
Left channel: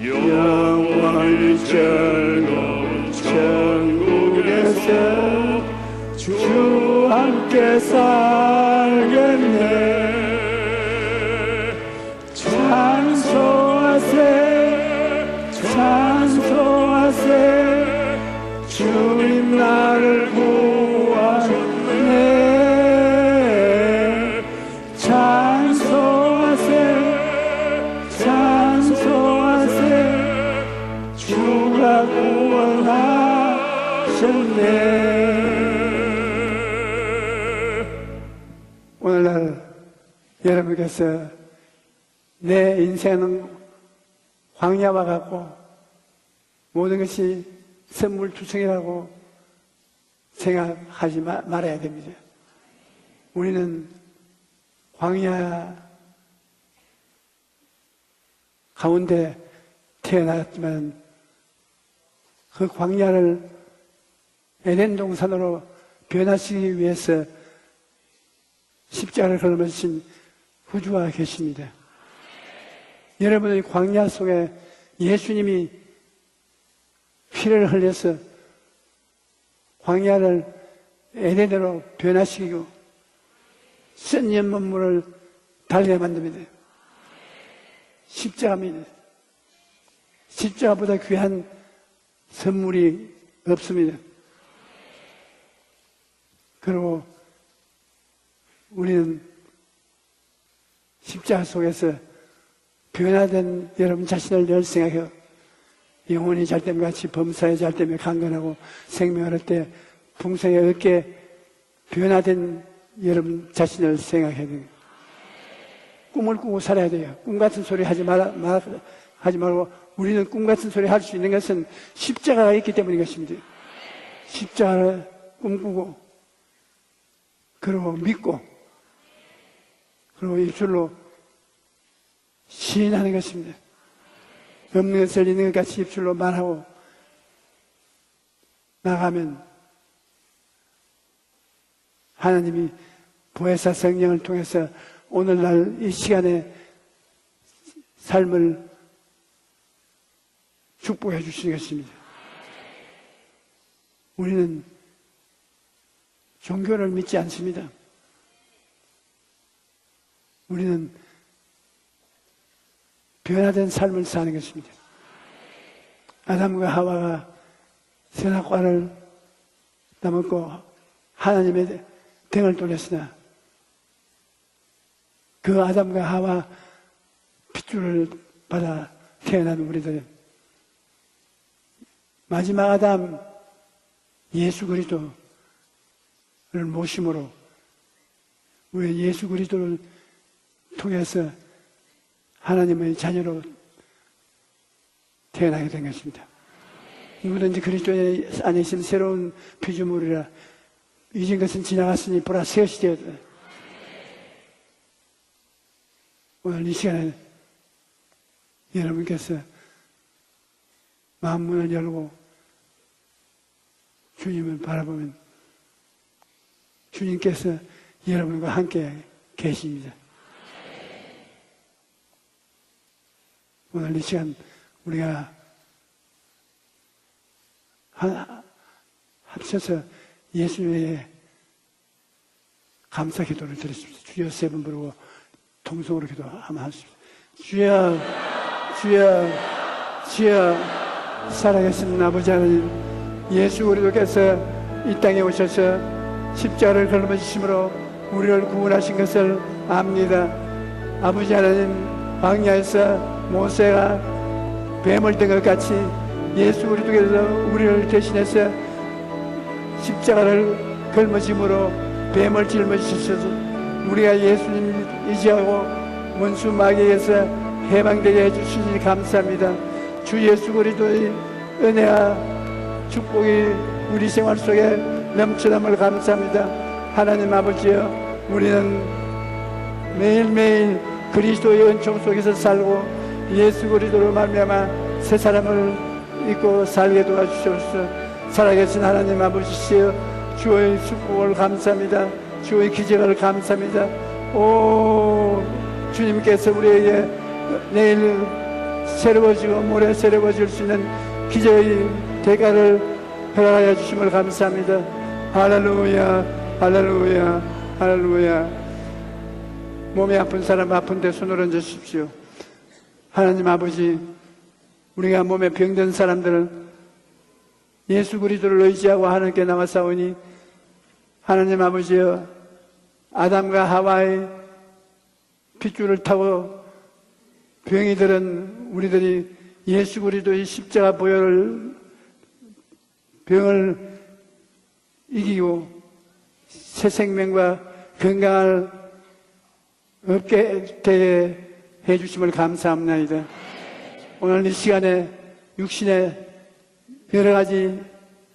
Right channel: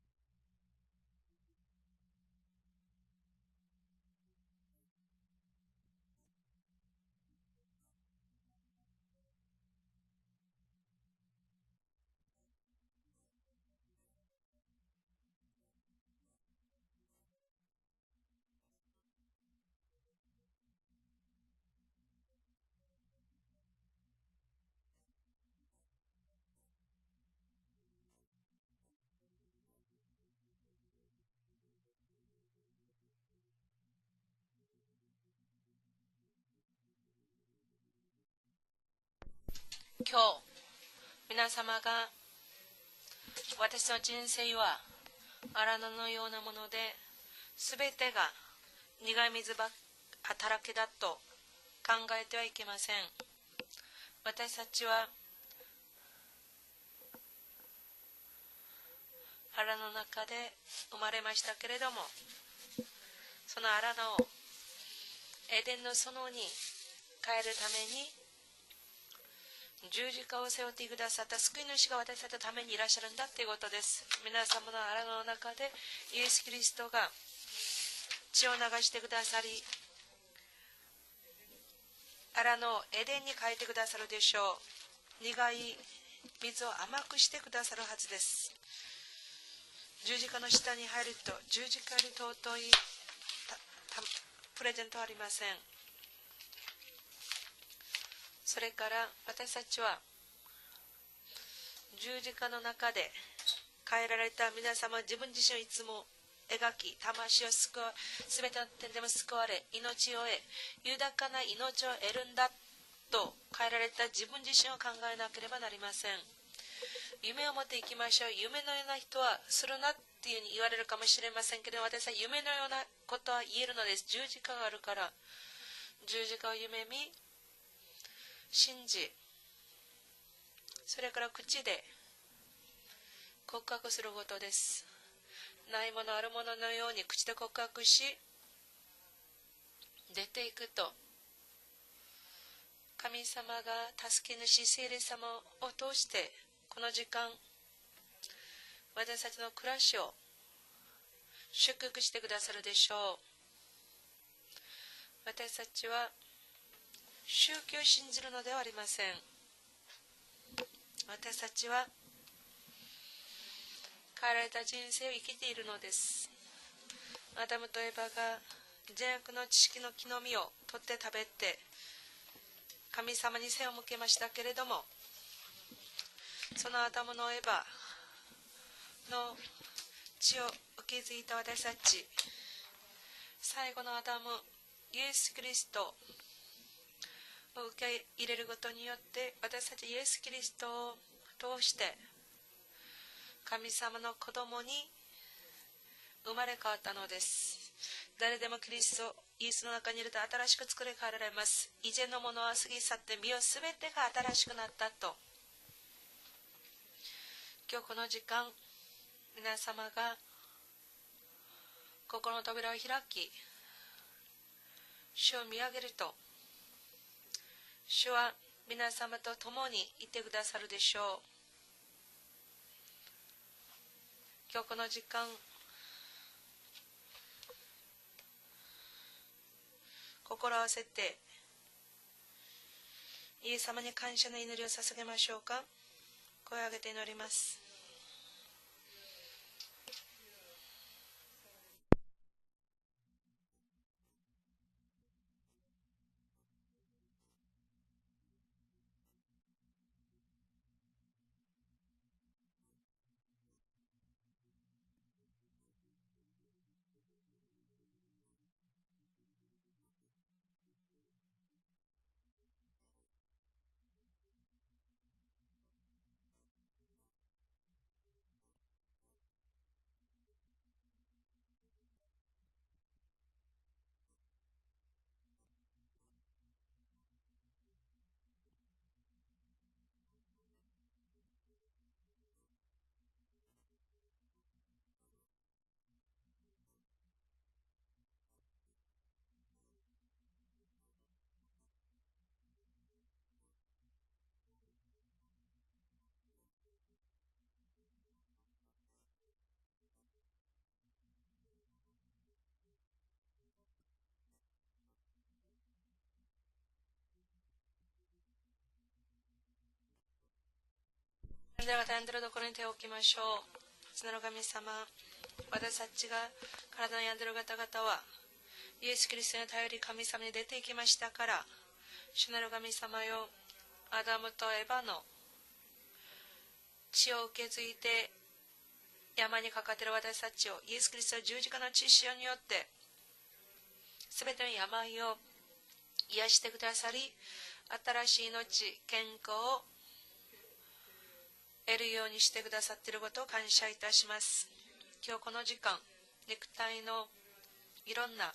영원히 즐거운 천국에서 주 함께 살겠네 찬송하세 찬송하세 주님 나를 구하셨네 찬송하세 찬송하세 주가 구원하셨네 오늘날 今日 여러분께서 皆様が 내 인생은 私の人生は 광야와 같고 荒野のようなもので 모든 것이 全てが 선물투성이라고 苦い水ばっかりだと 생각하지 말아야 考 됩니다. えてはいけません。 우리는 私たちは 광야 가운데 荒野の中で 태어났지만 生まれましたけれども、 그 광야를 その荒野を 에덴 동산으로 エデンの園に 변화시키기 위해서 変えるために 십자가를 걸으신 十字架を背負って 구주가 くださった救い 계십니다. 主が私たちのためにいらっしゃるんだ 여러분의 ということです。 광야 속에 皆様の荒野の中で 예수님이 イエス・キリストが 피를 흘려서 血を流してくださり、 광야를 에덴으로 荒 변화시키고 野をエデンに変えてくださるで 쓴 しょう。 연문물을 苦い 달게 만듭니다. 水を甘くしてくださるはずです。 십자가입니다. 十字架の 십자가보다 下にある 귀한 十字架より尊い 선물이 없습니다. プレゼントはありません。 그리고 それから 우리는 私たちは 십자가 속에서 十字架の中で 변화된 여러분 자신을 늘 생각해요. 自分自身をいつも 영혼이 잘됨 같이 범사에 잘됨에 강건하고 생명을 얻되 풍성에 얻게 변화된 여러분 자신을 생각해야 돼요. 꿈을 꾸고 살아야 돼요. 꿈 같은 소리 하지 말고 우리는 꿈 같은 소리 할 수 있는 것은 십자가가 있기 때문인 것입니다. 십자가를 꿈꾸고 그리고 믿고 信じ 그리고 입술로 それから口で 시인하는 것입니다. 告白することです。 없는 것을 있는 것 같이 ないも 입술로 のあるもの 말하고 のように口で告白し 나가면 出ていくと 하나님이 神様 보혜사 성령을 통해서 오늘날 이 시간에 この時間 삶을 私たちの暮らしを 축복해 주시는 祝 것입니다. 福してくださるでしょう。 우리는 私たちは 종교를 믿지 않습니다. 宗教を信じるのではありません。 우리는 私たちは 변화된 삶을 変 사는 えられた 것입니다. 人生を生きているのです。 아담과 하와가 アダムとエバが 선악과를 善悪の知識の木の実 따먹고 を取って食べて 하나님의 등을 돌렸으나 神様に背を向けましたけれども、 그 아담과 하와 そのアダムのエバ 핏줄을 받아 태어난 우리들 血を受け継いだ私たち、 마지막 아담 最後のアダム 예수 그리스도를 イエス・キリスト 모심으로 を受け入れることに 우리 よって 예수 그리스도를 私たちイエス・キリストを 통해서 通して 하나님의 자녀로 神様の子供に 태어나게 된 것입니다. 生まれ変わったのです。 누구든지 그리스도 안에 있으면 새로운 피조물이라 이전 것은 지나갔으니 보라 새 것이 되었다. 오늘 이 시간에 여러분께서 皆様が 마음문을 열고 心の扉を開き、 주님을 바라보면 主を見上げると、 주님께서 主は 여러분과 함께 皆様と共に 계십니다. いてくださるでしょう。 오늘 이 시간 今日この時間、 합쳐서 心を合わせ 예수님의 て 감사 イ 기도를 エス様に 드리십시오. 感 주여 謝 세 の 번 祈りを 부르고 捧げましょうか。 통성으로 기도하면 声を上げ 하십시오. て祈ります。 주여, 주여, 주여, 살아계신 아버지 하나님, 예수 그리스도께서 이 땅에 오셔서 십자가를 걸어주심으로 우리를 구원하신 것을 압니다. 아버지 하나님, 광야에서 모세가 뱀을 든 것 같이 예수 그리스도께서 우리를 대신해서 십자가를 걸머짐으로 뱀을 짊어지셔서 우리가 예수님 의지하고 원수 마귀에서 해방되게 해주시니 감사합니다. 주 예수 그리스도의 은혜와 축복이 우리 생활 속에 넘쳐남을 감사합니다. 하나님 아버지여, 우리는 매일매일 그리스도의 은총 속에서 살고 예수 그리스도로 말미암아 새 사람을 잊고 살게 도와주시옵소서. 살아계신 하나님 아버지시여, 주의 축복을 감사합니다. 주의 기적을 감사합니다. 오, 주님께서 우리에게 내일 새로워지고 모레 새로워질 수 있는 기적의 대가를 허락하여 주심을 감사합니다. 할렐루야, 할렐루야, 할렐루야. 몸이 아픈 사람 아픈데 손을 얹어 では 주십시오. 何とのこれ手を置きましょう。 하나님 아버지, その神様、 우리가 몸에 병든 사람들을 体に病んでいる方々は 예수 그리스도를 의지하고 하나님께 나와사오니 神様に出て行きましたから、 하나님 아버지여, 主なる神様よ、 아담과 アダ 하와의 ムとエバの 핏줄을 타고 血を受け継いで 병이 들은 우리들이 山にかかる 예수 그리스도의 私たちを 십자가 イエスキリストの 보혈을 十字架の血潮によって 병을 すべての病を 이기고 癒してくださ 새 い。 생명과 新しい 건강을 命、健康を 얻게 되게 得るように 해주심을 してくださったことを 감사합니다. 感謝いたします。 오늘 이 시간에 今日この時間、 육신의 肉体の 여러 가지 いろんな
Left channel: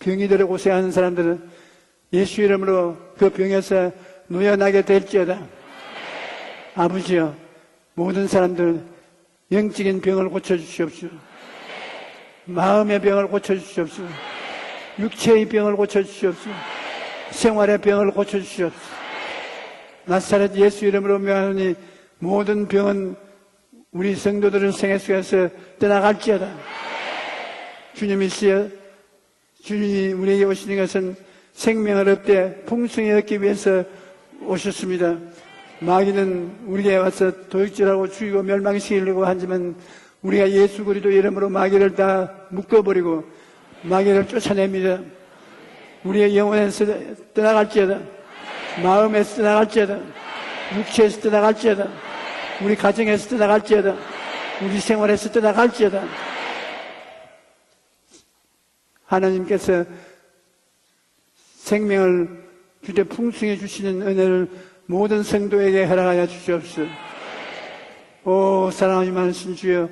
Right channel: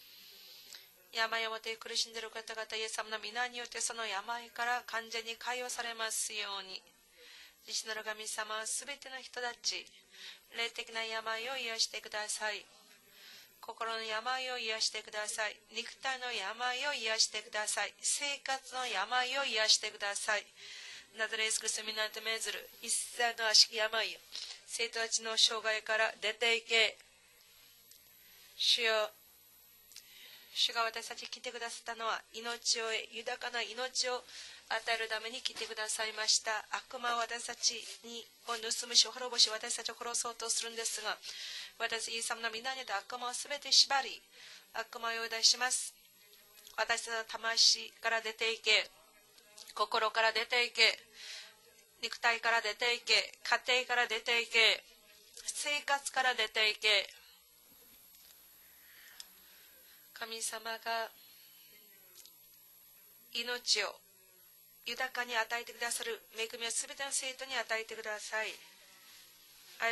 병이 들어 고생하는 사람들은 病を持って苦しんでいる 예수 이름으로 그 병에서 누연하게 될지어다. 아버지여, 모든 사람들 영적인 병을 고쳐주시옵소서. 마음의 병을 고쳐주시옵소서. 육체의 병을 고쳐주시옵소서. 생활의 병을 고쳐주시옵소서. 나사렛 예수 이름으로 명하노니 모든 병은 우리 성도들의 생애 속에서 떠나갈지어다. 주님이시여, 주님이 우리에게 오시는 것은 생명을 얻되 풍성히 얻기 위해서 오셨습니다. 마귀는 우리에게 와서 도둑질하고 죽이고 멸망시키려고 하지만 우리가 예수 그리스도 이름으로 마귀를 다 묶어버리고 마귀를 쫓아냅니다. 우리의 영혼에서 떠나갈지어다. 마음에서 떠나갈지어다. 육체에서 떠나갈지어다. 우리 가정에서 떠나갈지어다. 우리 생활에서 떠나갈지어다. 하나님께서 생명을 주되 풍성히 주시는 은혜를 모든 성도에게 허락하여 주시옵소서. 오, 사랑하기 많으신 주여,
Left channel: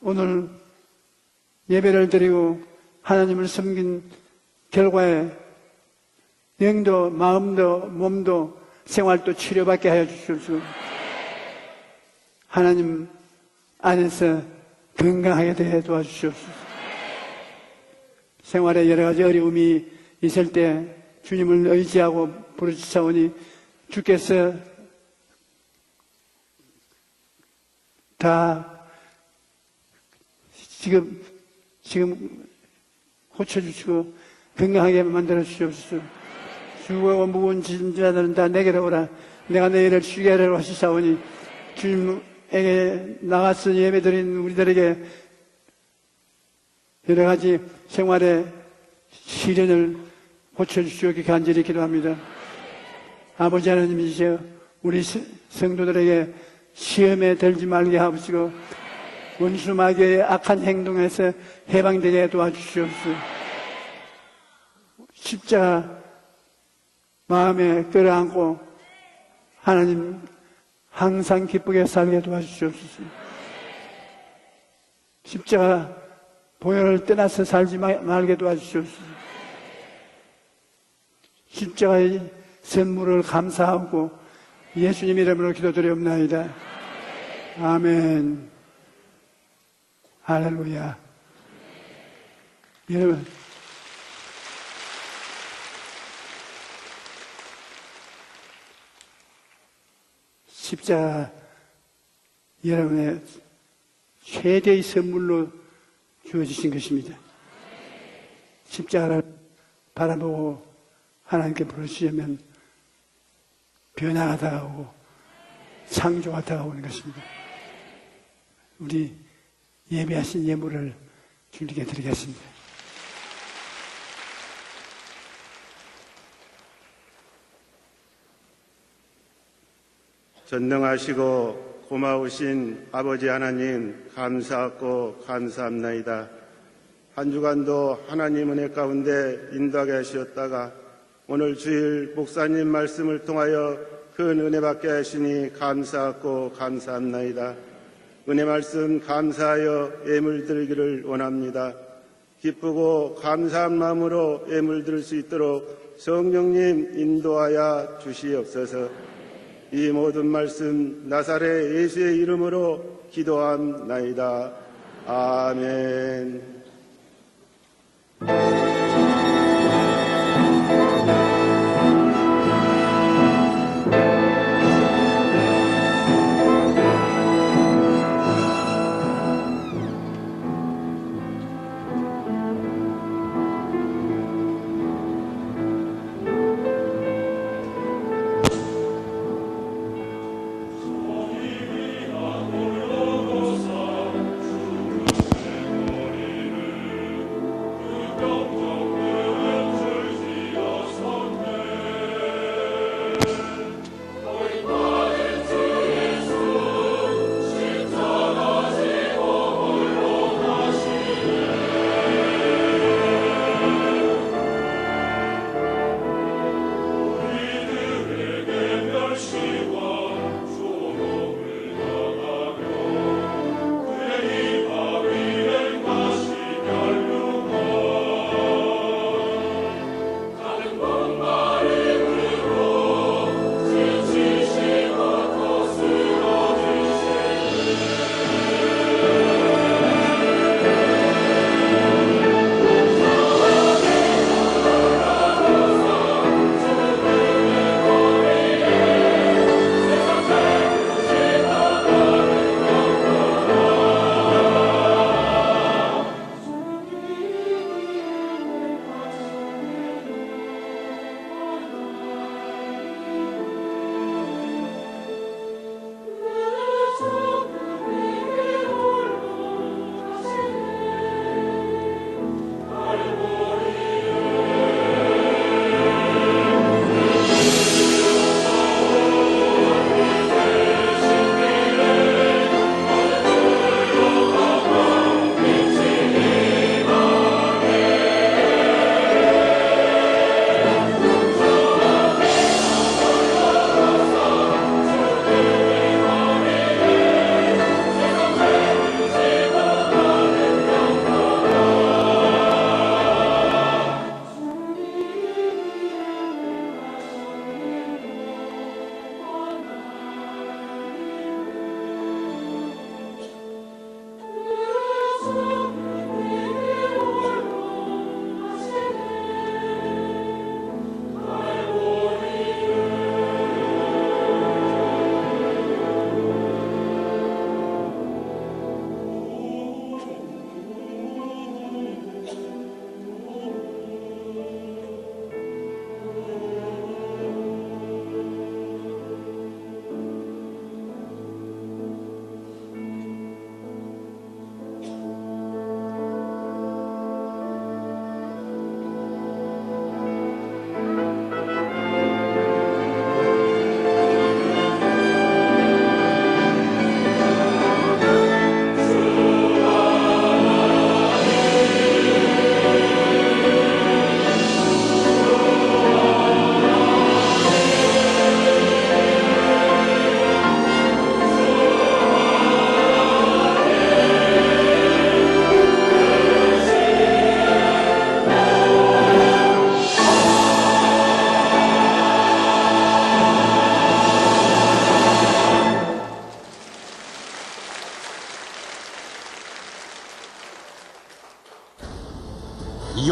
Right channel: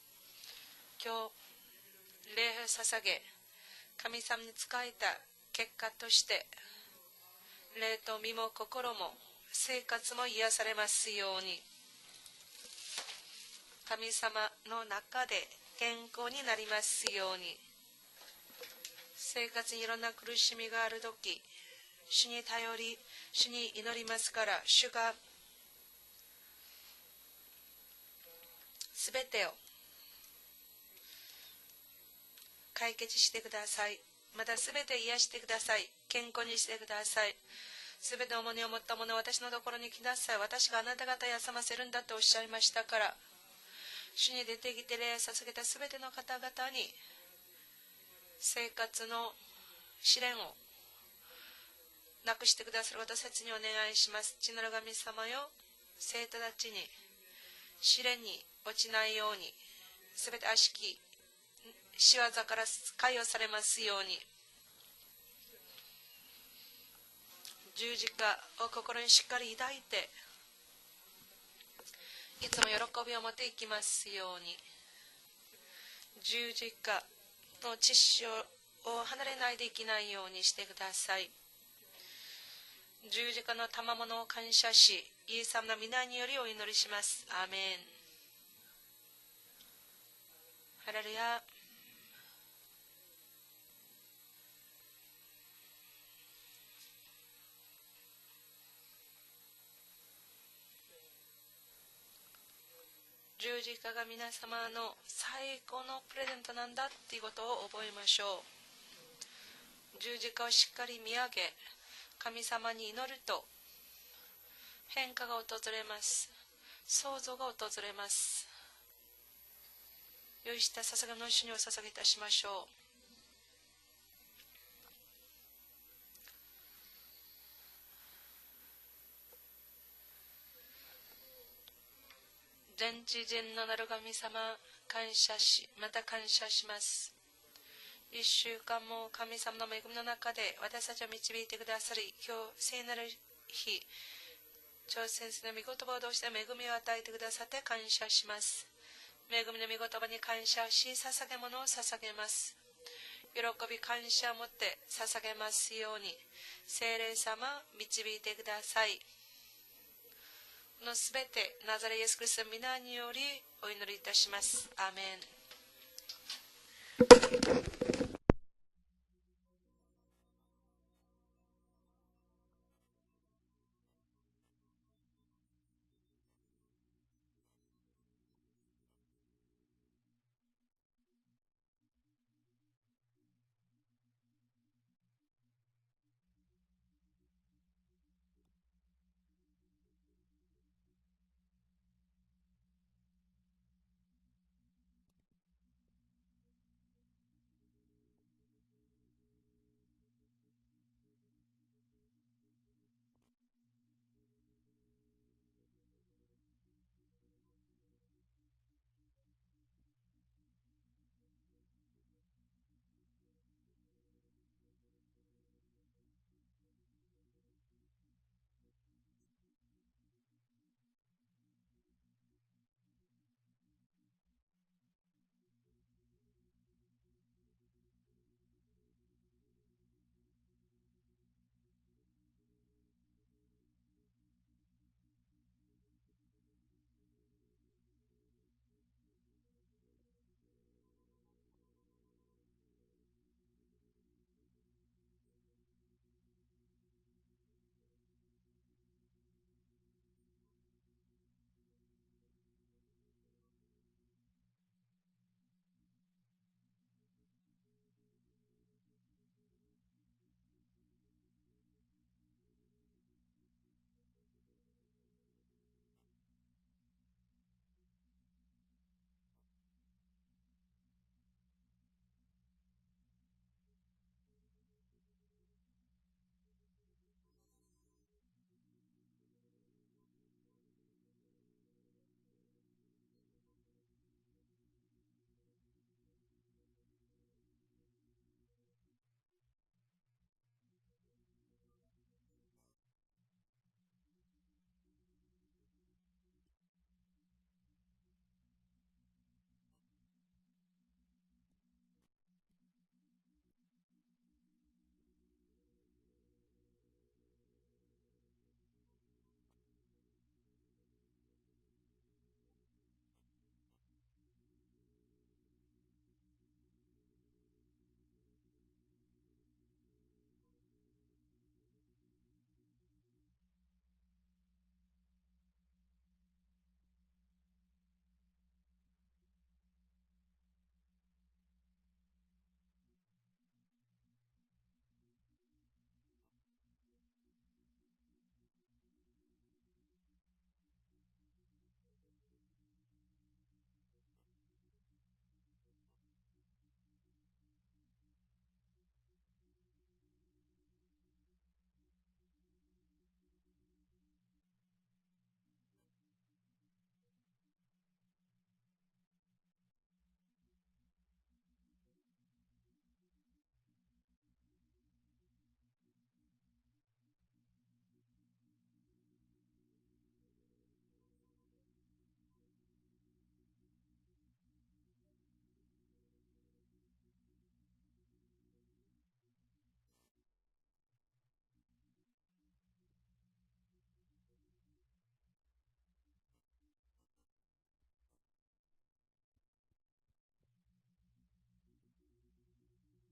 오늘 예배를 드리고 하나님을 섬긴 결과에 영도, 마음도, 몸도, 생활도 치료받게 하여 주시옵소서. 하나님 안에서 건강하게 되어 도와주시옵소서. 생활에 여러 가지 어려움이 있을 때 주님을 의지하고 부르짖사오니 주께서 다 지금 고쳐주시고 건강하게 만들어 주시옵소서. 수고하고 무거운 짐자들은 다 내게로 오라. 내가 너희를 쉬게 하려고 하시사오니 주님에게 나가서 예배드린 우리들에게 여러 가지 생활의 시련을 고쳐주시옵기 간절히 기도합니다. 아버지 하나님, 이제 우리 성도들에게 시험에 들지 말게 하옵시고 원수 마귀의 악한 행동에서 해방되게 도와주시옵시고 십자가 마음에 끌어안고 하나님 항상 기쁘게 살게 도와주시옵소서. 십자가 보혈을 떠나서 살지 말게 도와주시옵소서. 십자가의 선물을 감사하고 예수님 이름으로 기도드리옵나이다. 아멘. 할렐루야. 여러분, 십자가 여러분의 최대의 선물로 주어지신 것입니다. 십자가를 바라보고 하나님께 부르시면 변화가 다가오고 창조가 다가오는 것입니다. 우리 예배하신 예물을 주님께 드리겠습니다. 전능하시고 고마우신 아버지 하나님, 감사하고 감사합나이다. 한 주간도 하나님 은혜 가운데 인도하게 하시었다가 오늘 주일 목사님 말씀을 통하여 큰 은혜 받게 하시니 감사하고 감사합나이다. 은혜 말씀 감사하여 예물 드리기를 원합니다. 기쁘고 감사한 마음으로 예물 드릴 수 있도록 성령님 인도하여 주시옵소서. 이 모든 말씀 나사렛 예수의 이름으로 기도합나이다. 아멘. 주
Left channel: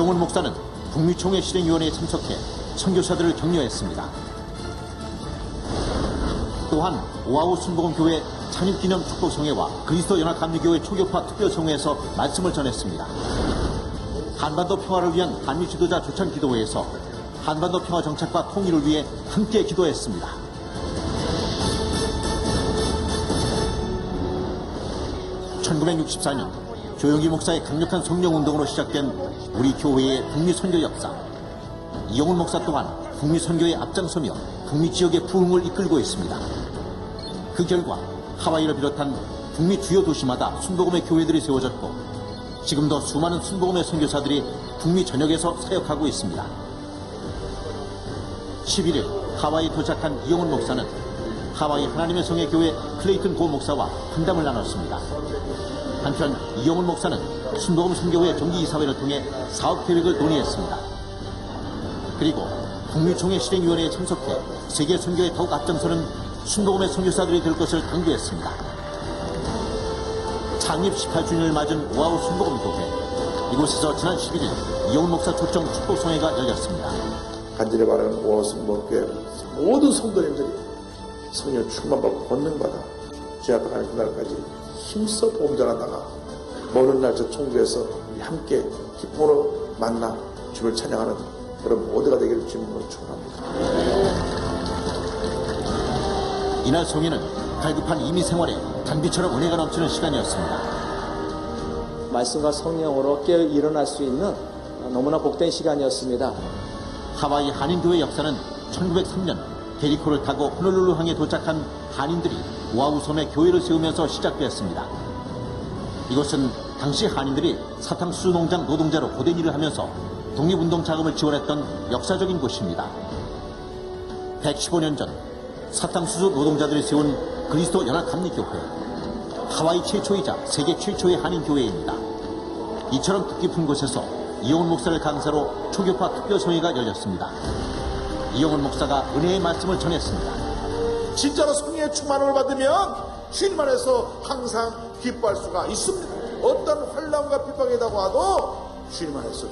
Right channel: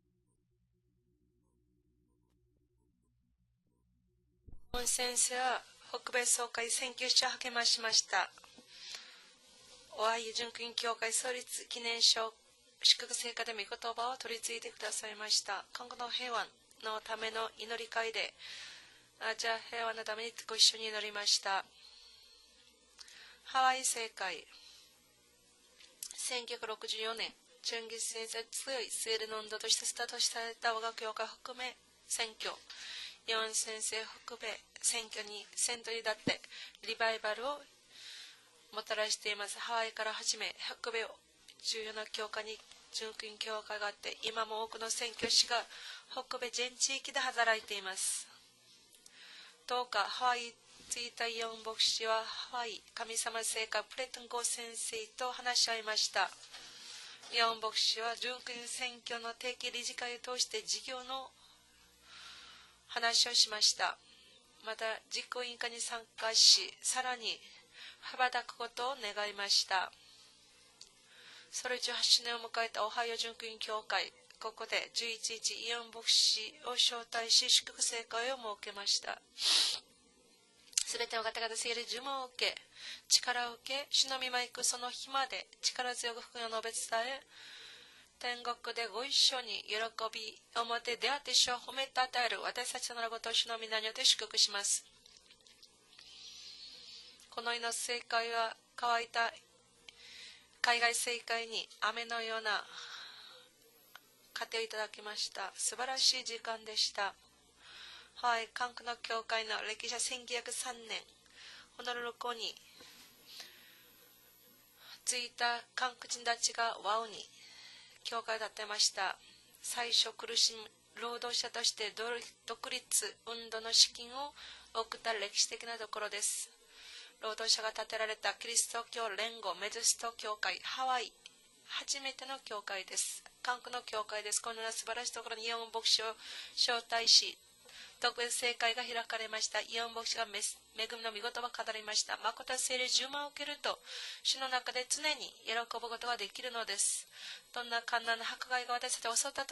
이영훈 목사는 북미총회 실행위원회에 참석해 선교사들을 격려했습니다. 또한 오아우 순복음교회 창립기념 축복성회와 그리스도 연합감리교회 초교파 특별성회에서 말씀을 전했습니다. 한반도 평화를 위한 한미 지도자 조찬 기도회에서 한반도 평화 정착과 통일을 위해 함께 기도했습니다. 1964년 조영기 목사의 강력한 성령운동으로 시작된 우리 교회의 북미 선교 역사. 이영훈 목사 또한 북미 선교에 앞장서며 북미 지역의 부흥을 이끌고 있습니다. 그 결과 하와이를 비롯한 북미 주요 도시마다 순복음의 교회들이 세워졌고 지금도 수많은 순복음의 선교사들이 북미 전역에서 사역하고 있습니다. 11일 하와이에 도착한 이영훈 목사는 하와이 하나님의 성의 교회 클레이튼 고 목사와 상담을 나눴습니다. 한편 이영훈 목사는 순복음 선교회 정기이사회를 통해 사업 계획을 논의했습니다. 그리고 북미총회 실행위원회에 참석해 세계 선교에 더욱 앞장서는 순복음의 선교사들이 될 것을 강조했습니다. 창립 18주년을 맞은 오아우 순복음교회. 이곳에서 지난 11일 이영훈 목사 초청 축복성회가 열렸습니다. 간절히 바라는 오아우 순복음교회 모든 성도님들이 성령 충만받고 권능받아 제압하는 그날까지 힘써 보험자가 나가 모든 날 저 총부에서 함께 기쁨으로 만나 주를 찬양하는 여러분 모두가 되기를 주님으로 축원합니다. 이날 성회는 갈급한 이미 생활에 단비처럼 은혜가 넘치는 시간이었습니다. 말씀과 성령으로 깨어 일어날 수 있는 너무나 복된 시간이었습니다. 하와이 한인교회 역사는 1903년 베리코를 타고 호놀룰루 항에 도착한 한인들이 오아우 섬에 교회를 세우면서 시작되었습니다. 이곳은 당시 한인들이 사탕수수 농장 노동자로 고된 일을 하면서 독립운동 자금을 지원했던 역사적인 곳입니다. 115년 전 사탕수수 노동자들이 세운 그리스도 연합감리교회, 하와이 최초이자 세계 최초의 한인교회입니다. 이처럼 뜻깊은 곳에서 이영훈 목사를 강사로 초교파 특별성회가 열렸습니다. 이영훈 목사가 은혜의 말씀을 전했습니다. 진짜로 성령의 충만을 받으면 주님 안에서 항상 기뻐할 수가 있습니다. 어떤 환난과 핍박에다가 와도 주님 안에서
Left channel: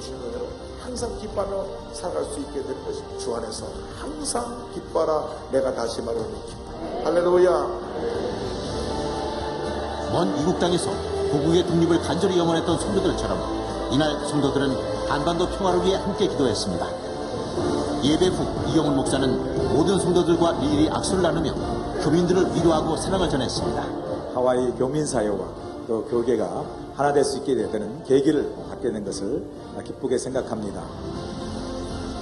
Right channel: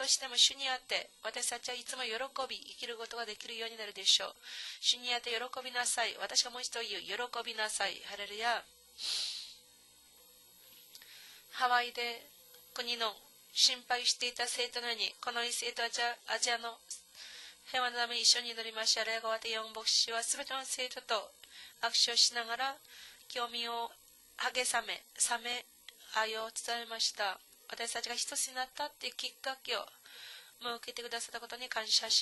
항상 기뻐하며 살아갈 수 있게 될 것을 주 안에서 항상 기뻐하라. 내가 다시 말합니다. 할렐루야. 먼 이국 땅에서 고국의 독립을 간절히 염원했던 성도들처럼 이날 성도들은 한반도 평화를 위해 함께 기도했습니다. 예배 후 이영훈 목사는 모든 성도들과 일일이 악수를 나누며 교민들을 위로하고 사랑을 전했습니다. 하와이 농민사회와 또 교계가 하나 될 수 있게 되는 계기를 갖게 된 것을 기쁘게 생각합니다.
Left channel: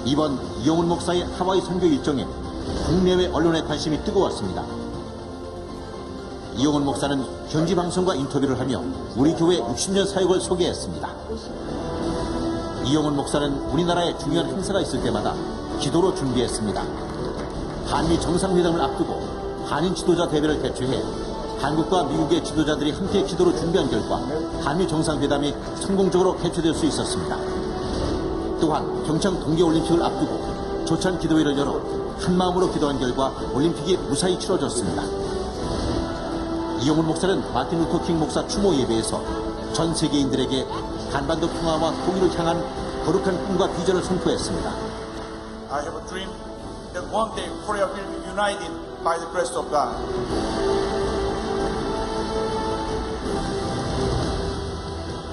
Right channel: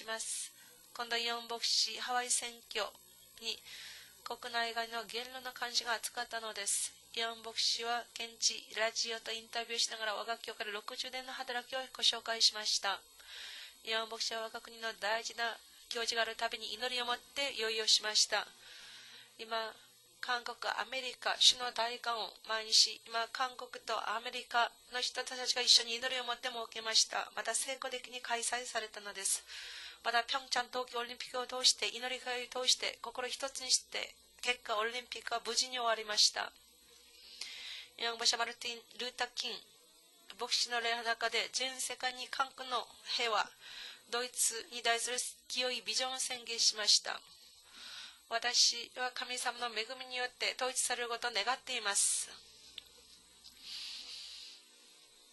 이번 이영훈 목사의 하와이 선교 일정에 국내외 언론의 관심이 뜨거웠습니다. 이영훈 목사는 현지 방송과 인터뷰를 하며 우리 교회 60년 사역을 소개했습니다. 이영훈 목사는 우리나라에 중요한 행사가 있을 때마다 기도로 준비했습니다. 한미 정상회담을 앞두고 한인 지도자 대회를 개최해 한국과 미국의 지도자들이 함께 기도로 준비한 결과 한미 정상회담이 성공적으로 개최될 수 있었습니다. 또한 평창 동계올림픽을 앞두고 조찬 기도회를 열어 한마음으로 기도한 결과 올림픽이 무사히 치러졌습니다. 이영훈 목사는 마틴 루터 킹 목사 추모 예배에서 전 세계인들에게 한반도 평화와 통일을 향한 거룩한 꿈과 비전을 선포했습니다. I have a dream that one day Korea will be united by the grace of God.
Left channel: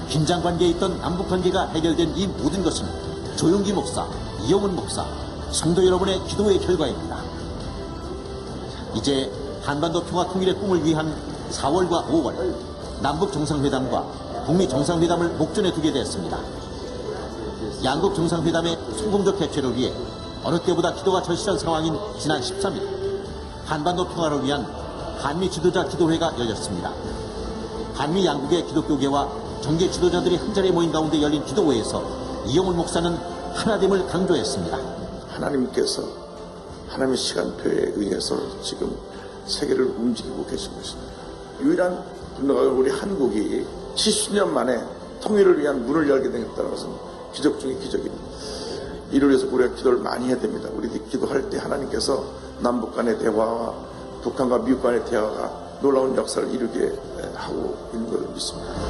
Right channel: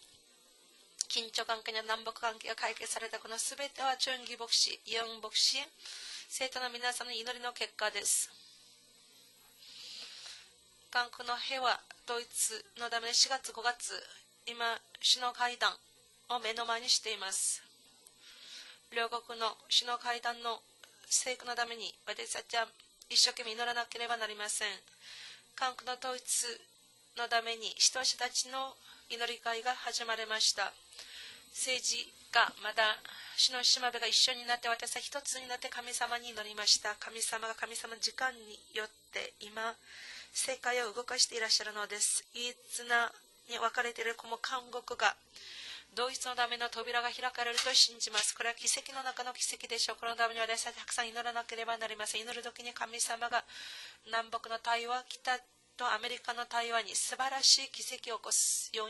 긴장 관계에 있던 남북 관계가 해결된 이 모든 것은 조영기 목사, 이영훈 목사, 성도 여러분의 기도의 결과입니다. 이제 한반도 평화 통일의 꿈을 위한 4월과 5월 남북 정상회담과 북미 정상회담을 목전에 두게 되었습니다. 양국 정상회담의 성공적 개최를 위해 어느 때보다 기도가 절실한 상황인 지난 13일 한반도 평화를 위한 한미 지도자 기도회가 열렸습니다. 한미 양국의 기독교계와 정계 지도자들이 한자리에 모인 가운데 열린 기도회에서 이영훈 목사는 하나됨을 강조했습니다. 하나님께서 하나님의 시간표에 의해서 지금 세계를 움직이고 계십니다. 유일한 우리 한국이 70년 만에 통일을 위한 문을 열게 된 것은 기적 중 기적입니다. 이를 위해서 우리가 기도를 많이 해야 됩니다. 우리 기도할 때 하나님께서 남북 간의 대화와 북한과 미국 간의 대화가 놀라운 역사를 이루게 하고 있는 것을 믿습니다.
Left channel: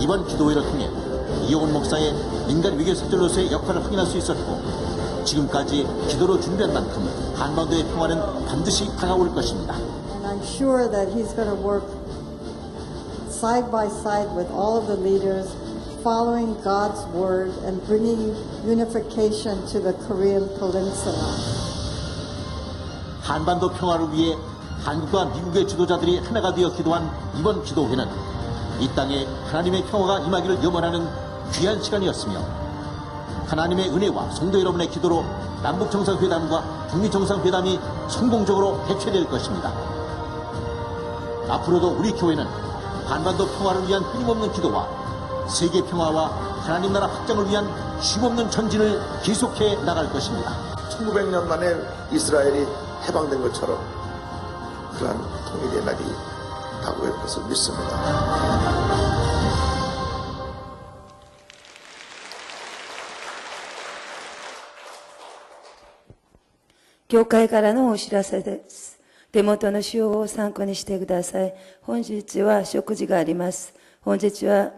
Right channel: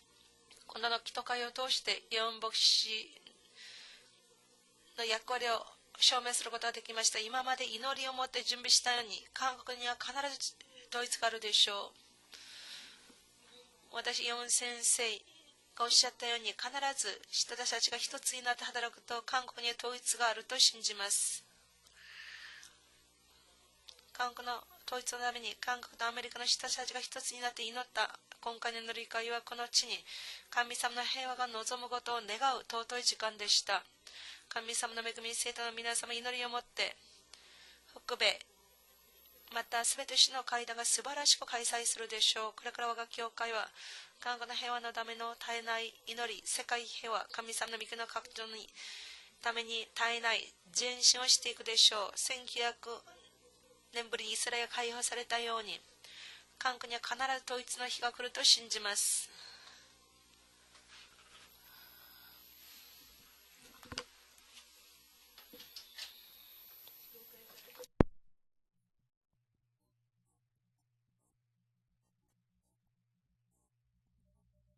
이번 기도회를 통해 이용훈 목사의 민간 외교 사절로서의 역할을 확인할 수 있었고 지금까지 기도로 준비한 만큼 한반도의 평화는 반드시 다가올 것입니다. And I'm sure that he's going to work side by side with all the leaders, following God's word and bringing unification to the Korean Peninsula. 한반도 평화를 위해 한국과 미국의 지도자들이 하나가 되어 기도한 이번 기도회는 이 땅에 하나님의 평화가 임하기를 염원하는 귀한 시간이었으며 하나님의 은혜와 성도 여러분의 기도로 남북정상회담과 북미정상회담이 성공적으로 개최될 것입니다. 앞으로도 우리 교회는 한반도 평화를 위한 끊임없는 기도와 세계 평화와 하나님 나라 확장을 위한 쉼없는 전진을 계속해 나갈 것입니다. 1900년 만에 이스라엘이 해방된 것처럼 그러한 통일의 날이 다가올 것을 믿습니다. 教会からのお知らせです。手元の資料を参考にしてください。本日は食事があります。明日は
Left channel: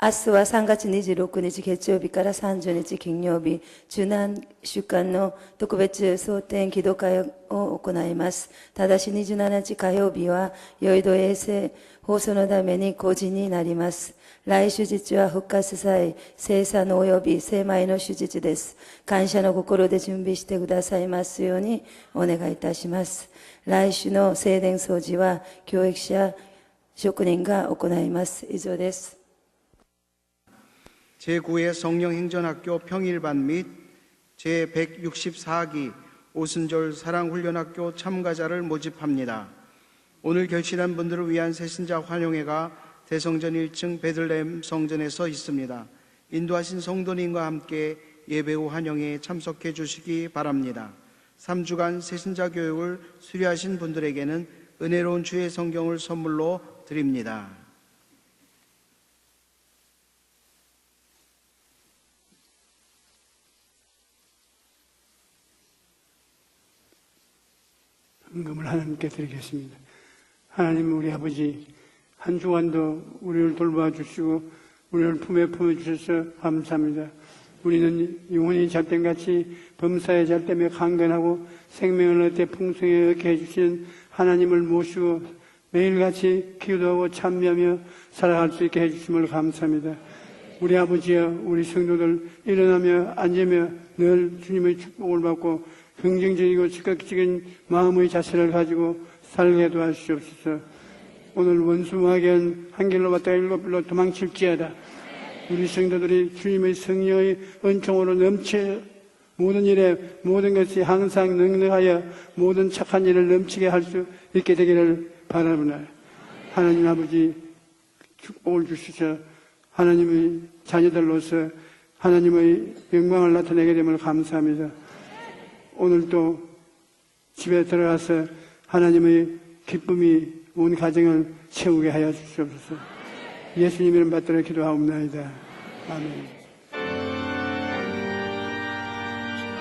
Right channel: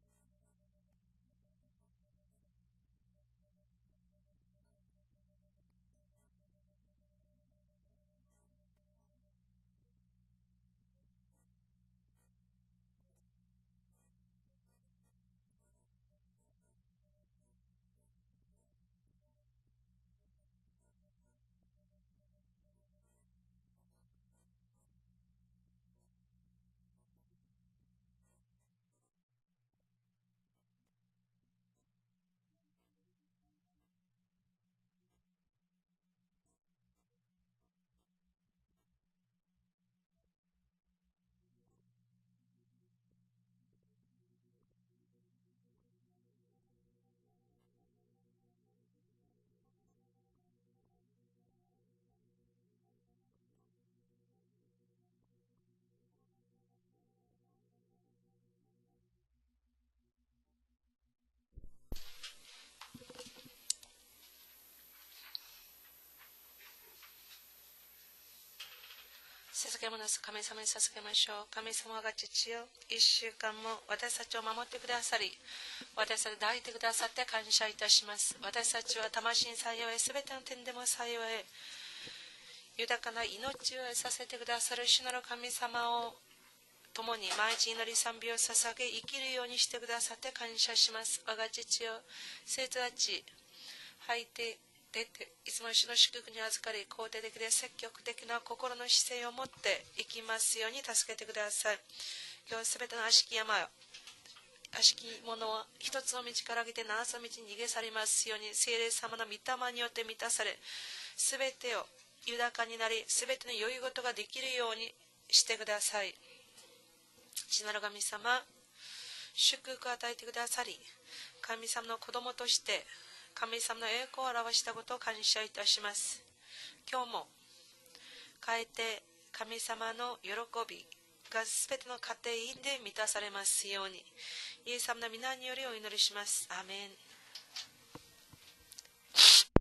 3月26日月曜日から30日金曜日、中南週間の特別蒼天祈祷会を行います。ただし27日火曜日は、ヨイド衛星放送のために公示になります。来手術は復活祭、生産の及び精米の手術です。感謝の心で準備してくださいますようにお願いいたします。来週の聖殿掃除は教育者、職人が行います。以上です。제9회 성령행전학교 평일반 및 제164기 오순절 사랑훈련학교 참가자를 모집합니다. 오늘 결실한 분들을 위한 새신자 환영회가 대성전 1층 베들레헴 성전에서 있습니다. 인도하신 성도님과 함께 예배 후 환영회에 참석해 주시기 바랍니다. 3주간 새신자 교육을 수료하신 분들에게는 은혜로운 주의 성경을 선물로 드립니다. 헌금을 하나님께 드리겠습니다. 하나님 우리 아버지 한 주간도 우리를 돌봐 주시고 우리를 품에 품어주셔서 감사합니다. 우리는 영혼이 잣댐같이 범사의 잣댐에 강건하고 생명을 얻되 풍성하게 해주신 하나님을 모시고 매일같이 기도하고 참여하며 살아갈 수 있게 해주심을 감사합니다. 우리 아버지여 우리 성도들 일어나며 앉으며 늘 주님의 축복을 받고 긍정적이고 즉각적인 마음의 자세를 가지고 살게 도와주시옵소서. 오늘 원수마귀 한 길로 갔다가 일곱 길로 도망칠지어다. 우리 성도들이 주님의 성령의 은총으로 넘치 모든 일에 모든 것이 항상 능력하여 모든 착한 일을 넘치게 할 수 있게 되기를 바랍니다. 하나님 아버지 복을 주시서 하나님의 자녀들로서 하나님의 영광을 나타내게 됨을 감사합니다. 오늘도 집에 들어가서 하나님의 기쁨이 온 가정을 채우게 하여 주시옵소서. 예수님 이름 받들어 기도하옵나이다. 아멘. 이름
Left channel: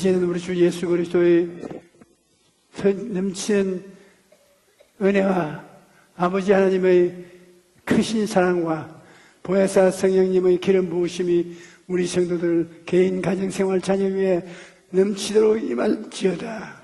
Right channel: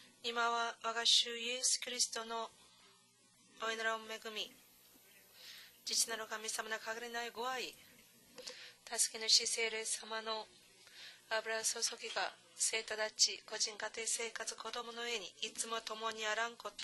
이제는 우리 주 예수 그리스도의 넘치는 은혜와 아버지 하나님의 크신 사랑과 보혜사 성령님의 기름 부으심이 우리 성도들 개인 가정생활 자녀 위에 넘치도록 임할지어다.